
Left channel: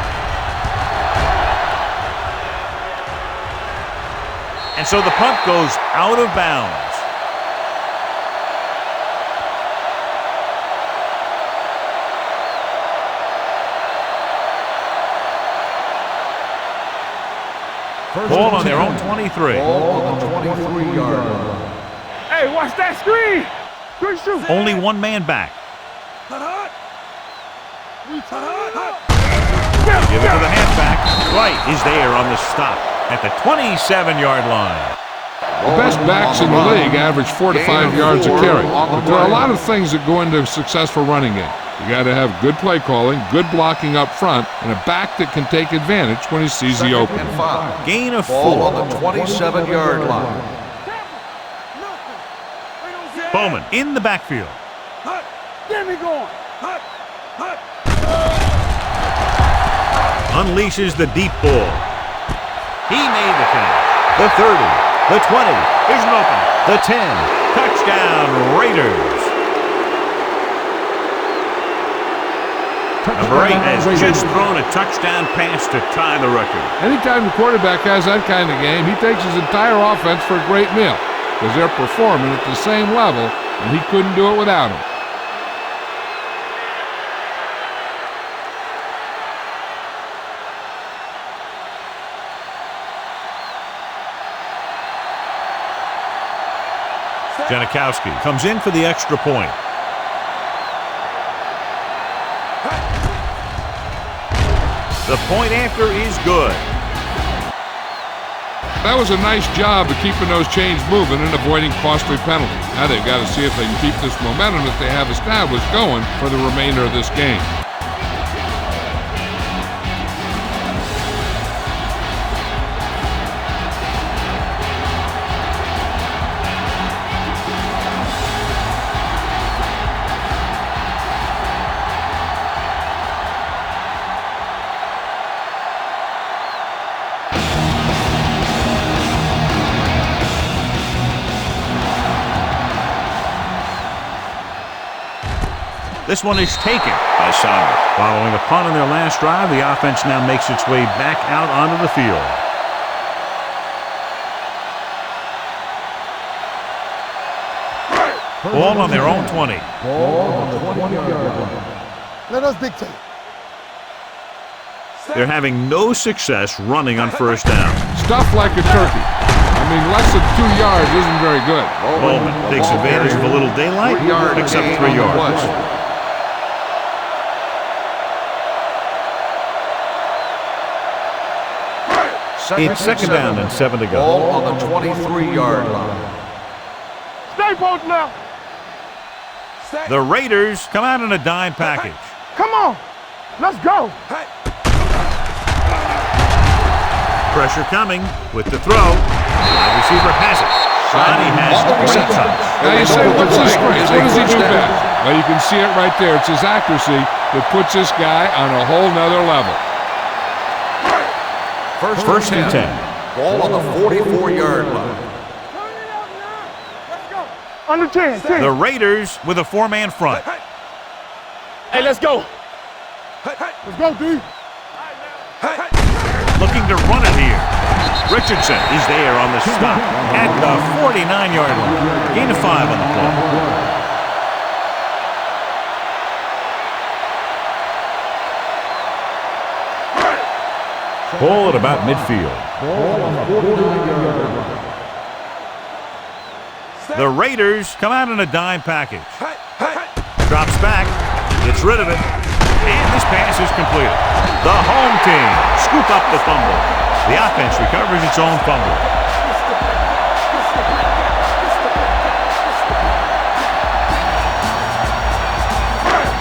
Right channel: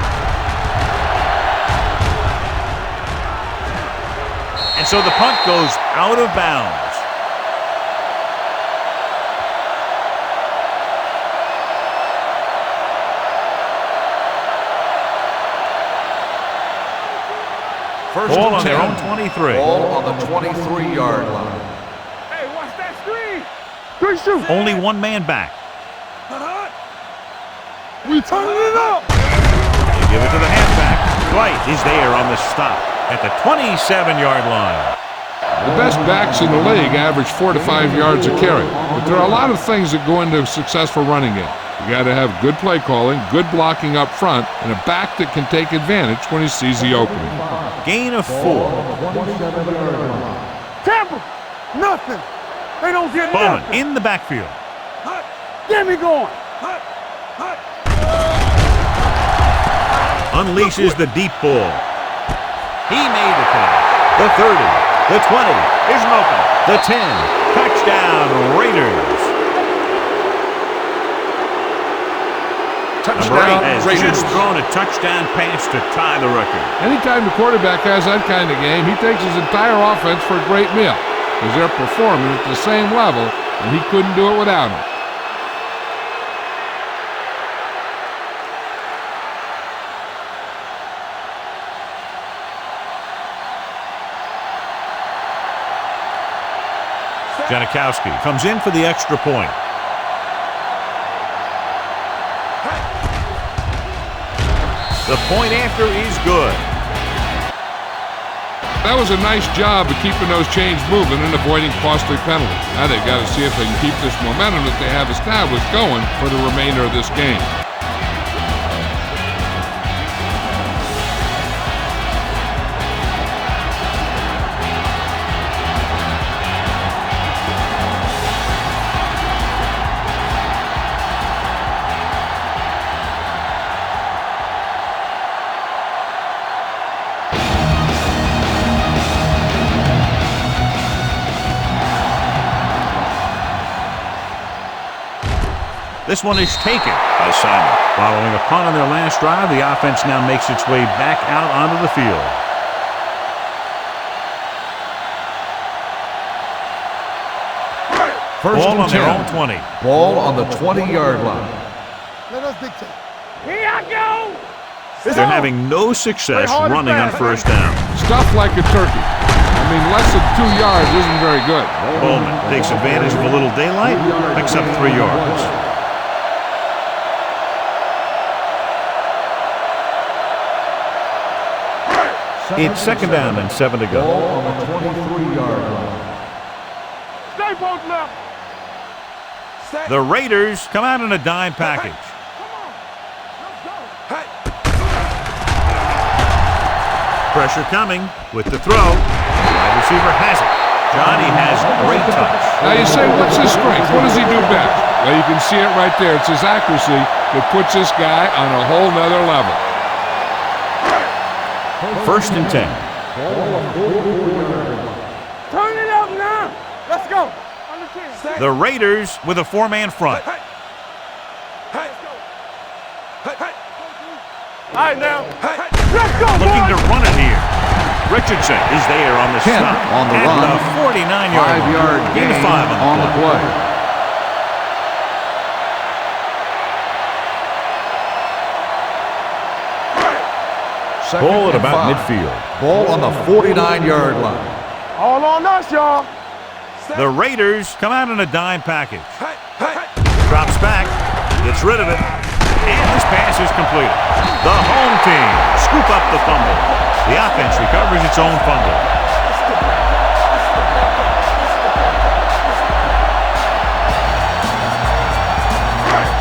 And so the punt goes out of bounds. Ball on their own 23. Ball on the 23-yard line. Hey, watch that screen. Good shoot. Only one man back. We turn it up. They give it to the halfback. White is there on the stop at the 27-yard line. The best backs in the league average 4 to 5 yards a carry, but there are a lot of things that go into a successful running game. You got to have good play calling, good blocking up front, and a back that can take advantage when he sees the opening. Gain of 4. Ball on the 27-yard line. Tampa, nothing. They don't get Bowman nothing. in the backfield. Get me going. Unleashes the deep ball. He made the catch. The 30, the 20, here's an opening. The 10, touchdown Raiders. Number 8 has just thrown a touchdown pass to tie the record. Anytime the quarterback has that kind of game, he takes his entire offense for a great meal because they're performing at the same level, and he couldn't do it without them. Janikowski comes in for the extra point. The point after is good. That was a nice job of keeping those chains moving and avoiding costly penalties. Now they've got to see if they can keep this momentum that they have established going for the remainder of this game. This one is taken by Simon. Following a punt on their last drive, the offense now makes its way back out onto the field. Ball on their own 20. Ball on the 20-yard line. Let us dictate. Here I go. They're having no success running on first down. Stuff like a turkey. I mean, less than 2 yards isn't very good. Bowman takes advantage of a little daylight, picks up 3 yards. It's 2nd down and 7 to go. Ball on the 23-yard line. Stay both left. The Raiders come out in a dime package. Come on. Let's go. Pressure coming with the throw. Wide receiver has it. Johnny has great touch. Now you say, what's his strength? What does he do best? Well, you can see it right there. It's his accuracy that puts this guy on a whole nother level. First and 10. Ball on the 44-yard line. Turn it up now. Let's go. Under 10. The Raiders with a 4-man front. Hey, let's go. Let's go, dude. All right, now. Looking to run it here. Richardson is there on the stop at the 49-yard line. Gain of 5 on the play. Ball at about midfield. Ball on the 49-yard line. All on us, y'all. The Raiders come out in a dime package. Drops back, gets rid of it, and this pass is completed. The home team scoop up the fumble. The offense recovers its own fumble.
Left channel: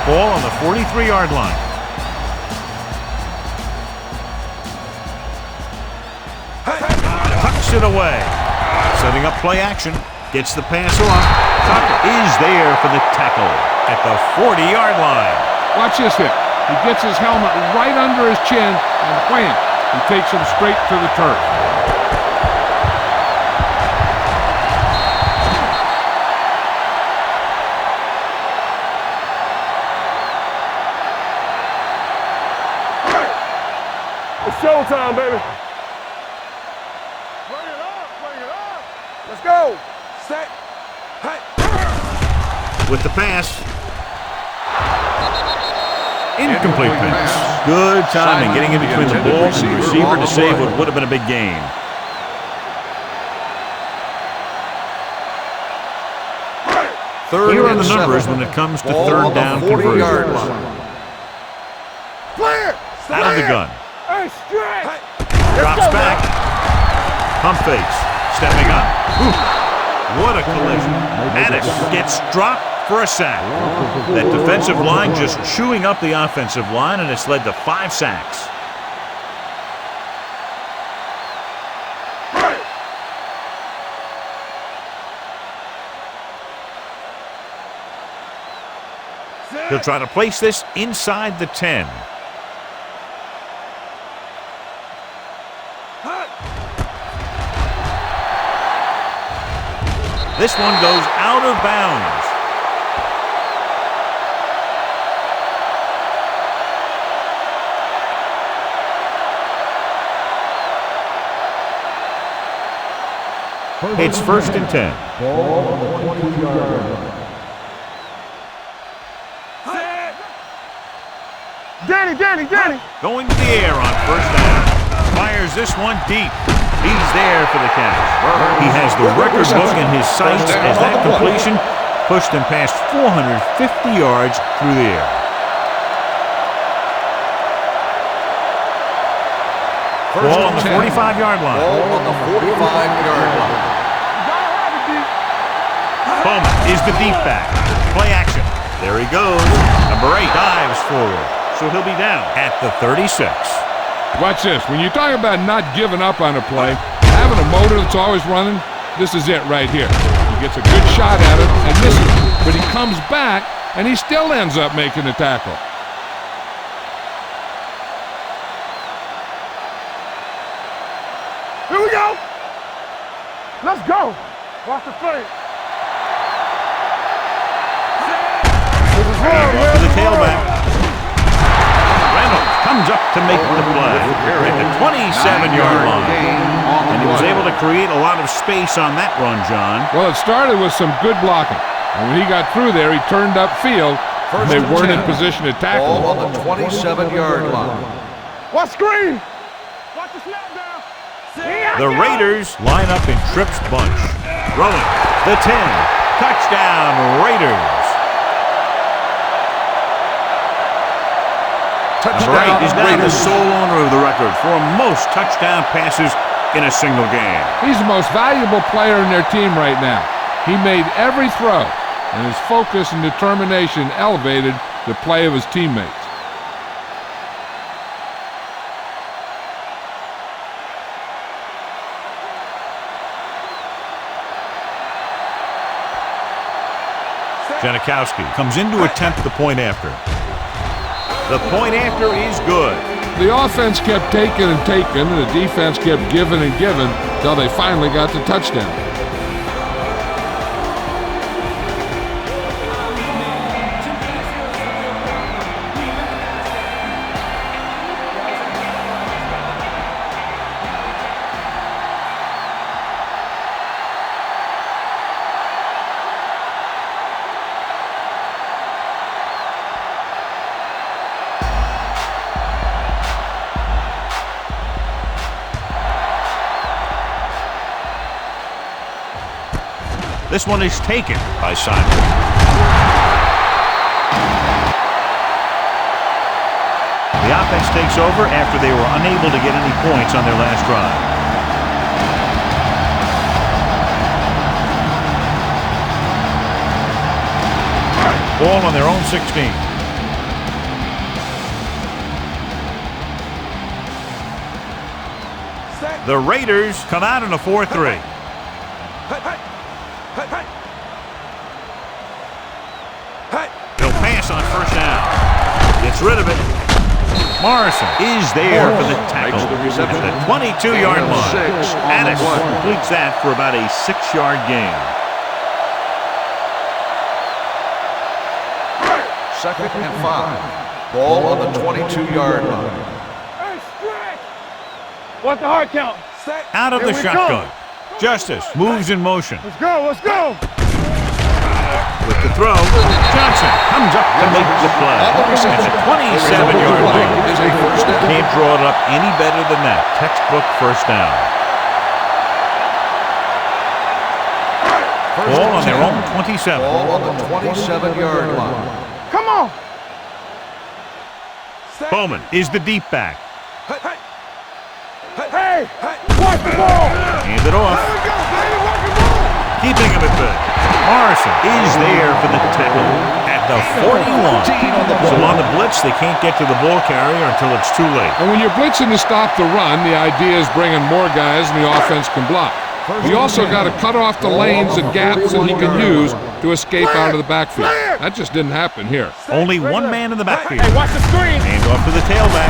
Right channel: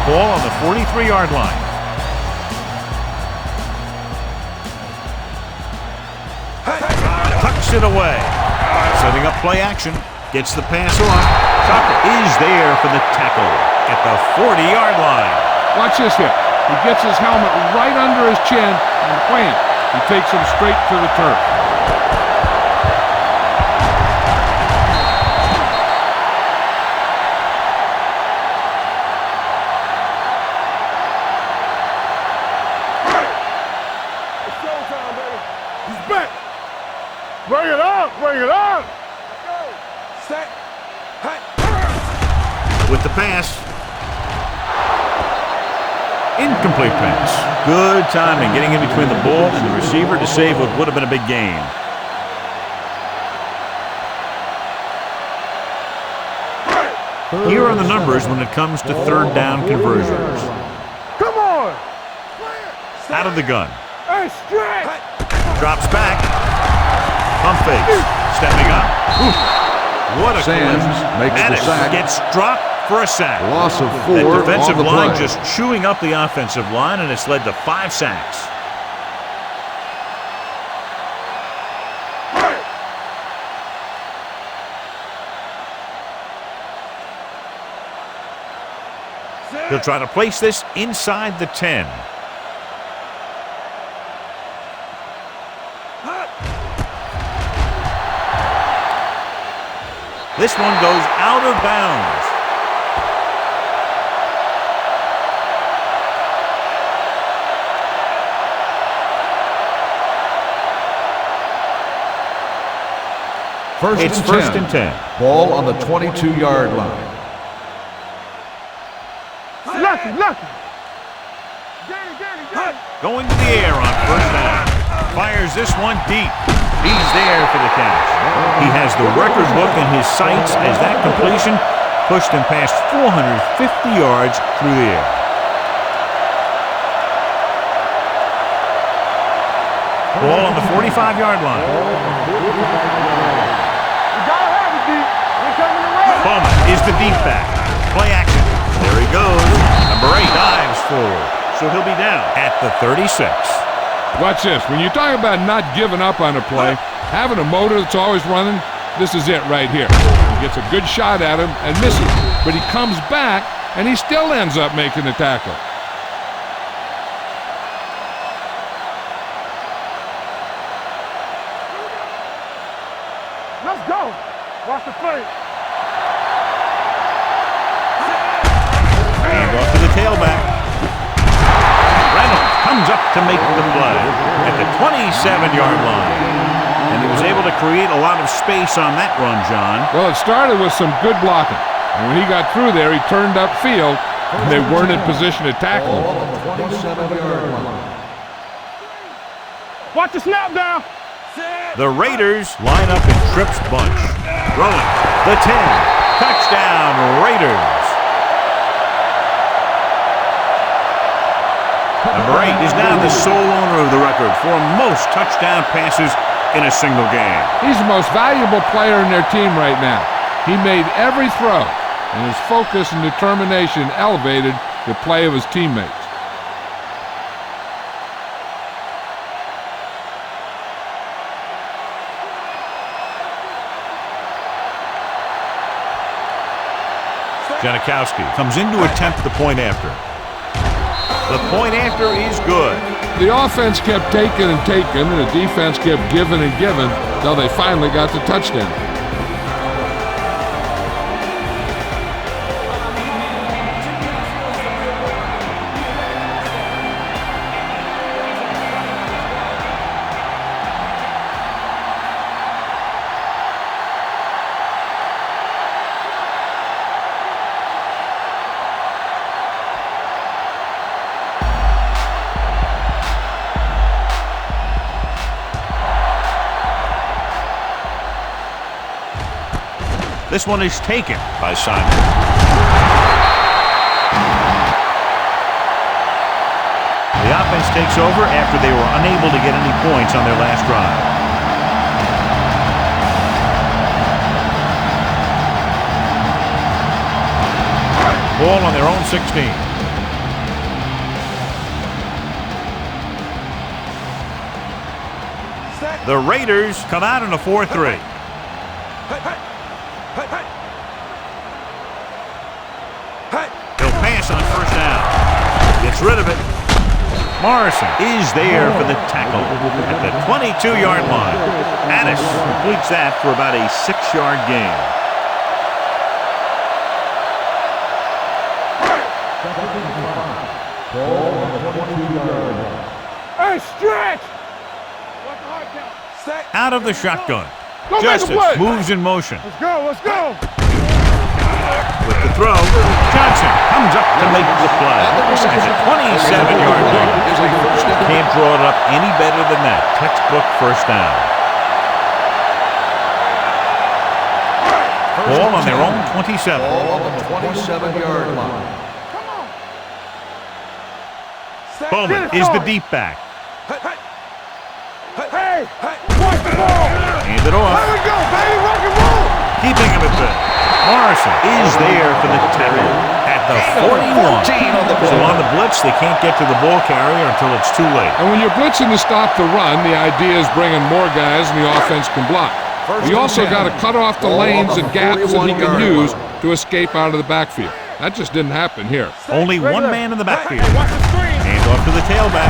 Ball on the 43-yard line. Tucks it away. Setting up play action. Gets the pass off. Tucker is there for the tackle at the 40-yard line. Watch this hit. He gets his helmet right under his chin, and wham, he takes him straight to the turf. It's showtime, baby. He's back. Bring it on, bring it on. Let's go. Set. Hey. With the pass. Incomplete pass. Good timing, getting in between the ball and the receiver to save what would have been a big gain. Here are the numbers when it comes to third down conversions. Come on. Play it. Out of the gun. Hey, stretch. Drops back. Pump fakes. Stepping up. Ooh. What a collision. Madden gets dropped for a sack. Loss of 4. That defensive line just chewing up the offensive line, and it's led to 5 sacks. He'll try to place this inside the 10. This one goes out of bounds. It's first and 10. Ball on the 22-yard line. Lucky. Danny. Going to the air on first down. Fires this one deep. He's there for the catch. He has the record book in his sights as that completion pushed him past 450 yards through the air. Ball on the 45-yard line. Ball on the 45-yard line. You gotta have it, deep. Bowman is the deep back. Play action. There he goes. Number 8 dives forward. So he'll be down at the 36. Watch this. When you talk about not giving up on a play, having a motor that's always running, this is it right here. He gets a good shot at it and misses, but he comes back and he still ends up making the tackle. Here we go. Let's go. Watch the play. Hand off to the tailback. Reynolds comes up to make the play at the 27-yard line. And he was able to create a lot of space on that run, John. Well, it started with some good blocking. And when he got through there, he turned upfield, and they weren't in position to tackle him. Ball on the 27-yard line. Watch screen. Watch the snap down. The Raiders line up in Tripp's bunch. Throwing the 10. Touchdown, Raiders. Number 8 is now the sole owner of the record for most touchdown passes in a single game. He's the most valuable player in their team right now. He made every throw, and his focus and determination elevated the play of his teammates. Janikowski comes in to attempt the point after. The point after is good. The offense kept taking and taking, and the defense kept giving and giving until they finally got the touchdown. This one is taken by Simon. The offense takes over after they were unable to get any points on their last drive. Ball on their own 16. The Raiders come out in a 4-3. They'll pass on first down. Gets rid of it. Morrison is there for the tackle at the 22-yard line. Addis completes that for about a 6-yard gain. Second and 5. Ball on the 22-yard line. Hey, stretch! What's the hard count? Out of the shotgun. Justice moves in motion. Let's go, let's go! With the throw, Johnson comes up to make the play. At the 27-yard line. Can't draw it up any better than that. Textbook first down. Ball on their own 27. Ball on the 27-yard line. Come on! Bowman is the deep back. Hey! Watch the ball! Hand it off. There we go, baby! Rock and roll! Keeping him at bay. Morrison is there for the tackle at the 41. So on the blitz, they can't get to the ball carrier until it's too late. And when you're blitzing to stop the run, the idea is bringing more guys and the offense can block. You also got to cut off the lanes and gaps that he can use to escape out of the backfield. That just didn't happen here. Only one man in the backfield. Hey, watch the screen! Hand off to the tailback.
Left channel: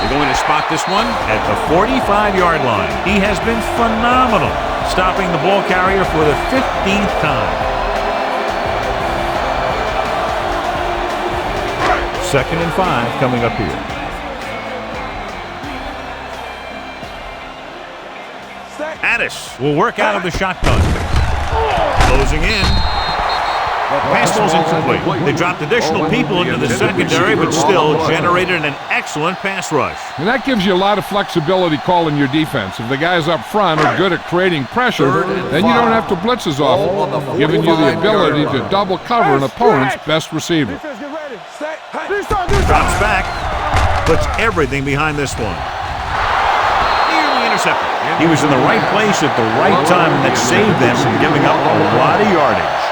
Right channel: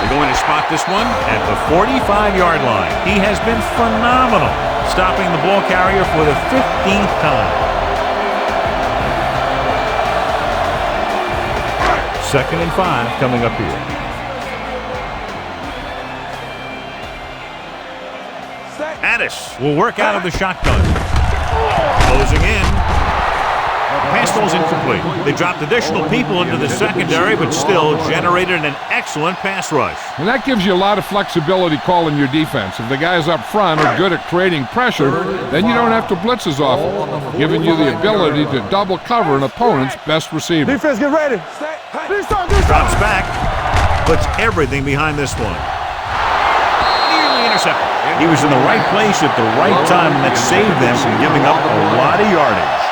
They're going to spot this one at the 45-yard line. He has been phenomenal, stopping the ball carrier for the 15th time. Second and 5 coming up here. Addis will work out of the shotgun. Closing in. Pass ball's incomplete. They dropped additional people into the secondary, but still generated an excellent pass rush. And that gives you a lot of flexibility calling your defense. If the guys up front are good at creating pressure, then you don't have to blitz as often, giving you the ability to double cover an opponent's best receiver. Defense, get ready. Drops back, puts everything behind this one. Nearly intercepted. He was in the right place at the right time, and that saved them from giving up a lot of yardage.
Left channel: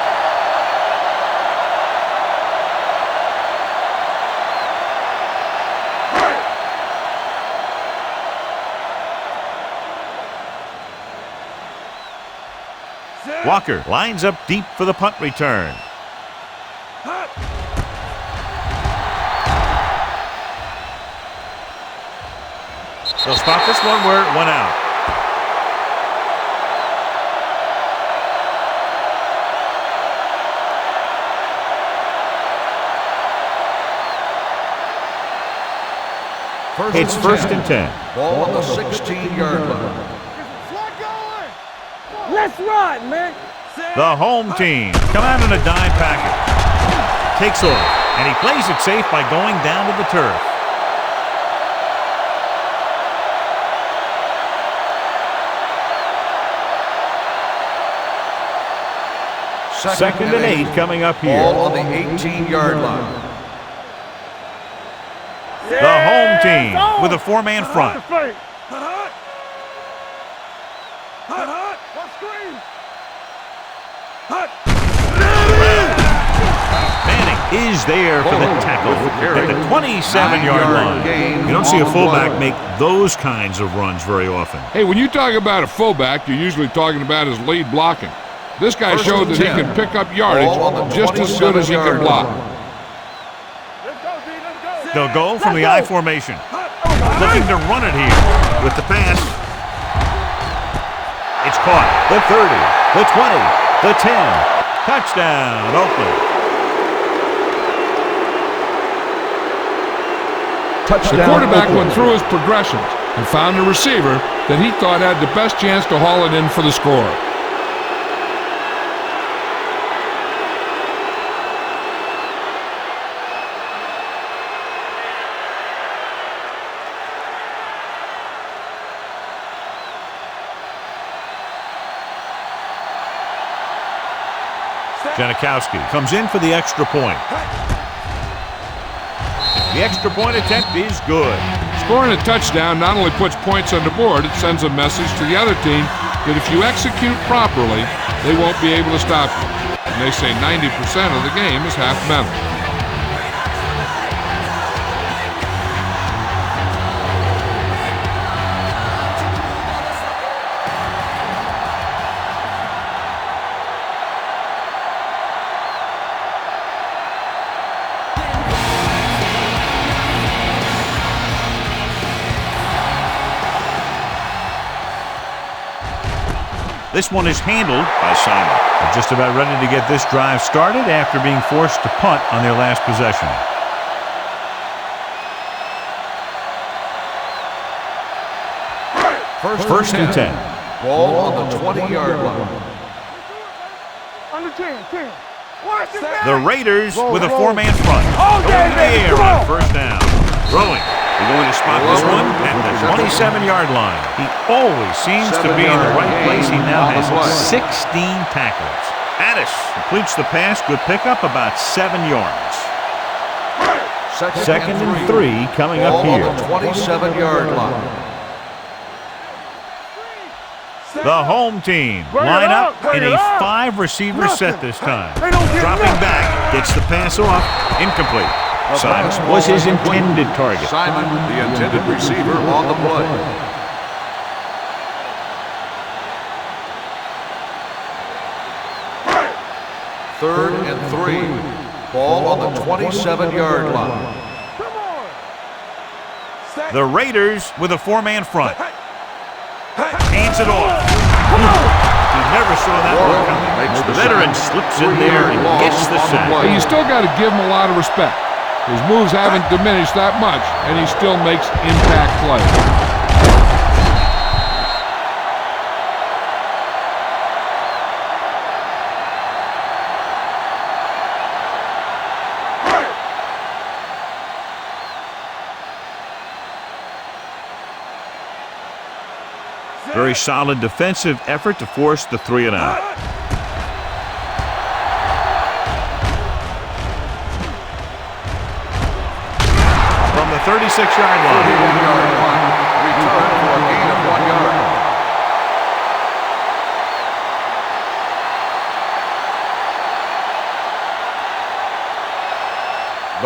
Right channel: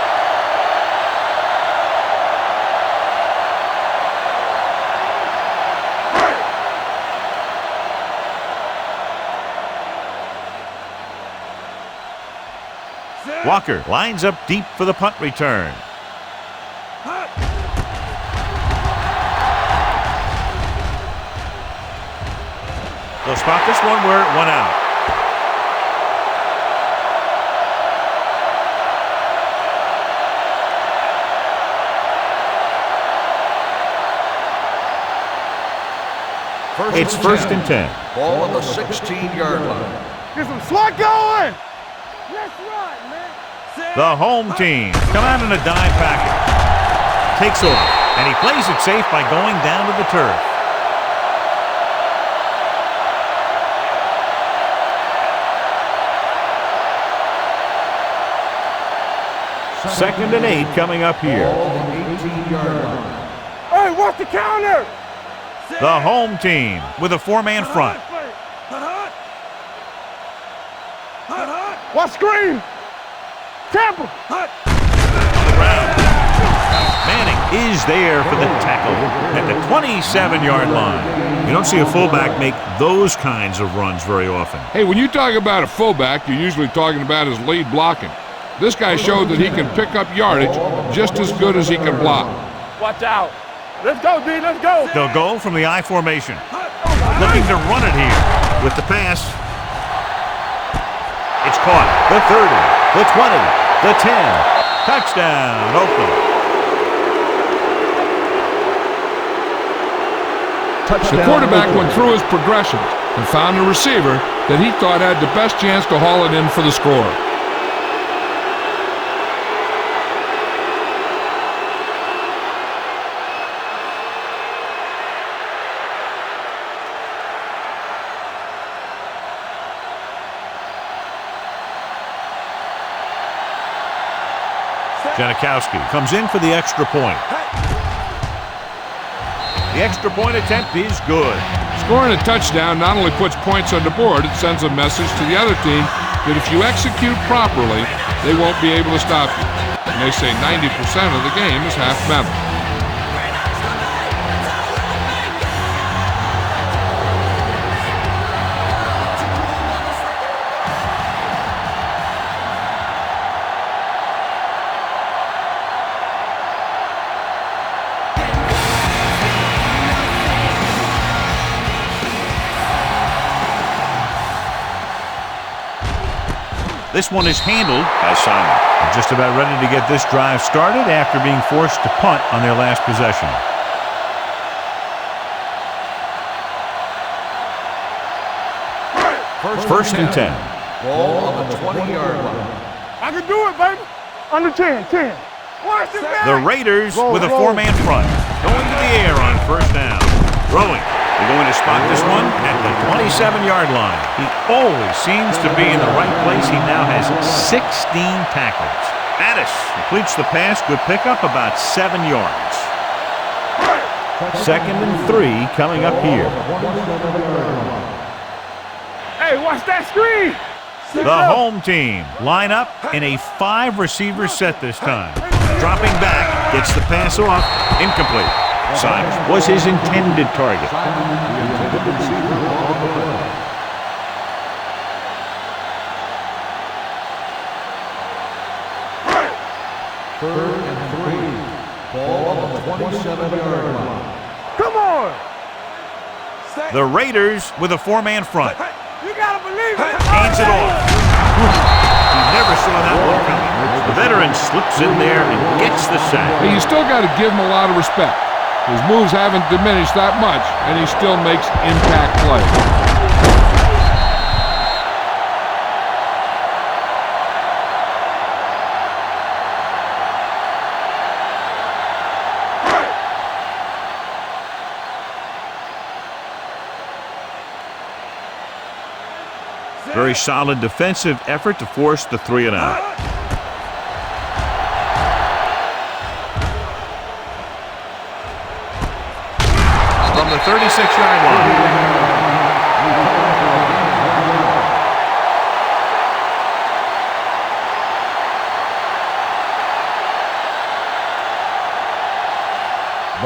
Walker lines up deep for the punt return. They'll spot this one where it went out. It's first and 10. Ball on the 16-yard line. Get some slot going! Let's run, man! The home team come out in a dime package. Takes off, and he plays it safe by going down to the turf. Second and 8 coming up here. Ball on the 18-yard line. Hey, watch the counter! The home team with a four-man front. Watch screen! Tampa! Manning is there for the tackle at the 27-yard line. You don't see a fullback make those kinds of runs very often. Hey, when you talk about a fullback, you're usually talking about his lead blocking. This guy showed that he can pick up yardage just as good as he can block. Watch out! Let's go, D, let's go! They'll go from the I formation. Looking to run it here with the pass. It's caught. The 30, the 20, the 10. Touchdown, Oakland. The quarterback went through his progressions and found a receiver that he thought had the best chance to haul it in for the score. Janikowski comes in for the extra point. The extra point attempt is good. Scoring a touchdown not only puts points on the board, it sends a message to the other team that if you execute properly, they won't be able to stop you. And they say 90% of the game is half mental. This one is handled by Simon. They're just about ready to get this drive started after being forced to punt on their last possession. First and 10. Ball on the 20-yard line. I can do it, baby. Under 10. Watch it, baby. The Raiders with a four-man front. Going to the air on first down. Throwing. They're going to spot this one at the 27-yard line. He always seems to be in the right place. He now has 16 tackles. Addis completes the pass. Good pickup, about 7 yards. Second and 3 coming up here. 27-yard line. Hey, watch that screen. The home team line up in a 5-receiver set this time. Dropping back, gets the pass off, incomplete. Simon was his intended target. Simon, the intended receiver on the play. Third and 3. Ball on the 27-yard line. Come on. The Raiders with a four-man front. You gotta believe it. Hands it off. He never saw that one coming. The veteran slips in there and gets the sack. Hey, you still got to give him a lot of respect. His moves haven't diminished that much, and he still makes impact plays. Very solid defensive effort to force the 3-and-out. From the 36-yard line.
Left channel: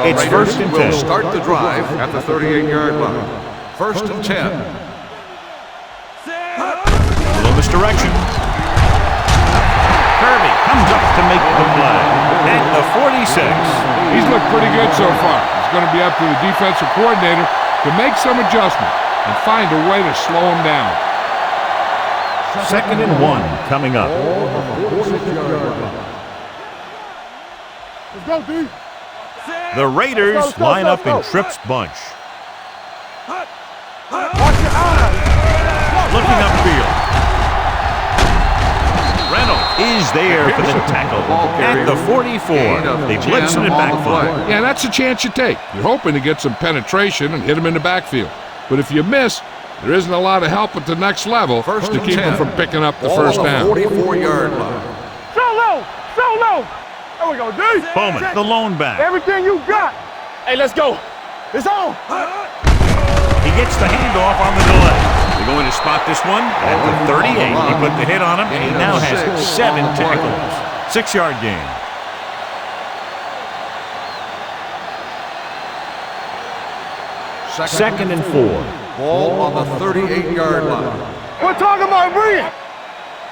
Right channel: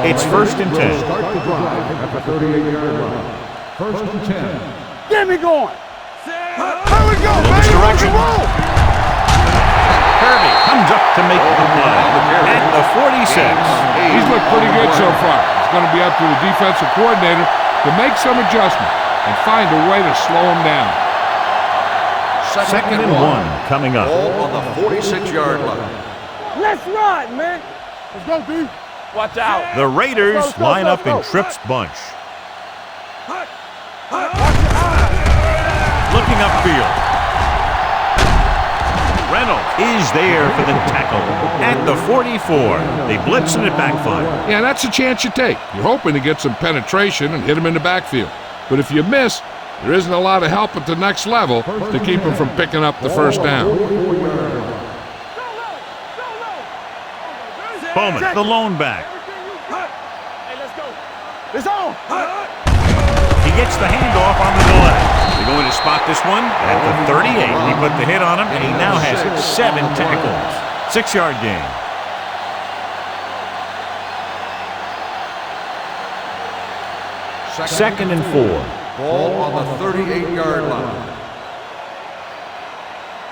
It's first and 10. Start the drive at the 38-yard line. First and 10. Get me going. A little misdirection. Kirby comes up to make the play at the 46. He's looked pretty good so far. It's going to be up to the defensive coordinator to make some adjustment and find a way to slow him down. Second and 1 coming up. Ball on the 46-yard line. Let's ride, man. Let's go, D. Watch out. The Raiders line up in Tripp's bunch. Watch your eyes. Looking upfield. Reynolds is there for the tackle at the 44. They blitz in it backfield. Yeah, that's a chance you take. You're hoping to get some penetration and hit him in the backfield. But if you miss, there isn't a lot of help at the next level to keep him from picking up the first down. 44-yard line. So low. There we go, D. Bowman, the lone back. Everything you got. Hey, let's go. It's on. He gets the handoff on the delay. They're going to spot this one at the 38. He put the hit on him, and he now has 7 tackles. 6-yard gain. Second and 4. Ball on the 38-yard line. We're talking about brilliant.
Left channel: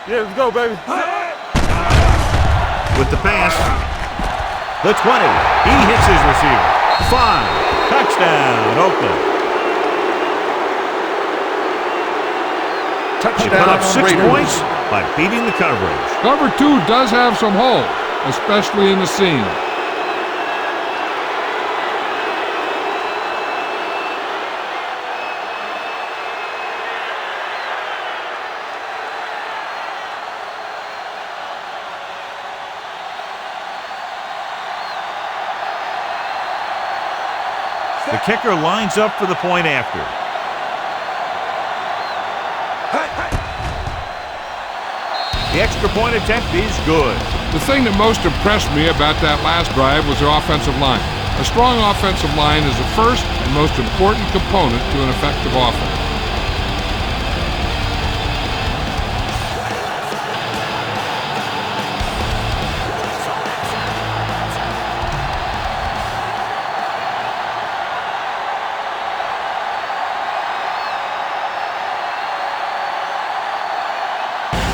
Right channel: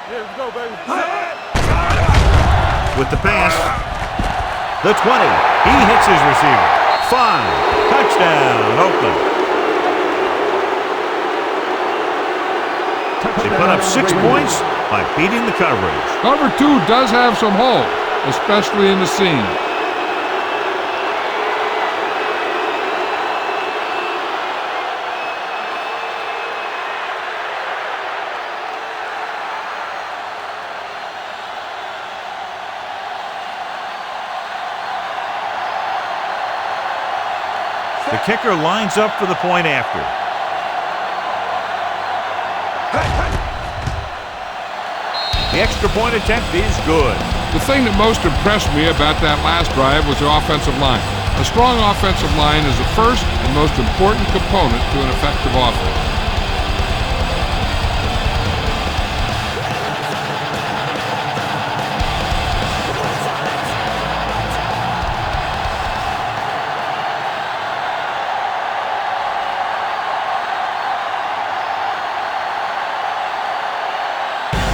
Yeah, let's go, baby. With the pass, the 20. He hits his receiver. 5. Touchdown, Oakland. They put up 6 points by beating the coverage. Cover 2 does have some holes, especially in the seam. The kicker lines up for the point after. The extra point attempt is good. The thing that most impressed me about that last drive was the offensive line. A strong offensive line is the first and most important component to an effective offense.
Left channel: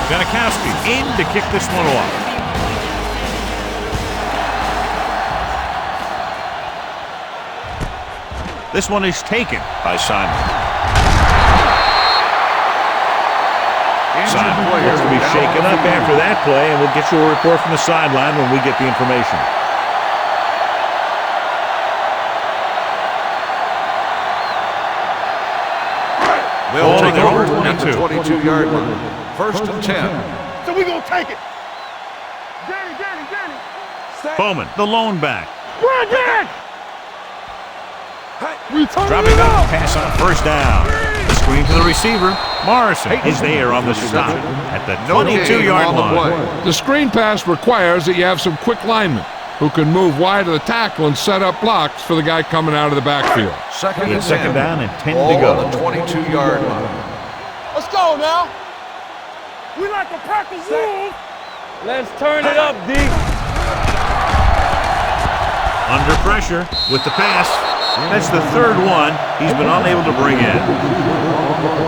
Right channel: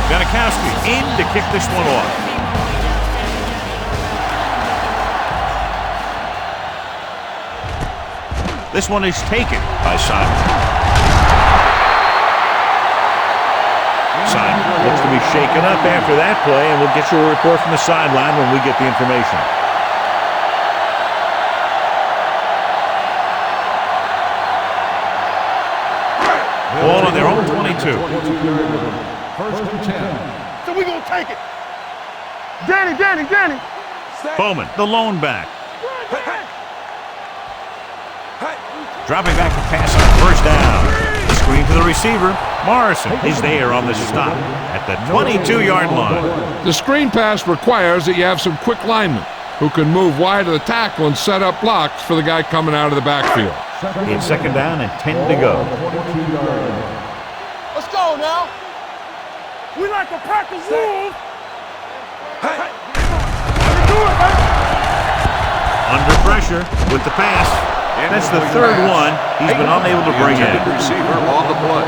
Janikowski in to kick this one off. This one is taken by Simon. Simon looks to be shaken up after that play, and we'll get you a report from the sideline when we get the information. Ball on their own 22. 22-yard line. First and 10. So we're going to take it. Danny. Bowman, the lone back. Run, Danny. Dropping back to pass on first down. The screen to the receiver. Morrison is there on the stop at the 22-yard line. The screen pass requires that you have some quick linemen who can move wide of the tackle and set up blocks for the guy coming out of the backfield. It's second down and 10 to go. 22-yard line. Let's go now. We like a pack of wolves. Let's turn it up, D. Under pressure with the pass. That's the third one he's been unable to bring in. Receiver on the play.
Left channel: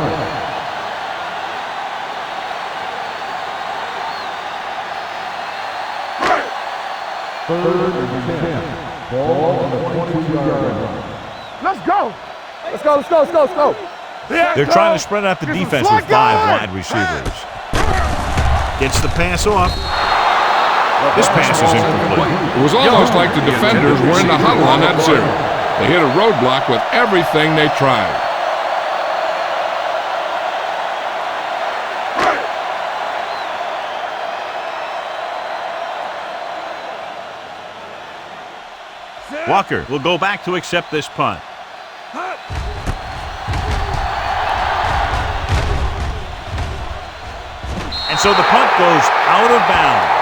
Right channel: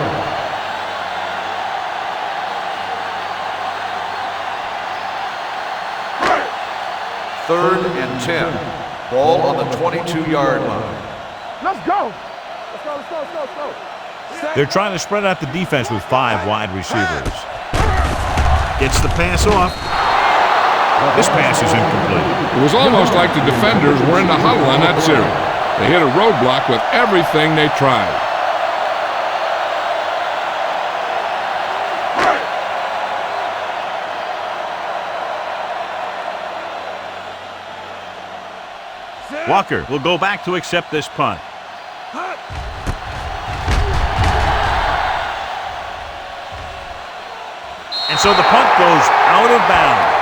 Third and 10. Ball on the 22-yard line. Let's go. Let's go. They're trying to spread out the defense with 5 wide receivers. Gets the pass off. This pass is incomplete. It was almost like the defenders were in the huddle on that series. They hit a roadblock with everything they tried. Walker will go back to accept this punt. And so the punt goes out of bounds.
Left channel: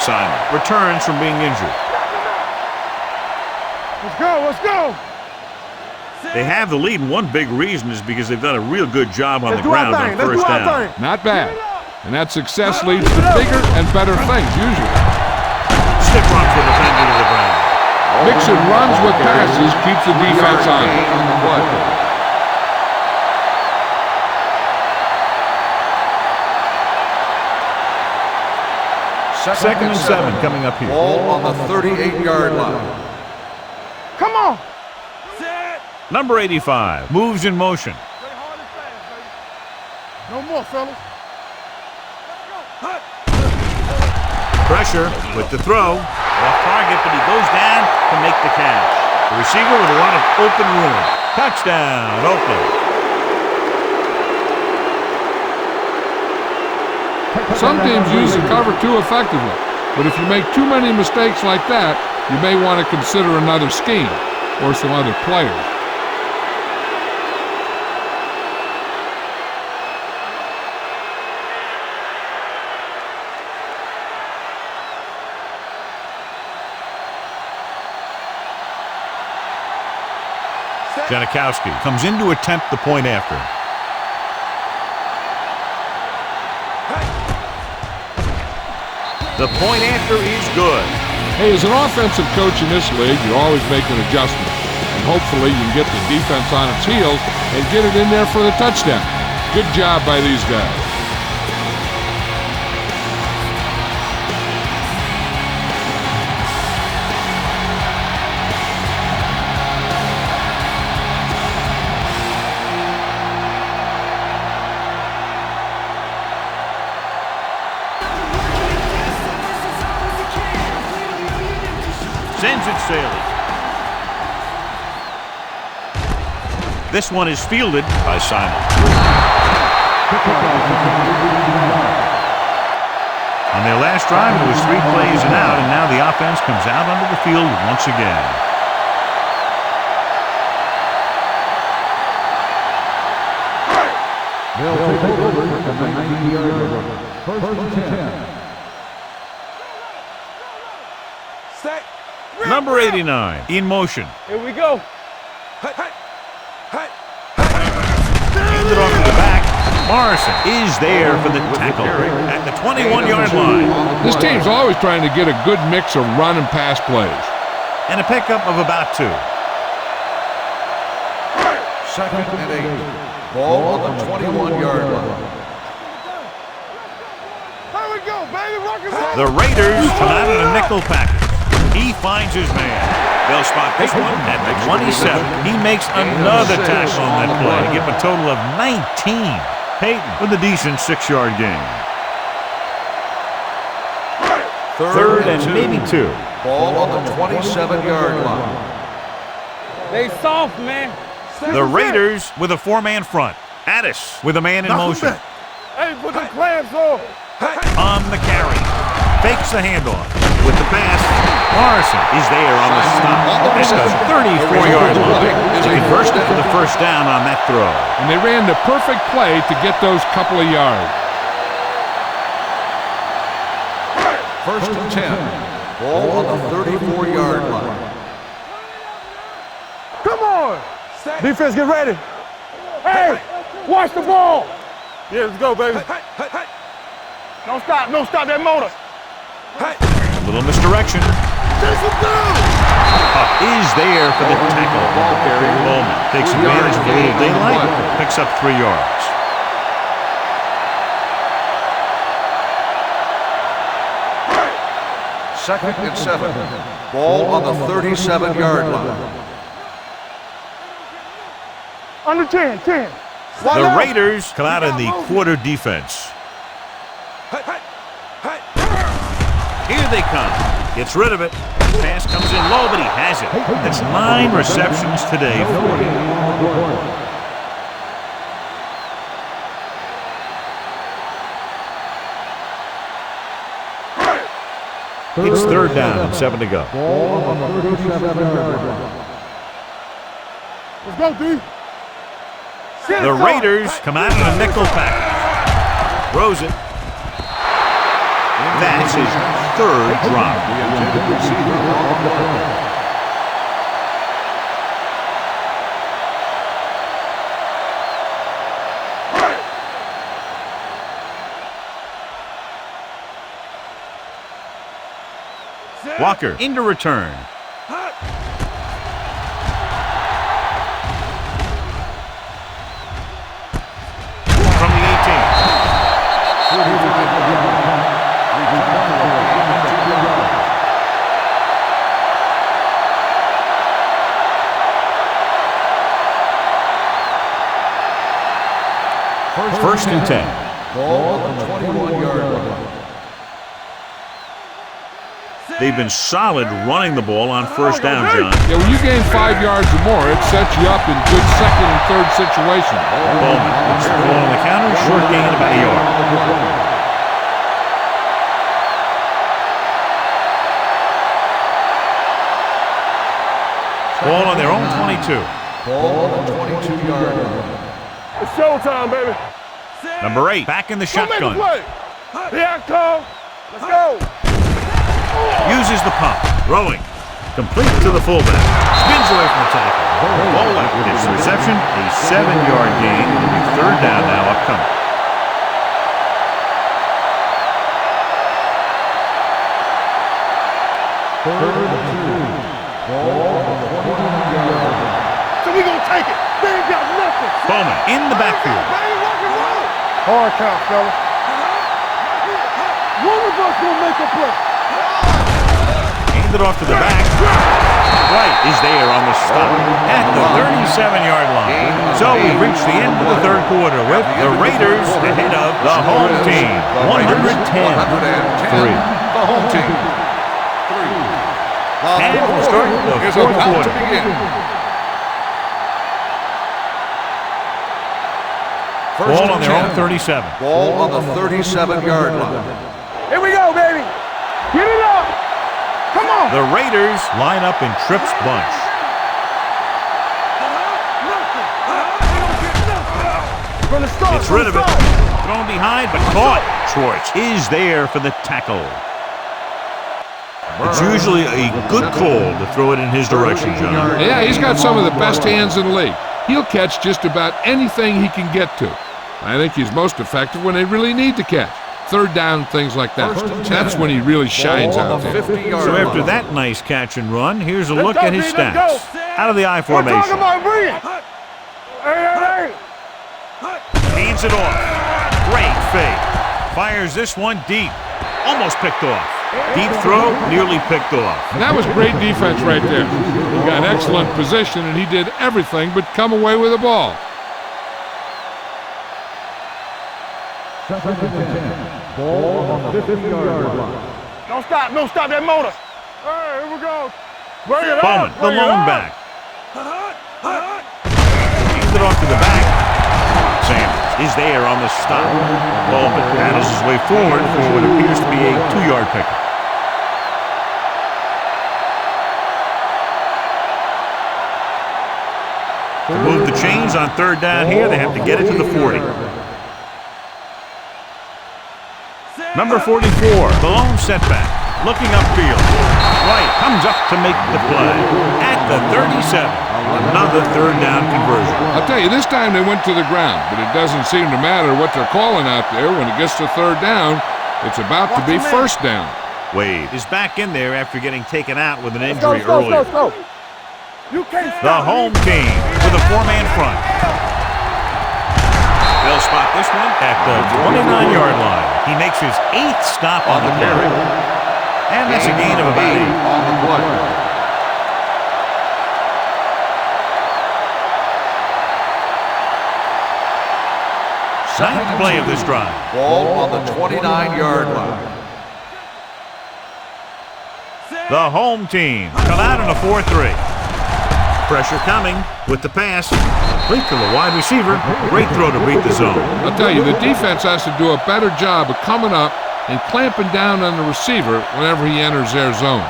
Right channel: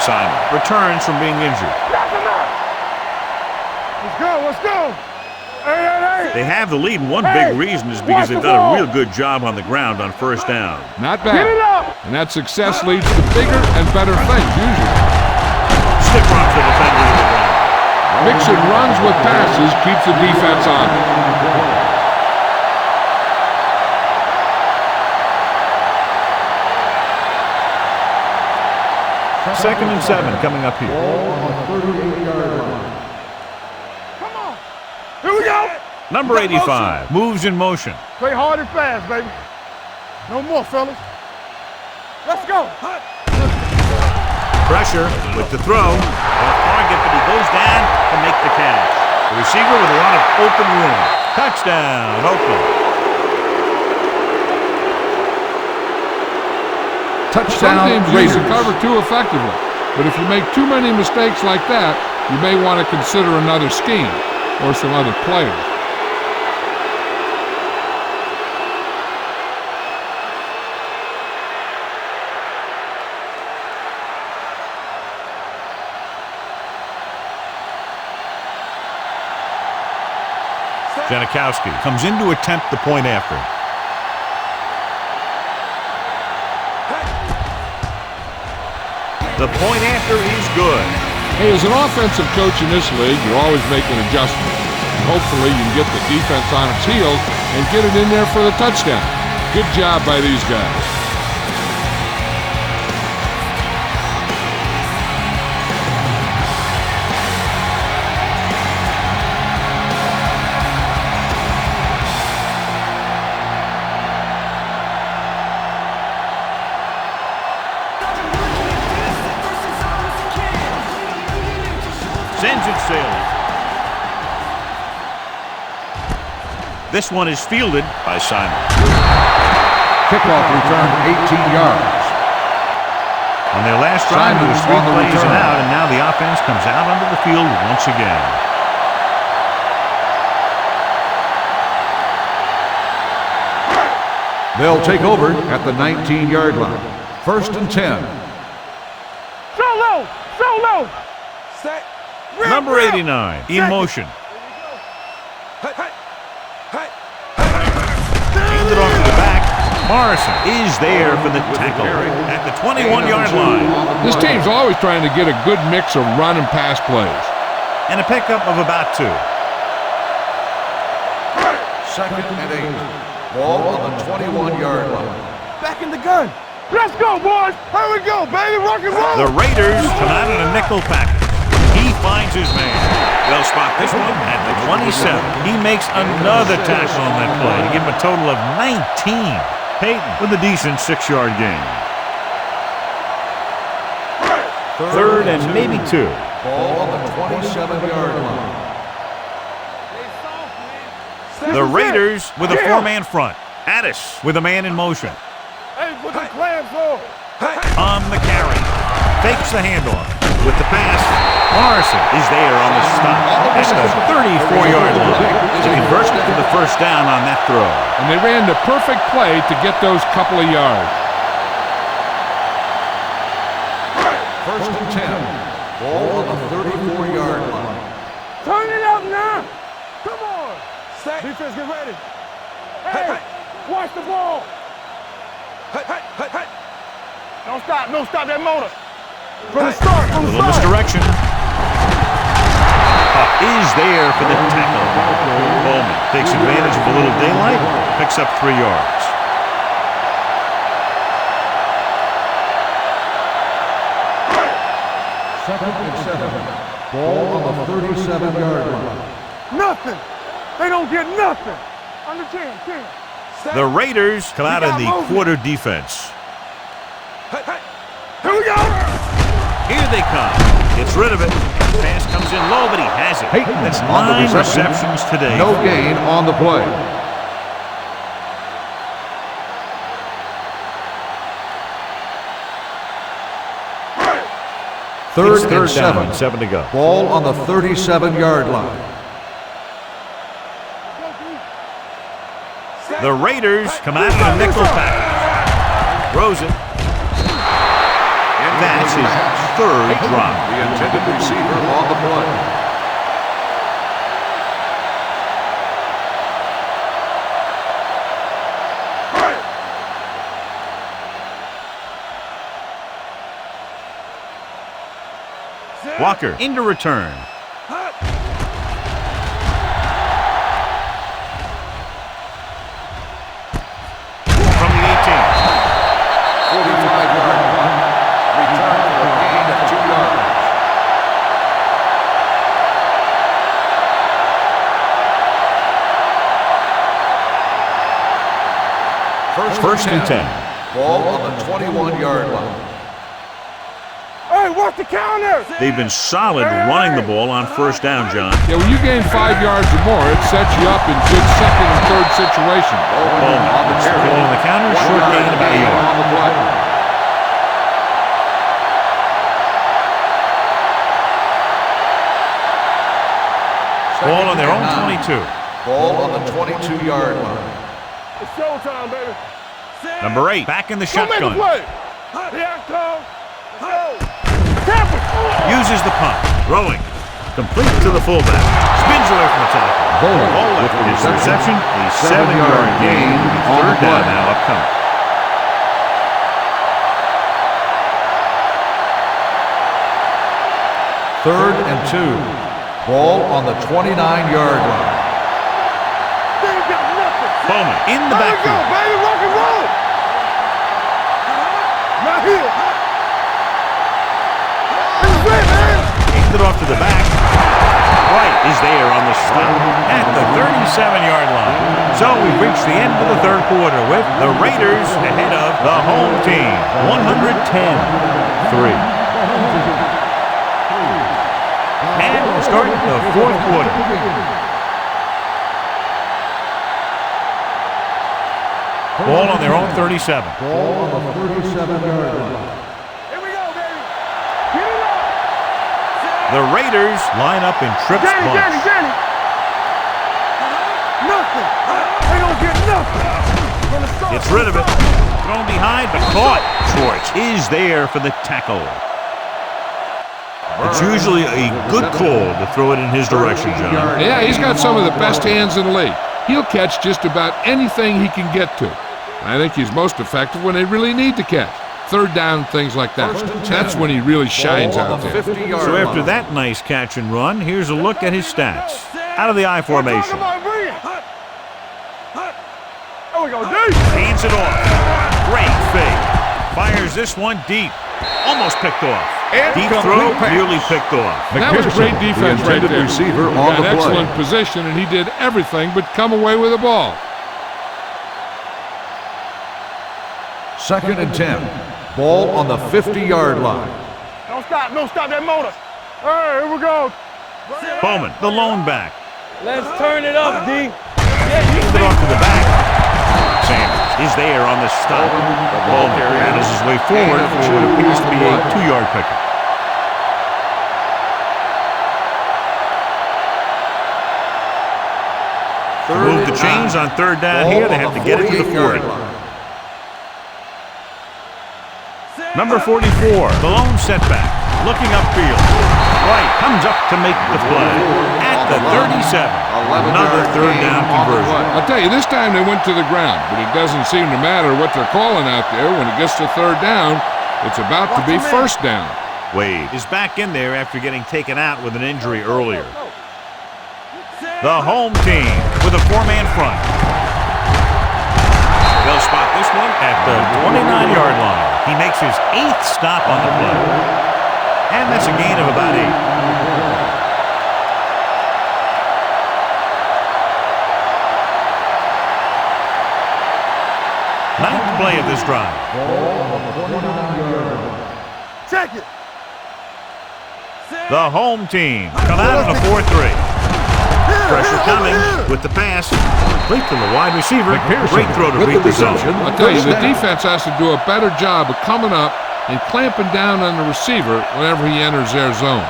Simon returns from being injured. Let's go. They have the lead, and one big reason is because they've done a real good job on the ground on first down. Not bad. And that success leads to bigger and better things, usually. Stiff rocks the defender to the ground. Mixing runs with passes keeps the defense on. Second and 7 coming up here. Ball on the 38-yard line. Come on. Here we go. Number 85 moves in motion. Play hard and fast, baby. No more, fellas. Let's go. Pressure with the throw. Off target, but he goes down to make the catch. The receiver with a lot of open room. Touchdown, Oakland. Some teams use the cover too effectively, but if you make too many mistakes like that, you may want to consider another scheme or some other players. Janikowski comes in to attempt the point after. The point after is good. Hey, as an offensive coach in this league, you're always making adjustments. And hopefully you can get the defense on its heels and get it in there for the touchdown. Good job by these guys. Sends it sailing. This one is fielded by Simon. Kickoff return 18 yards. On their last drive, it was 3 plays and out, and now the offense comes out onto the field once again. They'll take over at the 19-yard line. First and 10. Solo! Solo! Set. Number 89 in motion. Here we go. Handed off to the back. Morrison is there for the tackle at the 21-yard line. This team's always trying to get a good mix of run and pass plays. And a pickup of about 2. Second and 8. Ball on the 21-yard line. Back in the gun. Let's go, boys. Here we go, baby. Rock and roll. The Raiders come out in a nickel package. He finds his man. They'll spot this one at the 27. He makes another tackle on that play to give him a total of 19. Peyton with a decent 6-yard gain. Third and maybe 2. Ball on the 27-yard line. They soft, man. The Raiders with a 4-man front. Addis with a man in motion. Hey, put the clamps on. On the carry. Fakes the handoff. With the pass, Morrison is there on the stop at the 34-yard line. He converts it for the first down on that throw. And they ran the perfect play to get those couple of yards. First and 10. Ball on the 34-yard line. Turn it up now. Come on. Defense, get ready. Hey, watch the ball. Yeah, let's go, baby. Don't stop that motor. A little misdirection. Huff is there for the tackle. Bowman takes advantage of a little daylight, picks up 3 yards. Second and 7. Ball on the 37-yard line. Nothing. They don't get nothing. Under 10. The Raiders come out in the quarter defense. Here we go. Here they come. Gets rid of it. Pass comes in low, but he has it. That's 9 receptions today. No gain on the play. It's third down and 7 to go. Ball on the 37-yard line. Let's go, D. The Raiders come out in a nickel package. Throws it. That's his 3rd drop. The intended receiver on the play. Walker into return. From the 18. 45-yard line. Return for a gain of 2 yards. First and 10. Ball on the 21-yard line. Hey, watch the counter. They've been solid running the ball on first down, John. Yeah, when you gain 5 yards or more, it sets you up in good second and third situations. Bowman puts the ball on the counter, short gain about a yard. On the play. Ball on their own 22. Ball on the 22-yard line. It's showtime, baby. Number 8, back in the Go make a shotgun. play. Here I come. Let's go. Uses the pump. Throwing. Complete to the fullback. Spins away from the tackle. Ball left gets the reception. A 7-yard gain. It'll be third down now upcoming. Third and 2. Ball on the 29-yard line. So we gonna take it. They ain't got nothing. Bowman in the Here we go, backfield. baby. Rock and roll. Hard count, fella. Not here. One of us will make a play. Handed off to the back. White is there on the stop at the 37-yard line. So we've reached the end of the third quarter with the Raiders ahead of the home team. 110-3. The home team. And we'll start the fourth quarter. Ball on their own 37. Ball on the 37-yard line. Here we go, baby. Get it up. Come on. The Raiders line up in trips bunch. Nothing. They don't get nothing. Gets rid of it. Thrown behind, but caught. Schwartz is there for the tackle. It's usually a good call to throw it in his direction, John. Yeah, he's got some of the best hands in the league. He'll catch just about anything he can get to. I think he's most effective when they really need to catch. Third down, things like that. That's when he really shines out there. So after that nice catch and run, here's a look at his stats. Out of the I formation. Hands it off. Great fake. Fires this one deep. Almost picked off. Deep throw, nearly picked off. That was great defense right there. He got excellent position, and he did everything but come away with the ball. 2nd and 10. Ball on the 50-yard line. Don't stop that motor. Hey, here we go. Bowman, the lone back. Let's turn it up, D. Hands it off to the back. Sanders is there on the stop. Bowman battles his way forward for what appears to be a 2-yard pickup. To move the chains on 3rd down here, they have to get it to the 40. Number 44, the lone setback. Looking upfield. White comes up to make the play. At the 37. Another 3rd down conversion. I'll tell you, this time they went to the ground, but it doesn't seem to matter what they're calling out there. When it gets to 3rd down, it's about to be 1st down. Wade is back in there after getting taken out with an injury earlier. The home team with a 4-man front. They'll spot this one at the 29-yard line. He makes his 8th stop on the play. And that's a gain of about 8. Ninth play of this drive. Ball on the 29-yard line. Check it. The home team come out on a 4-3. Pressure coming with the pass. Complete to the wide receiver. Great throw to beat the zone. I'll tell you, the defense has to do a better job of coming up and clamping down on the receiver whenever he enters their zone.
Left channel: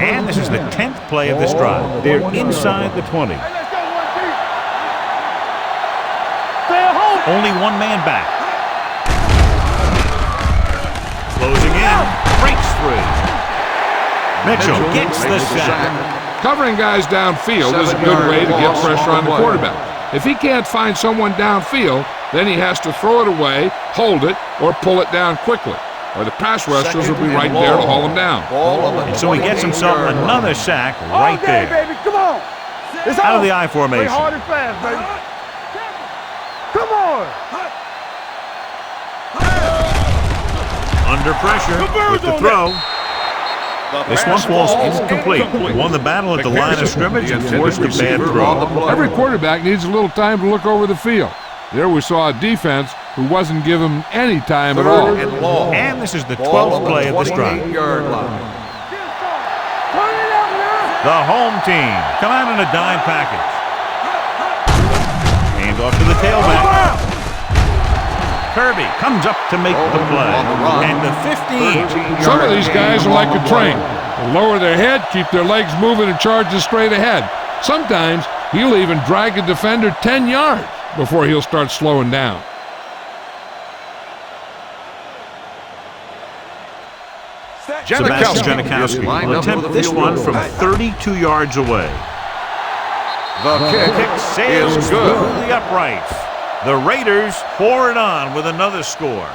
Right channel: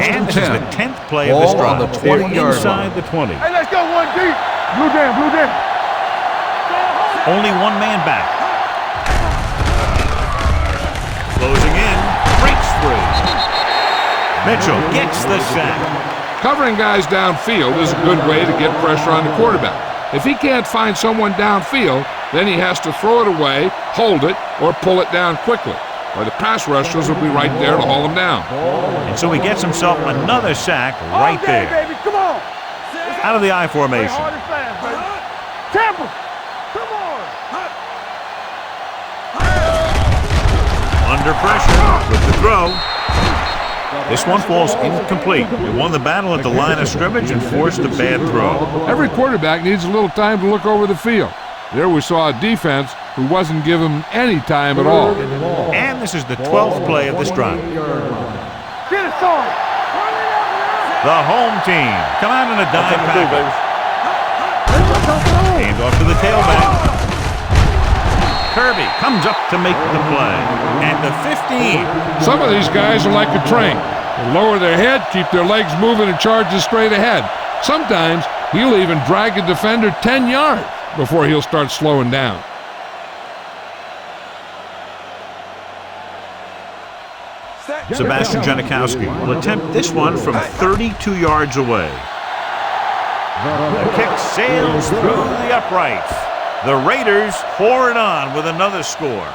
And this is the 10th play of this drive. They're inside the 20. Hey, let's go 1 deep. Blue jam. Stay at home. Only 1 man back. Closing in. Breaks free. Mitchell gets the sack. Covering guys downfield is a good way to get pressure on the quarterback. If he can't find someone downfield, then he has to throw it away, hold it, or pull it down quickly, or the pass rushers will be right there to haul him down. And so he gets himself another sack right there. Baby, come on. Out of the I formation. Play hard and fast, baby. Tampa, come on. Under pressure with the throw. This one falls incomplete. He won the battle at the line of scrimmage and forced a bad throw. Every quarterback needs a little time to look over the field. There we saw a defense who wasn't given any time at all. And this is the 12th play of this drive. Get it, son. Turn it up now. The home team come out in a dime package. Hand off to the tailback. Kirby comes up to make the play. And the 15. Some of these guys are like a train. They lower their head, keep their legs moving, and charges straight ahead. Sometimes he'll even drag a defender 10 yards before he'll start slowing down. Sebastian Janikowski will attempt this one from 32 yards away. The kick sails through the uprights. The Raiders pour it on with another score.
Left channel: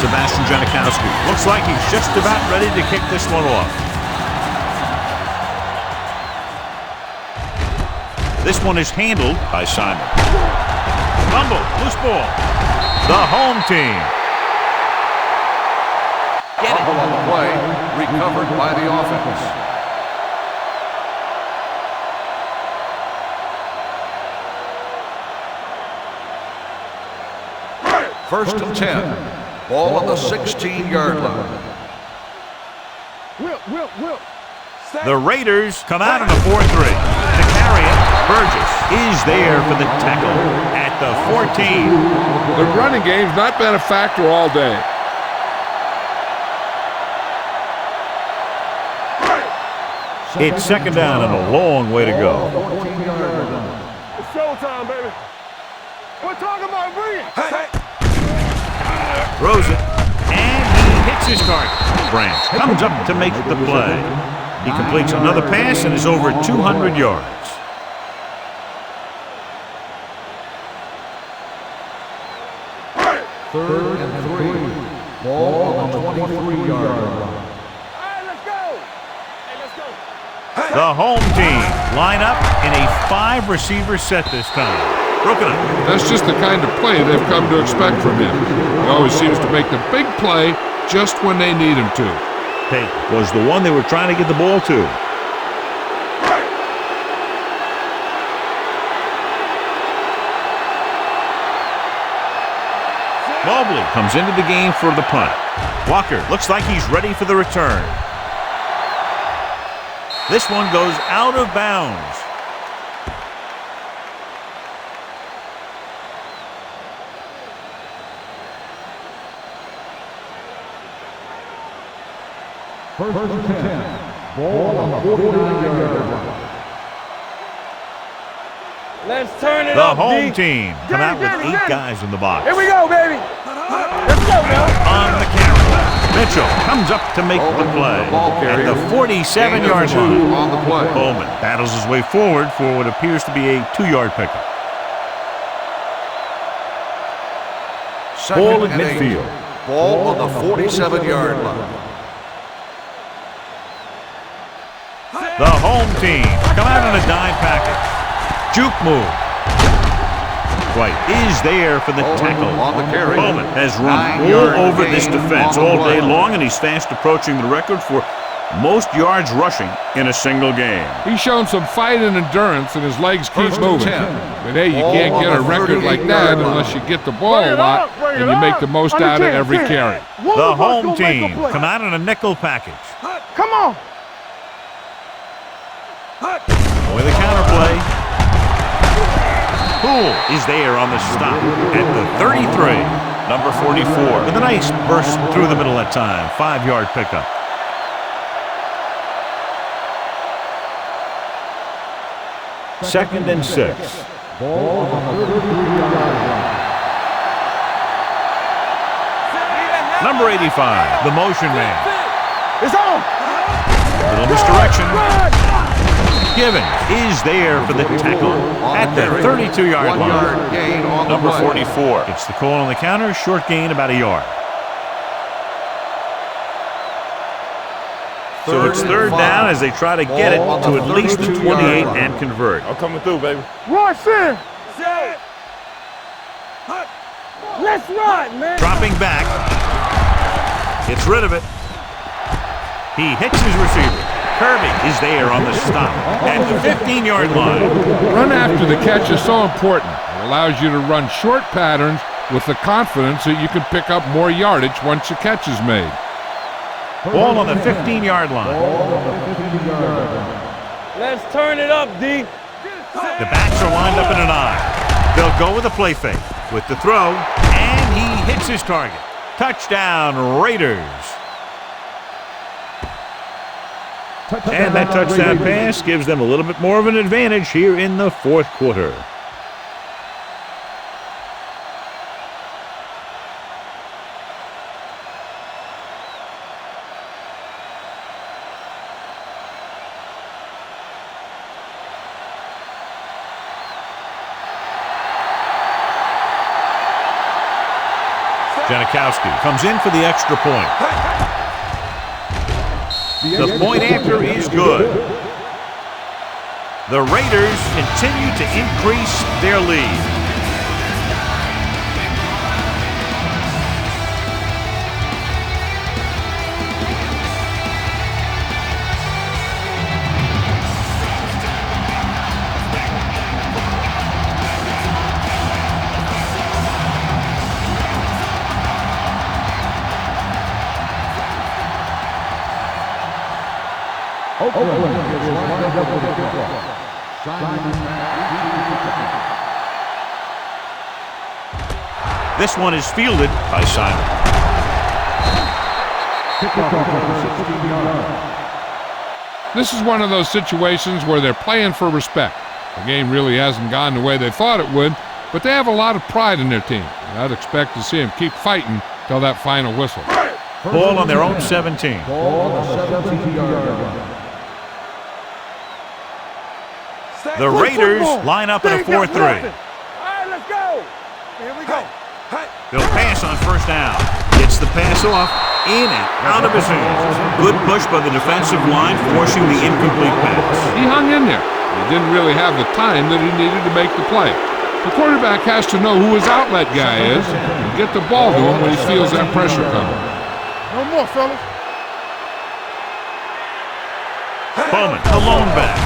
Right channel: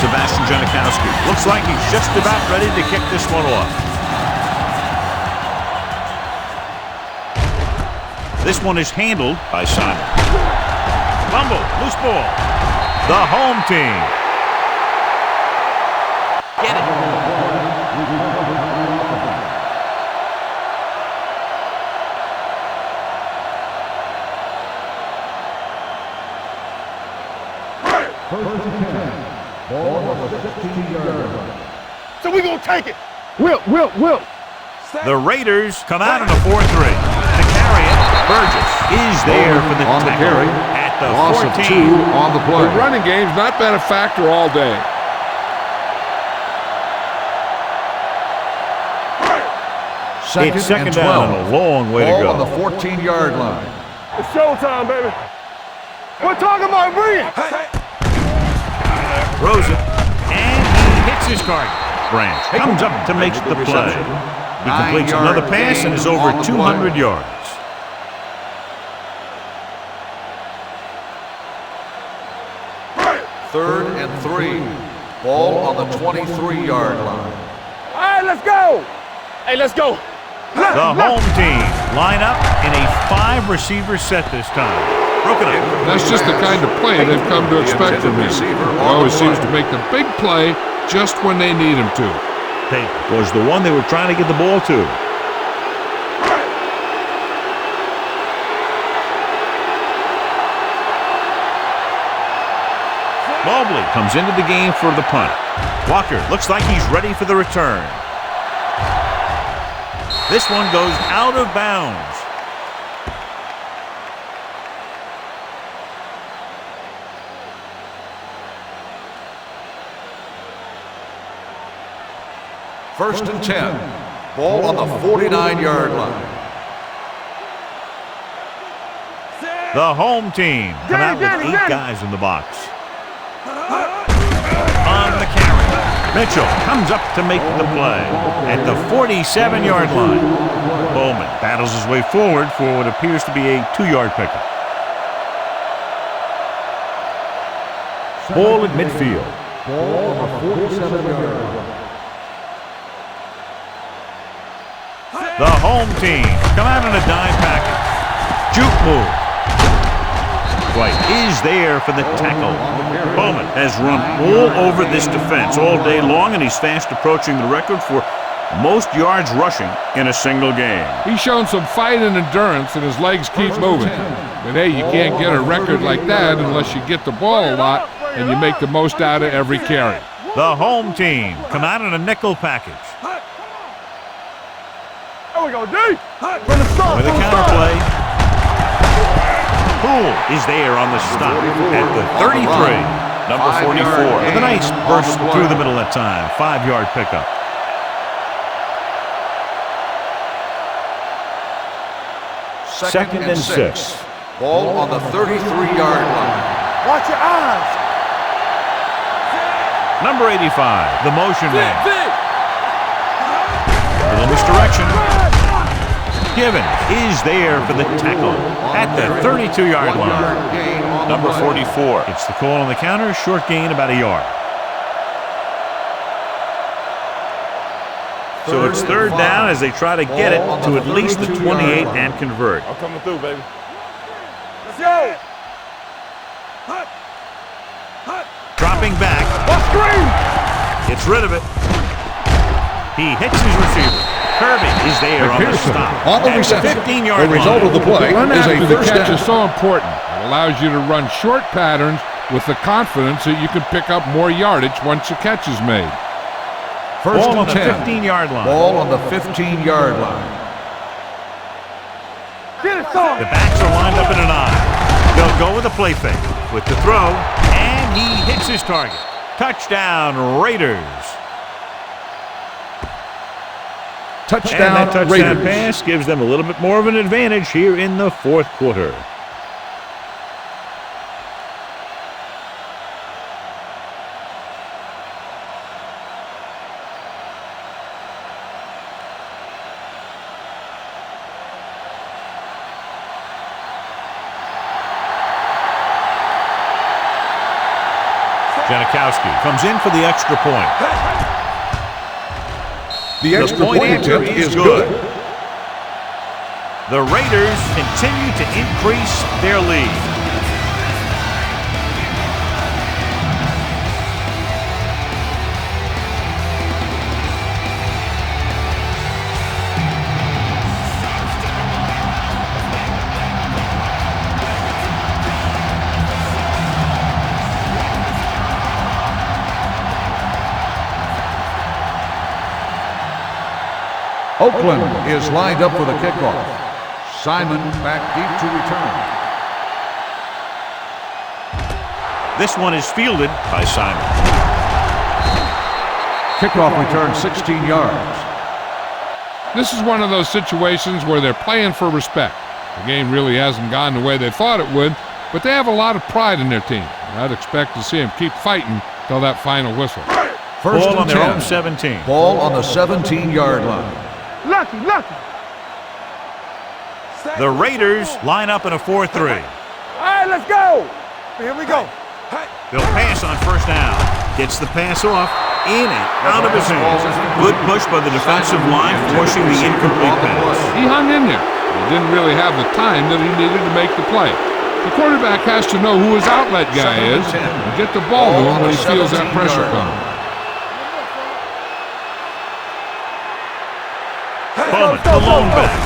Sebastian Janikowski looks like he's just about ready to kick this one off. This one is handled by Simon. Fumble, loose ball. The home team. Get it. On the play, recovered by the offense. First and 10. Ball on the 16-yard line. So we're going to take it. Will. The Raiders come out in a 4-3. To carry it, Burgess is there for the tackle at the 14. The running game's not been a factor all day. It's second down and a long way to go. 14-yard line. It's showtime, baby. We're talking about bringing. Throws it, and he hits his target. Branch comes up to make the play. He completes another pass and is over 200 yards. Third and 3. Ball on the 23-yard line. All right, let's go. Hey, let's go. The home team line up in a 5-receiver set this time. Broken up. That's just the kind of play they've come to expect from him. He always seems to make the big play just when they need him to. Hey, was the one they were trying to get the ball to. Mobley comes into the game for the punt. Walker looks like he's ready for the return. This one goes out of bounds. First and 10. Ball on the 49-yard line. Let's turn it The up, home D. team come out with 8 guys in the box. Here we go, baby. On the carry, Mitchell comes up to make the play at the 47-yard line. Bowman battles his way forward for what appears to be a 2-yard pickup. Ball at midfield. Ball on the 47-yard line. The home team come out in a dime package. Juke move. White is there for the tackle. Bowman has run all over this defense all day long, and he's fast approaching the record for most yards rushing in a single game. He's shown some fight and endurance, and his legs keep moving. But hey, you can't get a record like that unless you get the ball a lot and you make the most out of every carry. The home team come out in a nickel package. Come on. There we go, D. With a counterplay. Poole is there on the stop at the 33. Number 44 with a nice burst through the middle that time. 5-yard pickup. Second and 6. Ball on the 33-yard line. Watch your eyes. Number 85, the motion man. It's on. Little misdirection. Gibbons is there for the tackle at the 32-yard line. Gain on Number the 44 gets the call on the counter. Short gain about a yard. So it's third down as they try to get it to at least the 28 and convert. I'm coming through, baby. Rush in. Let's go. Let's run, man. Dropping back. Gets rid of it. He hits his receiver. Kirby is there on the stop at the 15-yard line. Run after the catch is so important. It allows you to run short patterns with the confidence that you can pick up more yardage once the catch is made. Ball on the 15-yard line. Ball on the 15-yard line. Let's turn it up, D. The backs are lined up in an eye. They'll go with a play fake with the throw, and he hits his target. Touchdown, Raiders. And that touchdown pass gives them a little bit more of an advantage here in the fourth quarter. Janikowski comes in for the extra point. The point after is good. The Raiders continue to increase their lead. Oakland is lined up for the kickoff. Simon back deep to return. This one is fielded by Simon. Kickoff return 16 yards. This is one of those situations where they're playing for respect. The game really hasn't gone the way they thought it would, but they have a lot of pride in their team. And I'd expect to see them keep fighting till that final whistle. Ball on their own 17. Ball on the 17-yard line. Lucky. The Raiders line up in a 4-3. All right, let's go. Here we go. They'll pass on first down. Gets the pass off, in and out of his hands. Good push by the defensive line, forcing the incomplete pass. He hung in there. He didn't really have the time that he needed to make the play. The quarterback has to know who his outlet guy is and get the ball to him when he feels that pressure coming. No more, fellas. Bowman, the lone back.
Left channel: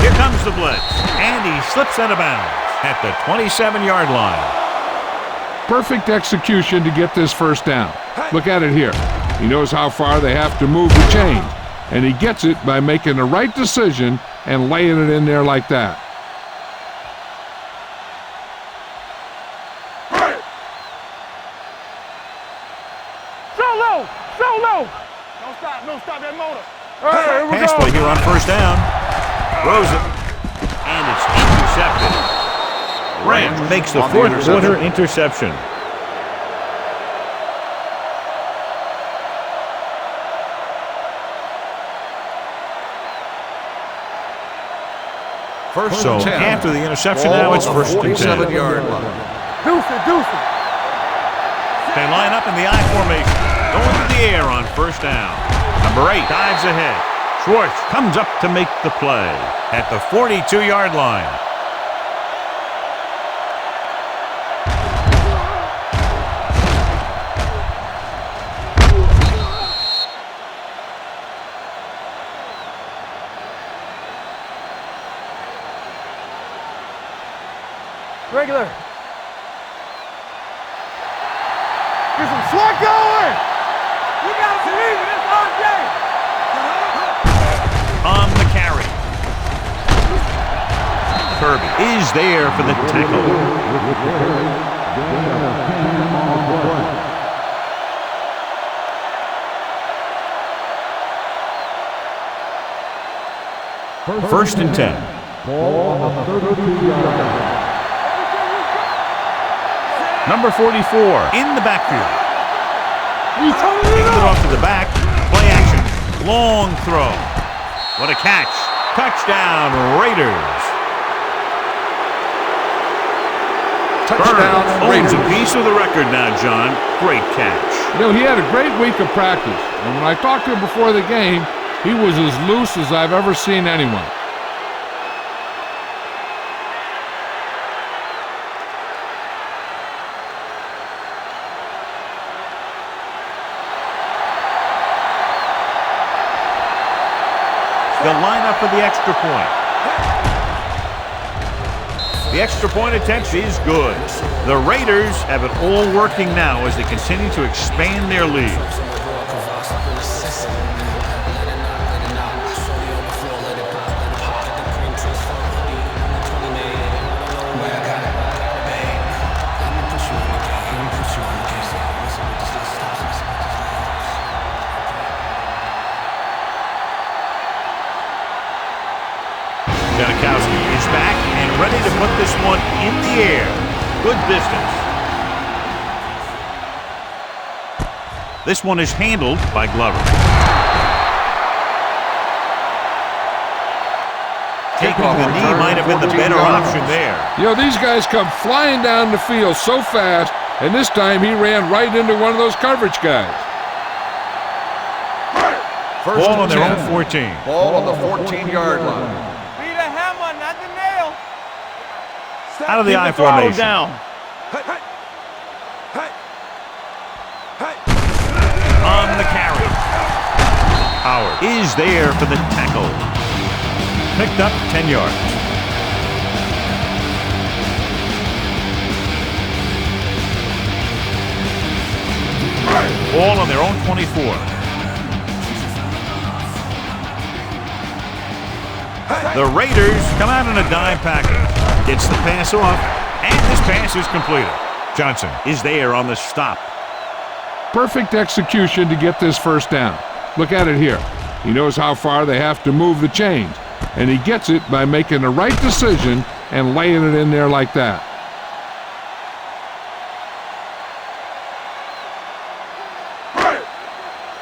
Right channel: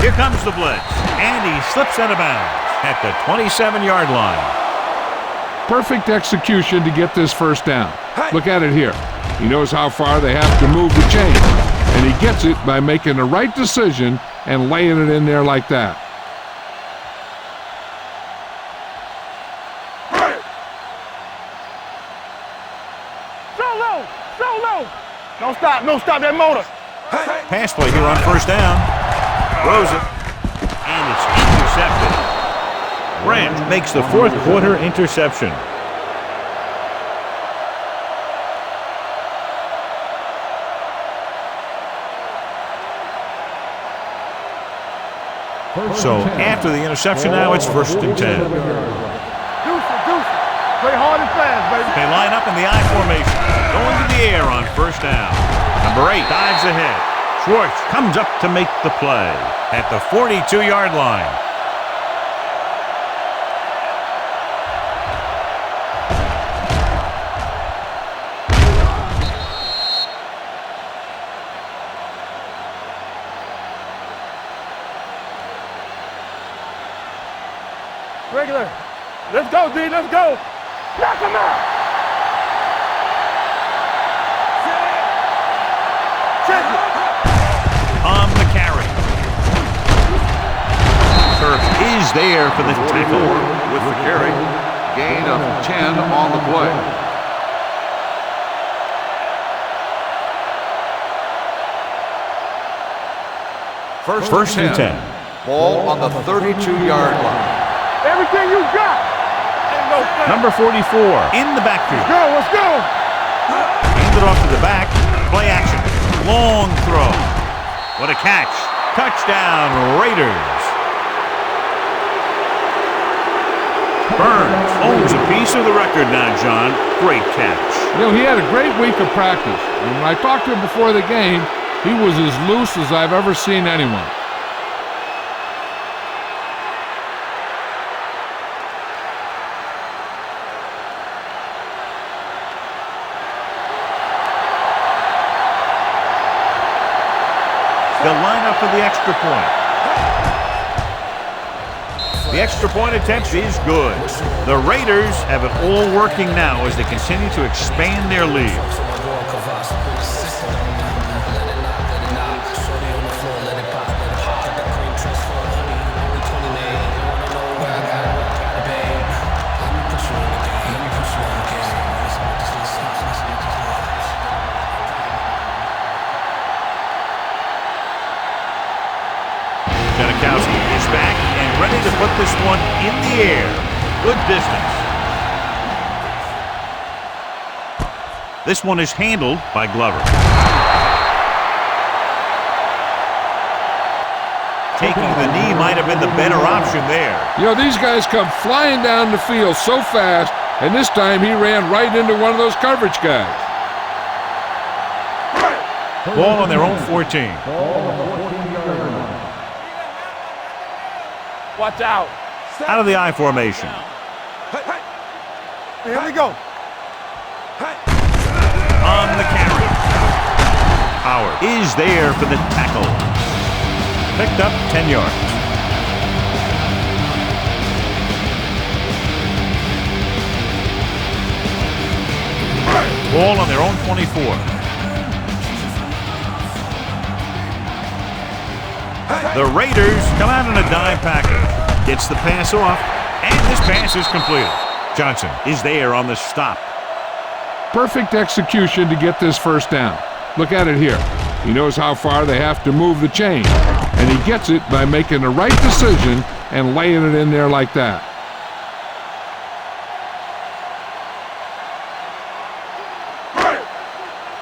Here comes the blitz, and he slips out of bounds at the 27-yard line. Perfect execution to get this first down. Look at it here. He knows how far they have to move the chain, and he gets it by making the right decision and laying it in there like that. So low. Don't stop that motor. Pass play here on first down. Throws it, and it's intercepted. Rams makes the fourth quarter interception. So after the interception now, it's first and 10. Deuce it. Play hard and fast, baby. They line up in the I formation, going to the air on first down. Number 8 dives ahead. Schwartz comes up to make the play at the 42-yard line. Regular. Let's go, D. Let's go. Knock him out. Get some slack going. You got to believe it all day. On the carry. Kirby is there for the tackle. With the carry, gain of 10 on the play. First and 10. Ball on the 32-yard line. Everything you got. Number 44 in the backfield. Let's go. Hand it off to the back. Play action. Long throw. What a catch. Touchdown, Raiders. Burns owns a piece of the record now, John. Great catch. You know, he had a great week of practice, and when I talked to him before the game, he was as loose as I've ever seen anyone. They'll line up for the extra point. The extra point attempt is good. The Raiders have it all working now as they continue to expand their lead. Janikowski is back and ready to put this one in the air. Good distance. This one is handled by Glover. Taking the knee might have been the better option there. You know, these guys come flying down the field so fast, and this time he ran right into one of those coverage guys. Ball on their own 14. Ball on the 14-yard line. Watch out. Out of the I formation. Down. Here we go. On the carry. Howard is there for the tackle. Picked up 10 yards. Ball on their own 24. The Raiders come out in a dime package. Gets the pass off, and this pass is completed. Johnson is there on the stop. Perfect execution to get this first down. Look at it here. He knows how far they have to move the chain, and he gets it by making the right decision and laying it in there like that.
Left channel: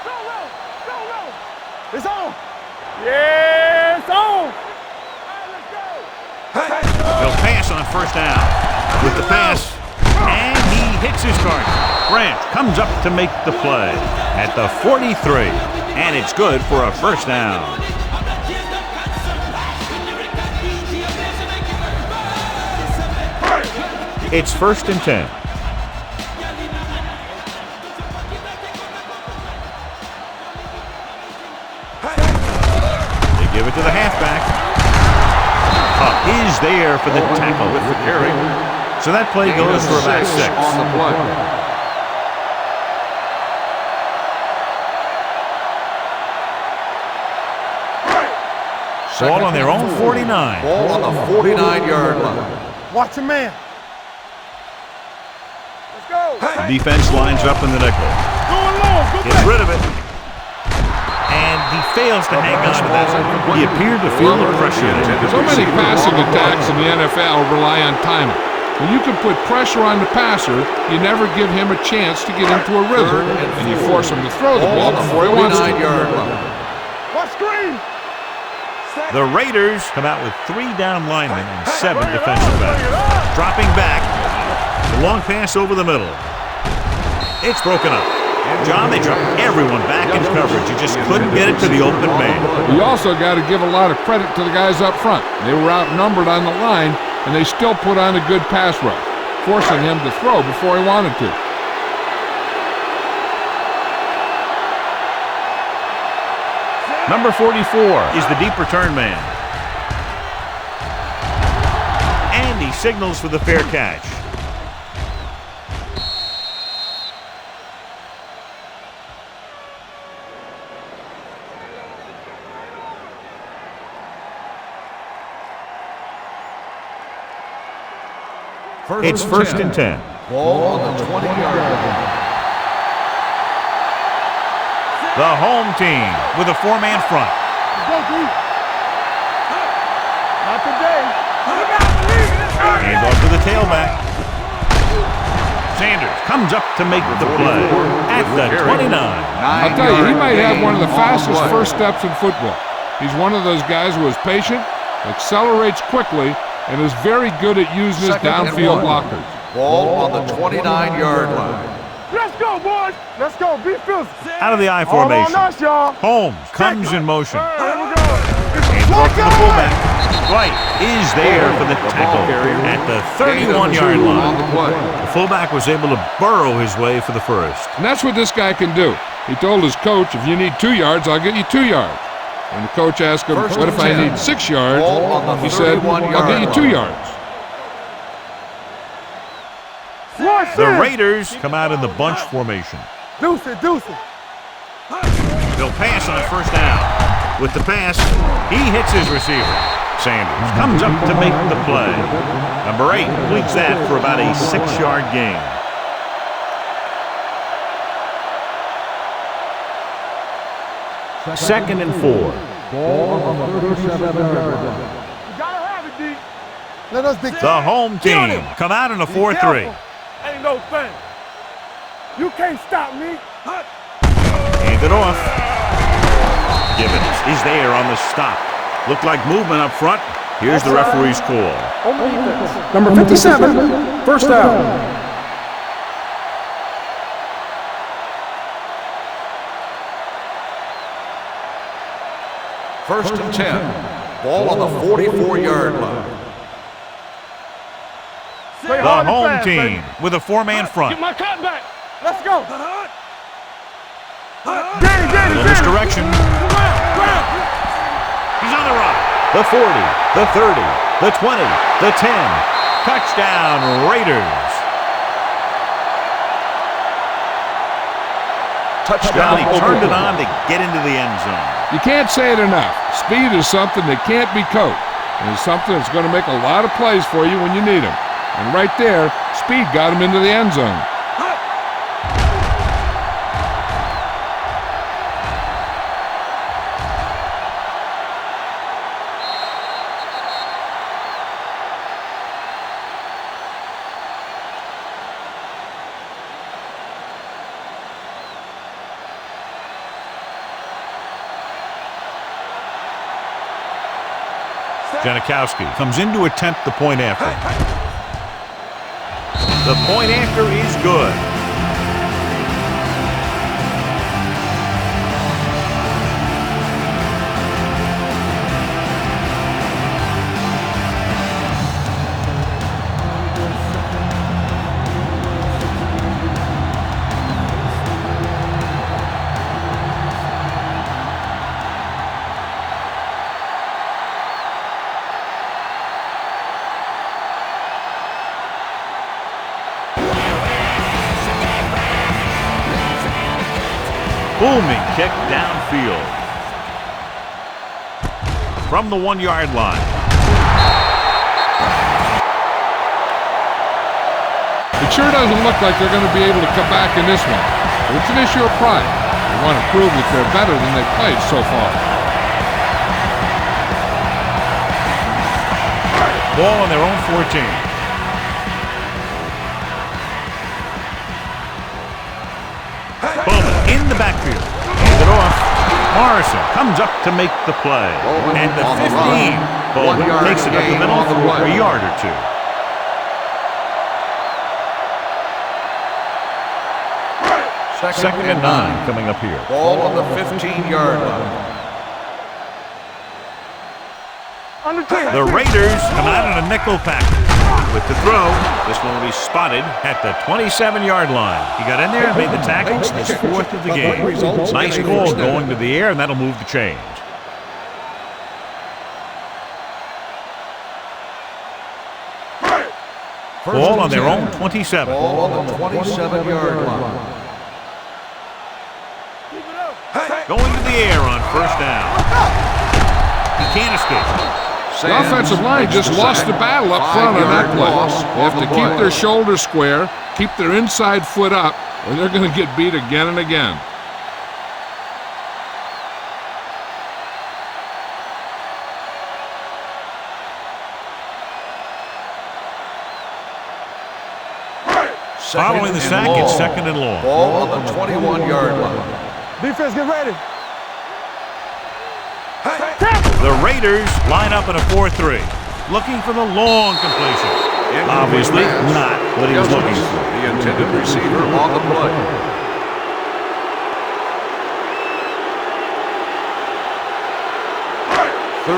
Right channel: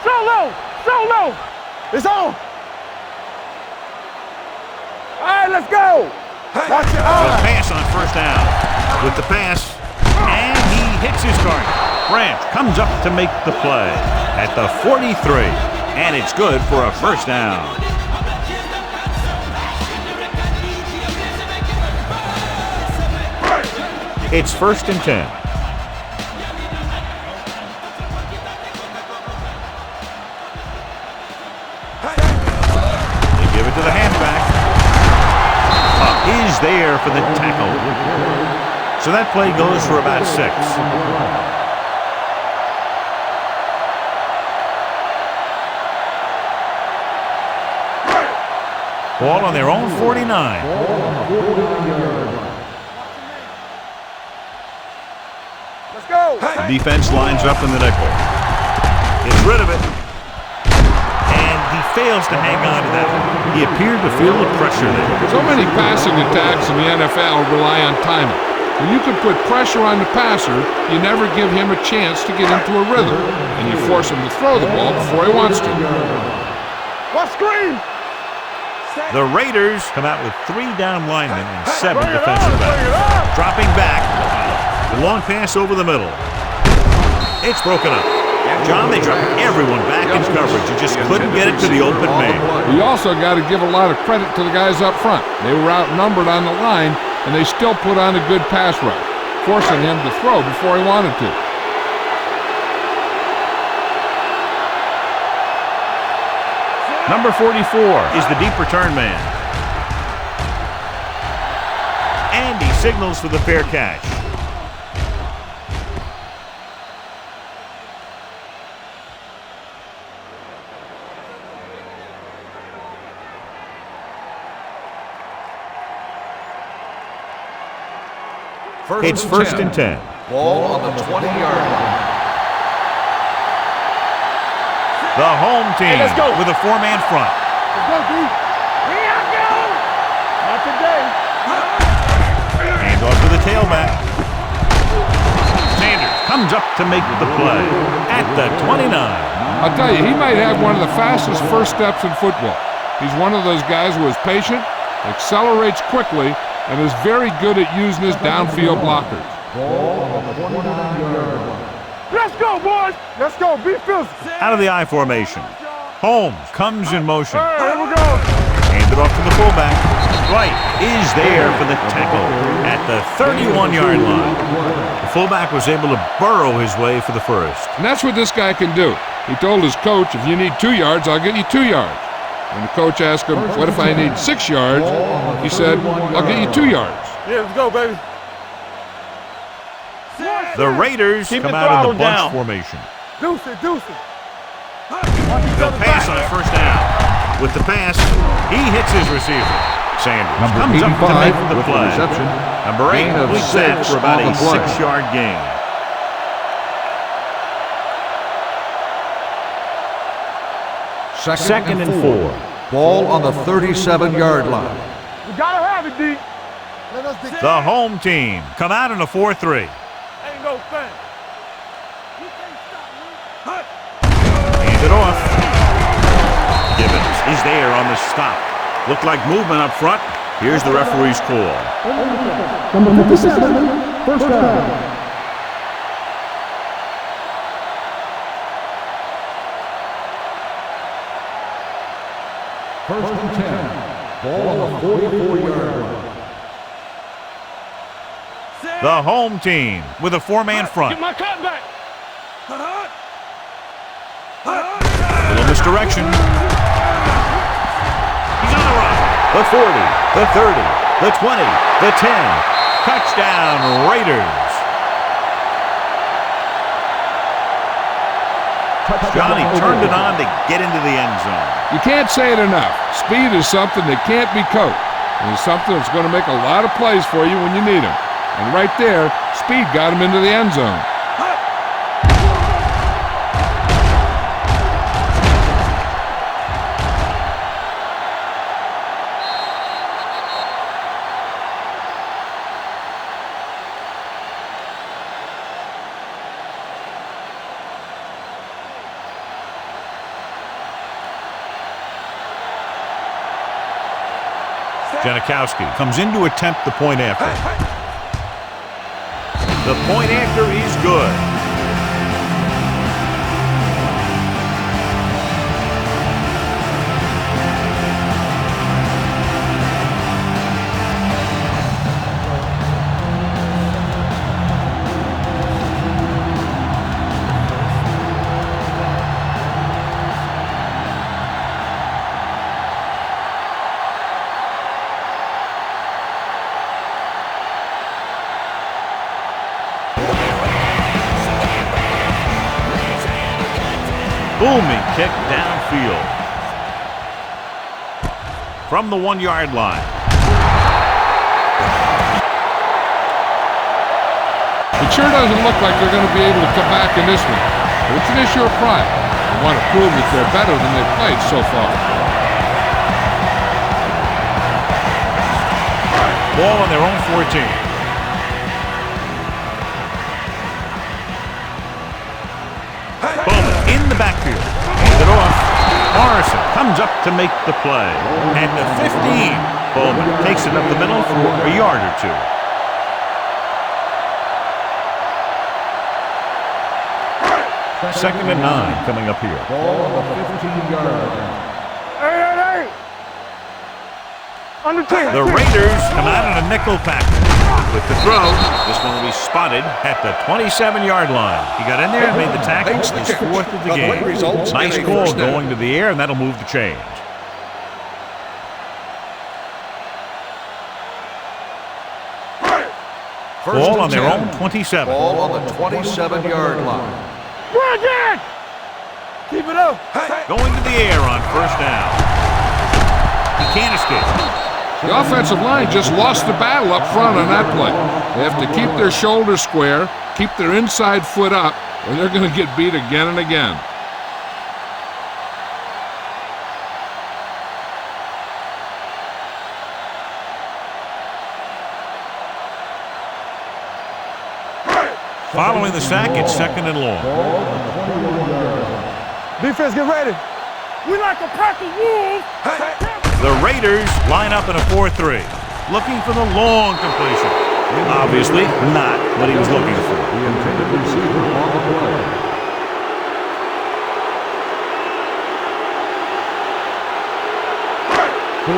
Solo! It's on! Yeah, it's on! All right, let's go! They'll pass on first down. With the pass, and he hits his target. Branch comes up to make the play at the 43, and it's good for a first down. It's 1st and 10. They give it to the halfback. Huck is there for the tackle. So that play goes for about 6. Ball on their own 49. Ball on the 49-yard line. Watch the man. Let's go. The defense lines up in the nickel. Gets rid of it. And he fails to hang on to that. He appeared to feel the pressure there. So many passing attacks in the NFL rely on timing. When you can put pressure on the passer, you never give him a chance to get into a rhythm, and you force him to throw the ball before he wants to. What screen? The Raiders come out with 3 down linemen and 7 defensive backs. Dropping back. The long pass over the middle. It's broken up. John, they dropped everyone back in coverage. You just couldn't get it to the open man. You also got to give a lot of credit to the guys up front. They were outnumbered on the line, and they still put on a good pass rush, forcing him to throw before he wanted to. Number 44 is the deep return man. And he signals for the fair catch. It's 1st and 10. Ball on the 20-yard line. The home team with a 4-man front. Let's go, D. Not today. Hand off to the tailback. Sanders comes up to make the play at the 29. I'll tell you, he might have one of the fastest first steps in football. He's one of those guys who is patient, accelerates quickly, and is very good at using his downfield blockers. Ball on the 29-yard line. Let's go, boys. Let's go. Be physical. Out of the I formation. Us, y'all. Holmes comes in motion. All right, here we go. Hand it off to the fullback. Dwight is there for the tackle at the 31-yard line. The fullback was able to burrow his way for the first. And that's what this guy can do. He told his coach, if you need 2 yards, I'll get you 2 yards. When the coach asked him, what if I need 6 yards? He said, I'll get you 2 yards. Yeah, let's go, baby. The Raiders come out in the bunch formation. Deuce it. They'll pass on first down. With the pass, he hits his receiver. Sanders comes up to make the play. Number 8 completes that for about a 6-yard gain. Second and 4. Ball on the 37-yard line. We gotta have it, D. Let us dictate. The home team come out in a 4-3. Ain't no thing. You can't stop me. Hand it off. Gibbons is there on the stop. Looked like movement up front. Here's the referee's call. Number 57, first down. First and 10. Ball on the 44-yard line. The home team with a 4-man front. Get my cut back. Let's go. Little misdirection. He's on the run. The 40, the 30, the 20, the 10. Touchdown, Raiders. Johnny turned it on to get into the end zone. You can't say it enough. Speed is something that can't be coached. And it's something that's going to make a lot of plays for you when you need them. And right there, speed got him into the end zone. Janikowski comes in to attempt the point after. The point after is good. Booming kick downfield. From the 1-yard line. It sure doesn't look like they're going to be able to come back in this one. But it's an issue of pride. They want to prove that they're better than they've played so far. Ball on their own 14. Bowman in the backfield. Hand it off. Morrison comes up to make the play. At the 15, Bowman takes it up the middle for a yard or two. Second and 9 coming up here. Ball on the 15-yard line. The Raiders come out in a nickel package. With the throw, this one will be spotted at the 27-yard line. He got in there and made the tackle. His 4th of the game. Nice call going to the air, and that'll move the chains. Ball on their own 27. Ball on the 27-yard line. Keep it up. Going to the air on first down. He can't escape. The offensive line just lost the battle up front on that play. They have to keep their shoulders square, keep their inside foot up, or they're going to get beat again and again. Following the sack, it's second and long. Ball on the 21-yard line. Defense, get ready. We like to pack the wolves. The Raiders line up in a 4-3, looking for the long completion. Obviously not what he was looking for. The intended receiver on the play.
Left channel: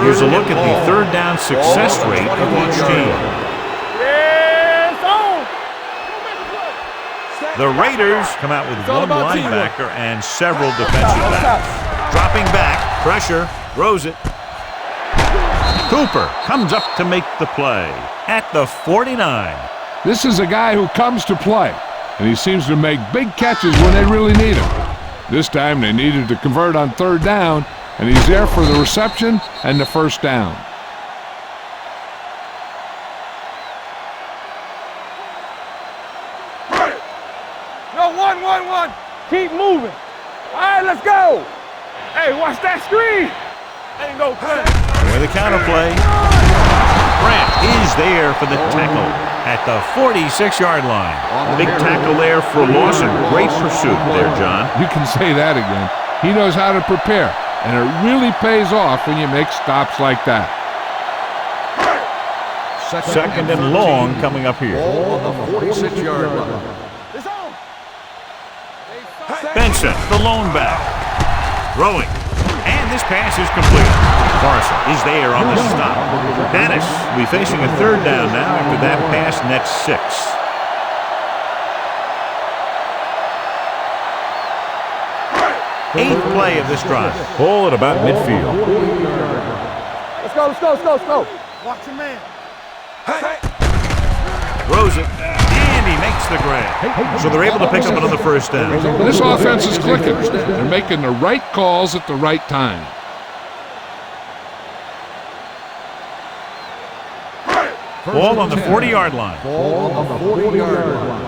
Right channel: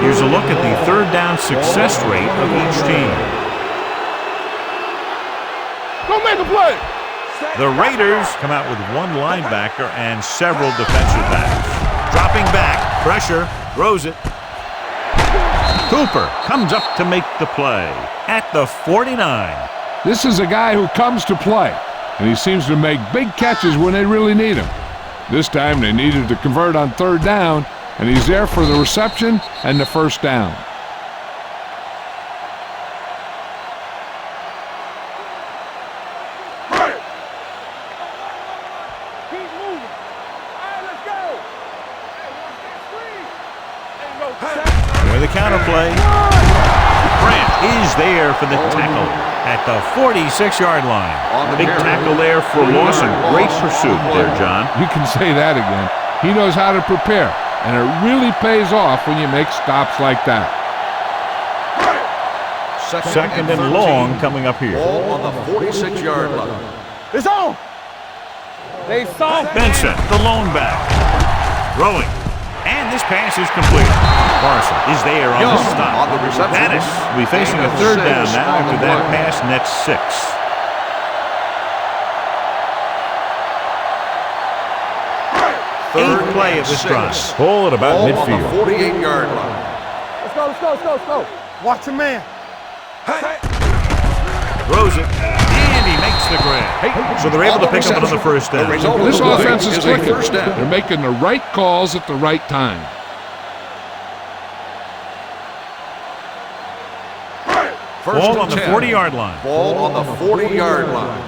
Here's a look at the third down success rate of each team. Go make a play. The Raiders come out with one linebacker and several defensive backs. Dropping back, pressure, throws it. Cooper comes up to make the play at the 49. This is a guy who comes to play, and he seems to make big catches when they really need him. This time they needed to convert on third down, and he's there for the reception and the first down. No, one. Keep moving. All right, let's go. Hey, watch that screen. Ain't no With the counterplay, Grant is there for the tackle at the 46-yard line. Big tackle there for loss and great pursuit there, John. You can say that again. He knows how to prepare, and it really pays off when you make stops like that. Second and long coming up here. Ball on the 46-yard line. It's on. They saw Benson, the lone back, throwing. And this pass is complete. Morrison is there on the stop. Dennis will be facing a third down now after that pass nets 6. Eighth play of this drive. Ball at about midfield. 48-yard line. Let's go. Watch your man. Throws it. And And he makes the grab. So they're able to pick up another first down. This offense is clicking. They're making the right calls at the right time. Ball on the 40-yard line. Ball on the 40-yard line.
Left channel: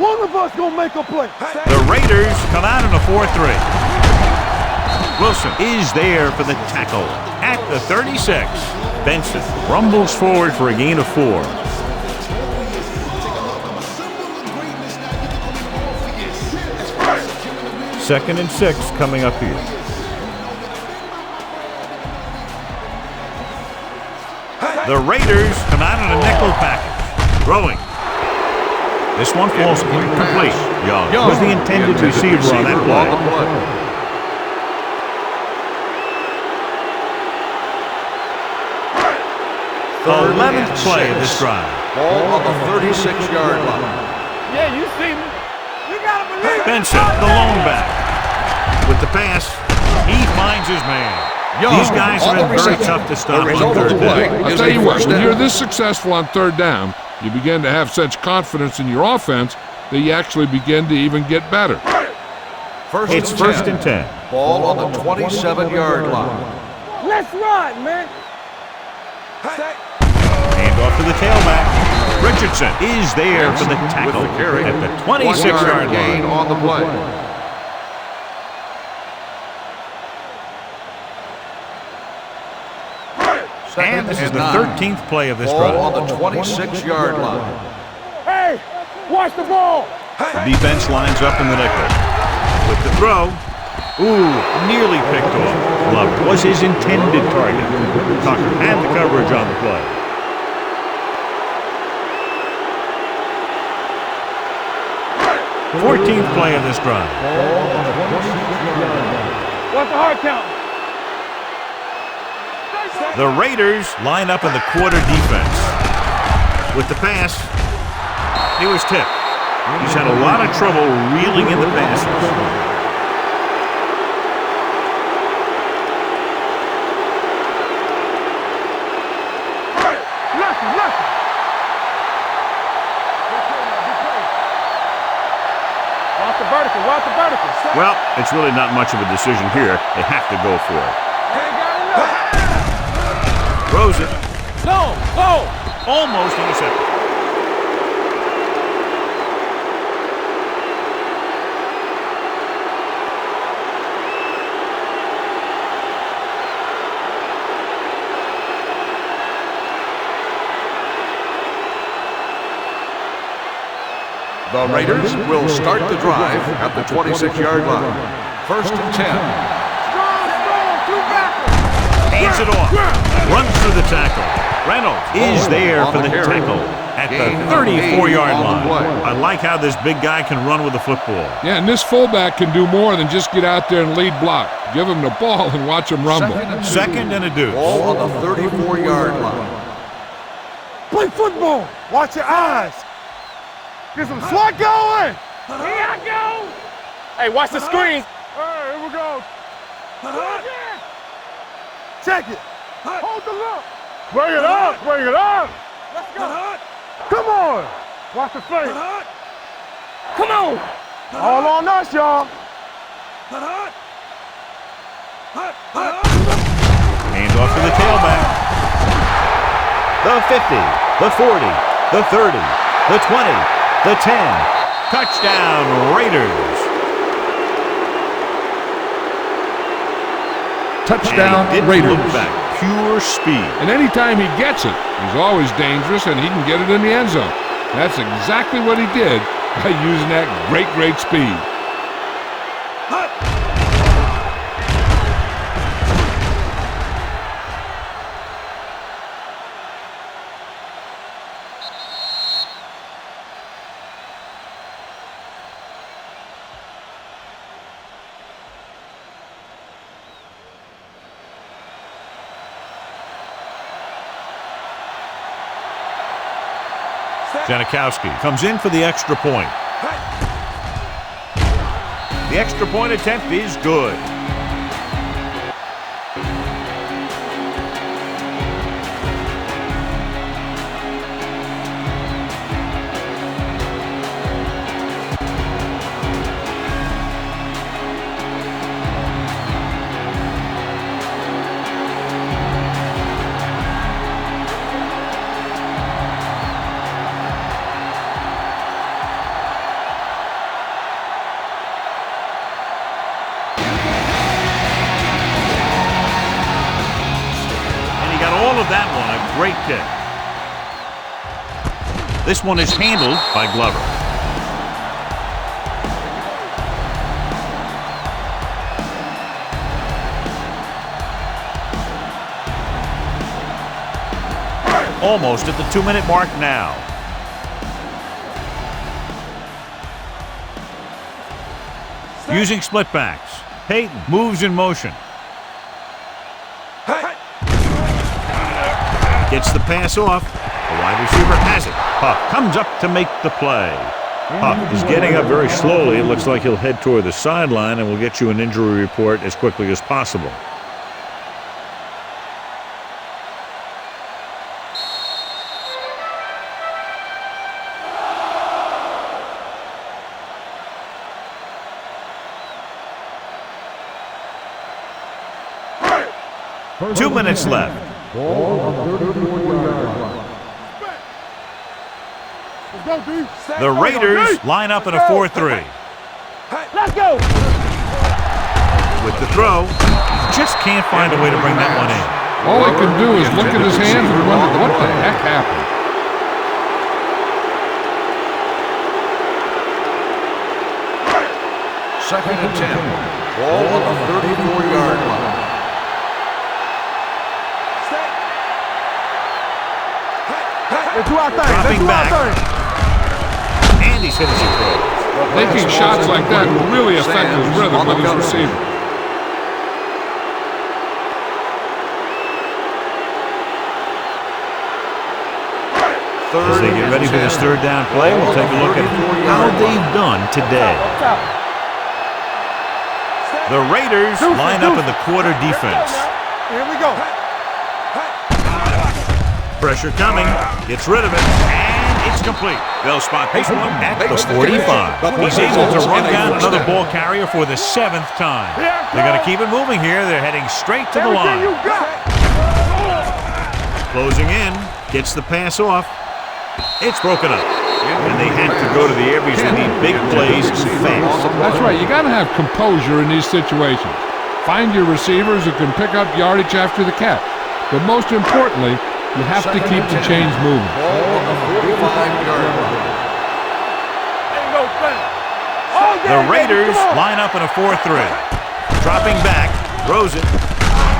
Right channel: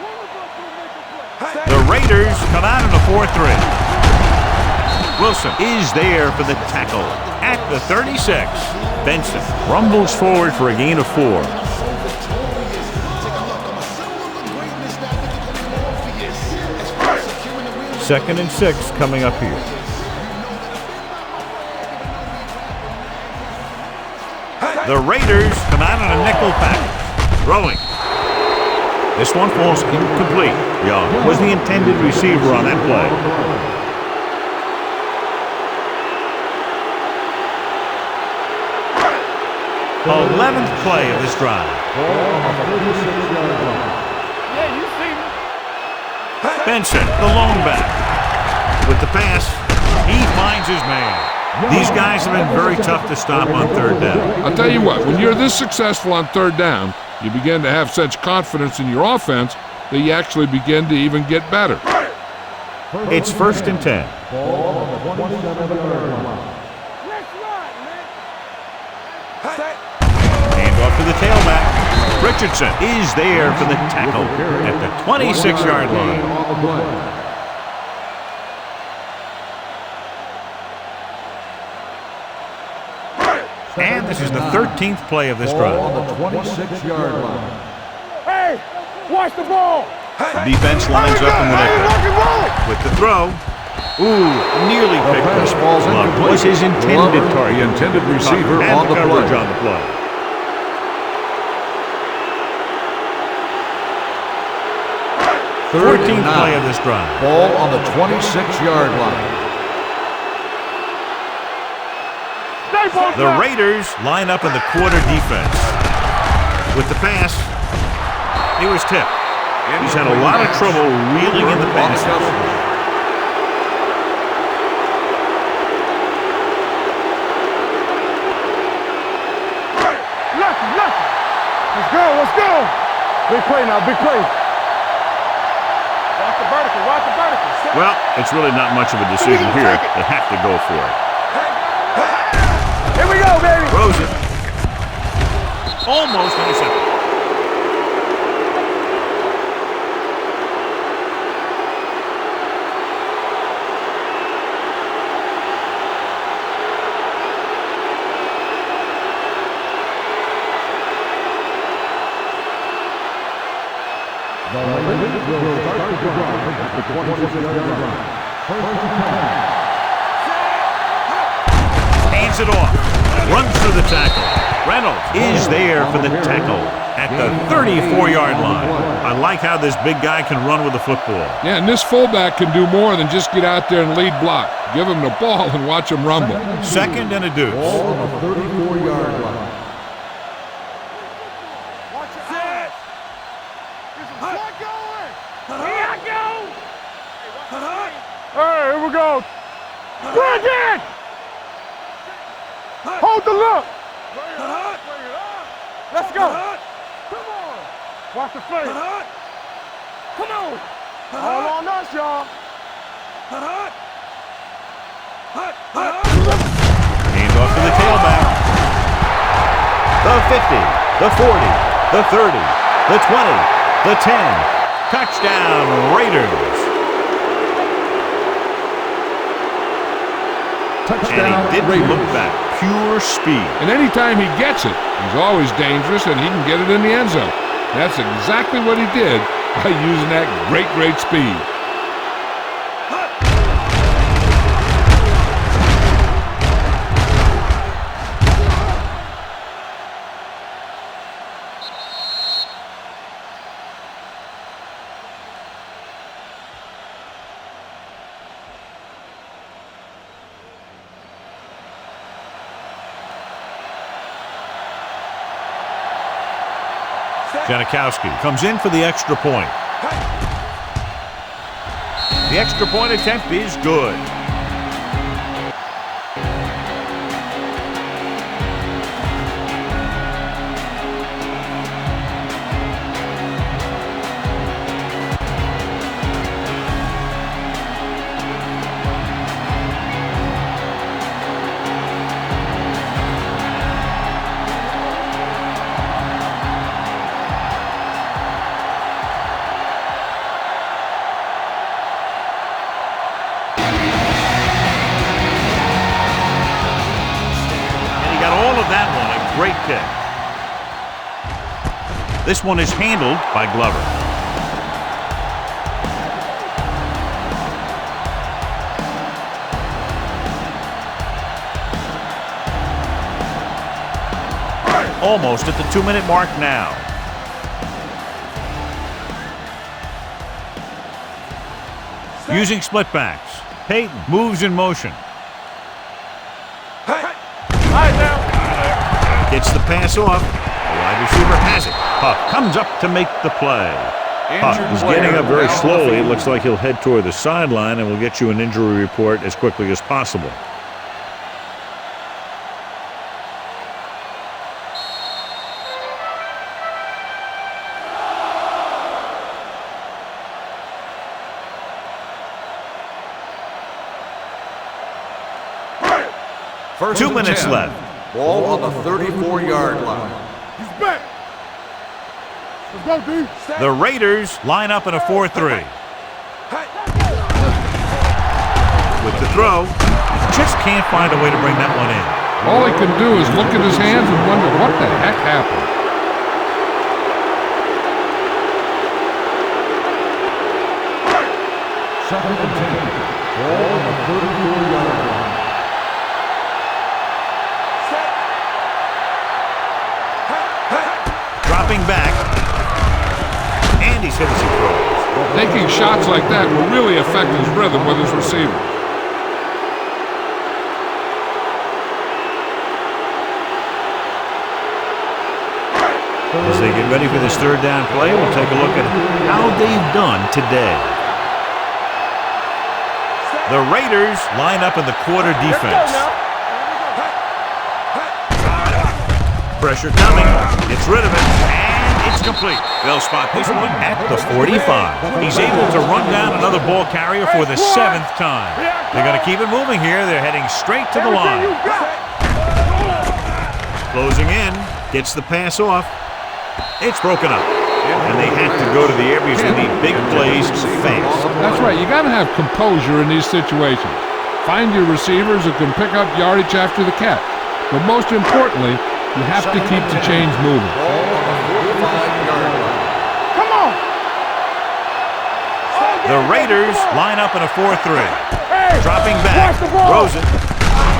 One of us gonna make a play. The Raiders come out in a 4-3. Wilson is there for the tackle at the 36. Benson rumbles forward for a gain of 4. Second and 6 coming up here. The Raiders come out in a nickel package. Throwing. This one falls incomplete. Young was the intended receiver on that play. The 11th play of this drive. Ball on the 36-yard line. Yeah, you see me. You gotta believe it. Benson, the lone back. With the pass, he finds his man. These guys have been very tough to stop on third down. I'll tell you what, when you're this successful on third down, you begin to have such confidence in your offense that you actually begin to even get better. It's first and 10. Ball on the 27-yard line. Let's run, man. Hand off to the tailback. Richardson is there for the tackle at the 26-yard line. On the play. And this is the 13th play of this drive. Ball on the 26-yard line. Hey, watch the ball. The defense lines up in the nickel. With the throw. Ooh, nearly picked off. Love was his intended target. Tucker had the coverage on the play. The 14th play of this drive. Ball on the 26-yard line. What's the hard count? The Raiders line up in the quarter defense. With the pass, he was tipped. He's had a lot of trouble reeling in the passes. Lucky. Let's go. Big play now, big play. Watch the vertical. Well, it's really not much of a decision here. They have to go for it. Here we go, baby. Throws it. Go. Almost intercepted. The Raiders will start the drive at the 26-yard line. First and 10. Hands it off. Runs through the tackle. Reynolds is there for the tackle at the 34-yard line. I like how this big guy can run with the football. Yeah, and this fullback can do more than just get out there and lead block. Give him the ball and watch him rumble. Second and a deuce. Ball on the 34-yard line. Play football. Watch your eyes. Get some slot going. Here I go. Hey, watch the screen. Hey, here we go. Do it again. Check it. Hold the look. Bring it up. Let's go. Come on. Watch the face. Come on. All on us, y'all. Hand off to the tailback. The 50, the 40, the 30, the 20, the 10. Touchdown, Raiders. Touchdown, and he didn't Raiders. look back. Pure speed. And anytime he gets it, he's always dangerous and he can get it in the end zone. That's exactly what he did by using that great speed. Janikowski comes in for the extra point. The extra point attempt is good. got all of that one. A great kick. This one is handled by Glover. Almost at the 2-minute mark now. Using split backs. Peyton moves in motion. Gets the pass off. The wide receiver has it. Huff comes up to make the play. Huff is getting up very slowly. It looks like he'll head toward the sideline, and we'll get you an injury report as quickly as possible. First 2 minutes left. Ball on the 34-yard line. Let's go, D. The Raiders line up in a 4-3. With the throw, just can't find a way to bring that one in. All he can do is look at his hands and wonder what the heck happened. Second and 10. Ball on the 34-yard line. Dropping back. And he's hit as he throws. Taking shots like that will really affect his rhythm with his receiver. As they get ready for this third down play, we'll take a look at how they've done today. The Raiders line up in the quarter defense. Here we go. Pressure coming, gets rid of it, and it's complete. They'll spot this one at the 45. He's able to run down another ball carrier for the 7th time. They're going to keep it moving here. They're heading straight to the line. Closing in, gets the pass off. It's broken up. And they have to go to the air because they need big plays fast. That's right. You got to have composure in these situations. Find your receivers who can pick up yardage after the catch. But most importantly, you have to keep the chains moving. Ball on the 45-yard line. Come on. The Raiders line up in a 4-3. Dropping back, throws it,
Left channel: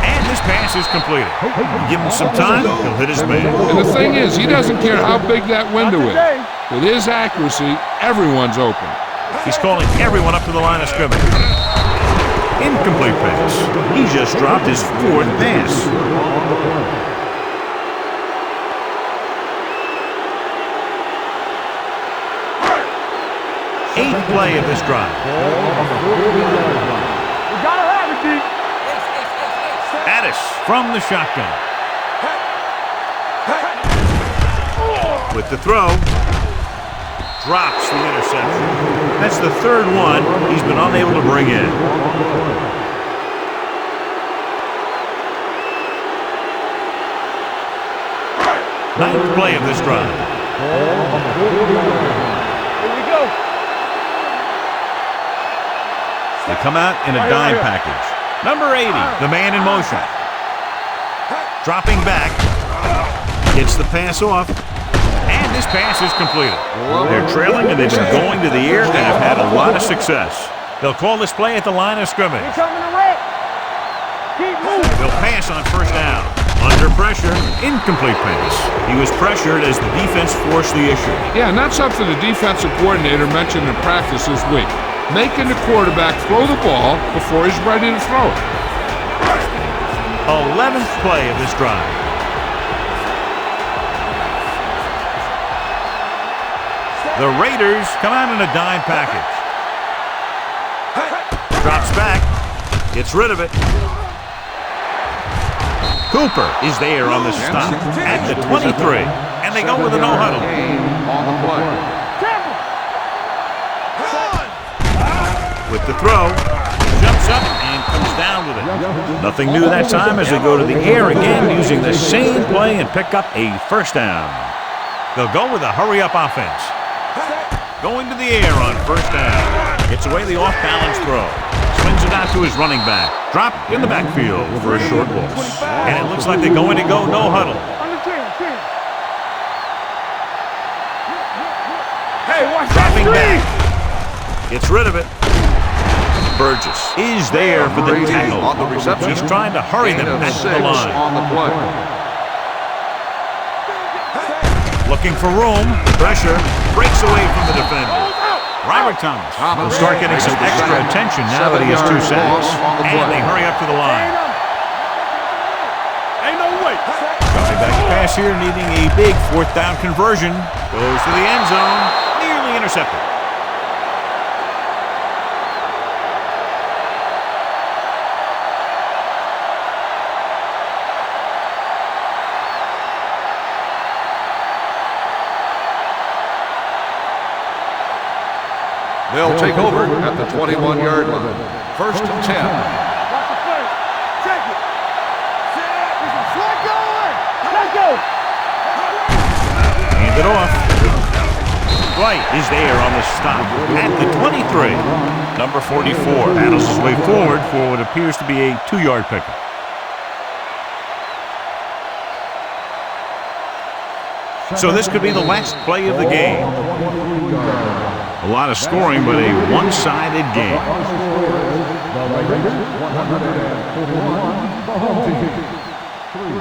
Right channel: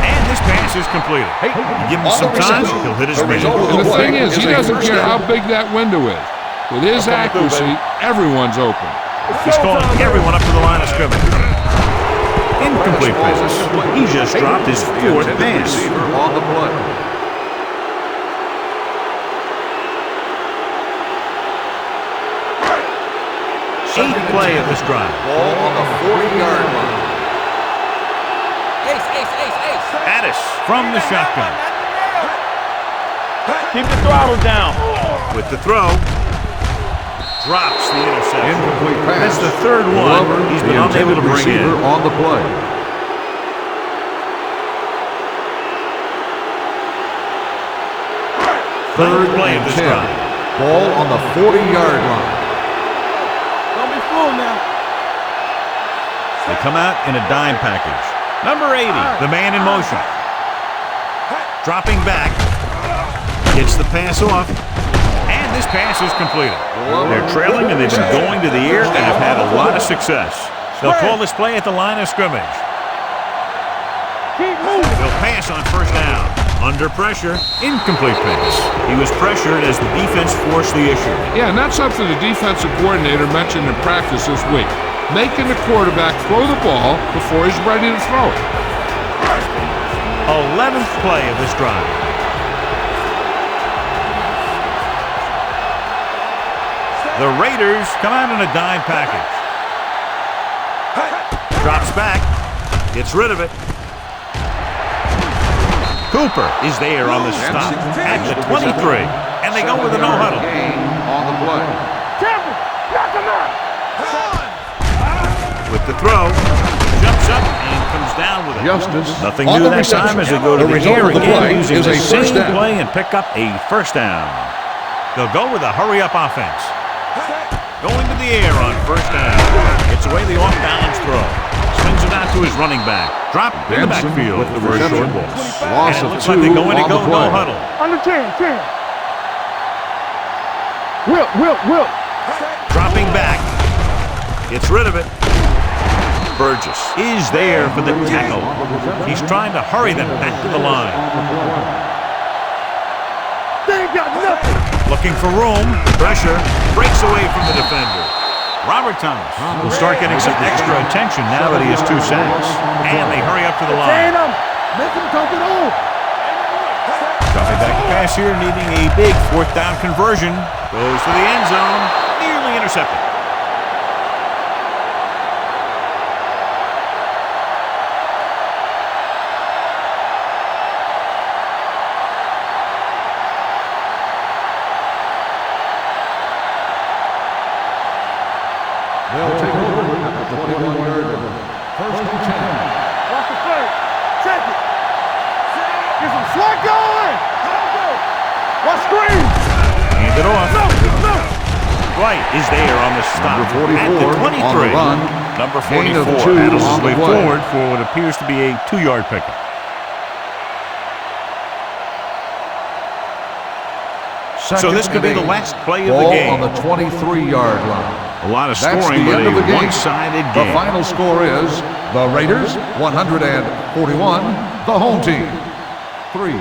and this pass is completed. You give him some time, he'll hit his man. And the thing is, he doesn't care how big that window is. With his accuracy, everyone's open. He's calling everyone up to the line of scrimmage. Incomplete pass. He just dropped his 4th pass. On the play. 8th play of this drive. Ball on the 40-yard line. Addis from the shotgun. Keep the throttle down. With the throw, drops the interception. Incomplete pass. That's the 3rd one he's been unable to bring in. On the play. 9th play of this drive. Ball on the 40-yard line. Here we go. Don't be fooled now. They come out in a dime package. Number 80, the man in motion. Dropping back, gets the pass off, and this pass is completed. They're trailing and they've been going to the air and have had a lot of success. They'll call this play at the line of scrimmage. Keep moving. They'll pass on first down. Under pressure, incomplete pass. He was pressured as the defense forced the issue. Yeah, and that's something the defensive coordinator mentioned in practice this week. Making the quarterback throw the ball before he's ready to throw it. 11th play of this drive. The Raiders come out in a dime package. Drops back, gets rid of it. Cooper is there on the stop at the 23, and they go with a no huddle. On the play. With the throw, jumps up and comes down with it. Nothing new that time as they go to the air again using the same play and pick up a first down. They'll go with a hurry-up offense. Going to the air on first down. Gets away the off-balance throw. Swings it out to his running back. Dropped in the backfield for a short loss. And it looks like they're going to go no huddle. Under 10. Will. Hey, Dropping back. Gets rid of it. Burgess is there for the tackle. He's trying to hurry them back to the line. Looking for room. Pressure. Breaks away from the defender. Robert Thomas will start getting some extra attention now that he has 2 sacks. And they hurry up to the line. Dropping back to pass here, needing a big 4th down conversion. Goes to the end zone. Nearly intercepted. They'll take over at the 21-yard line. 1st and 10. Watch the play. Check it. Get some swat going. Let's go. Watch screen. Hand it off. Dwight is there on the stop at the 23. Number 44 battles his way forward for what appears to be a 2-yard pickup. So this could be the last play of the game. On the 23-yard line. A lot of scoring, but a one-sided game. The final score is the Raiders 141, the home team 3.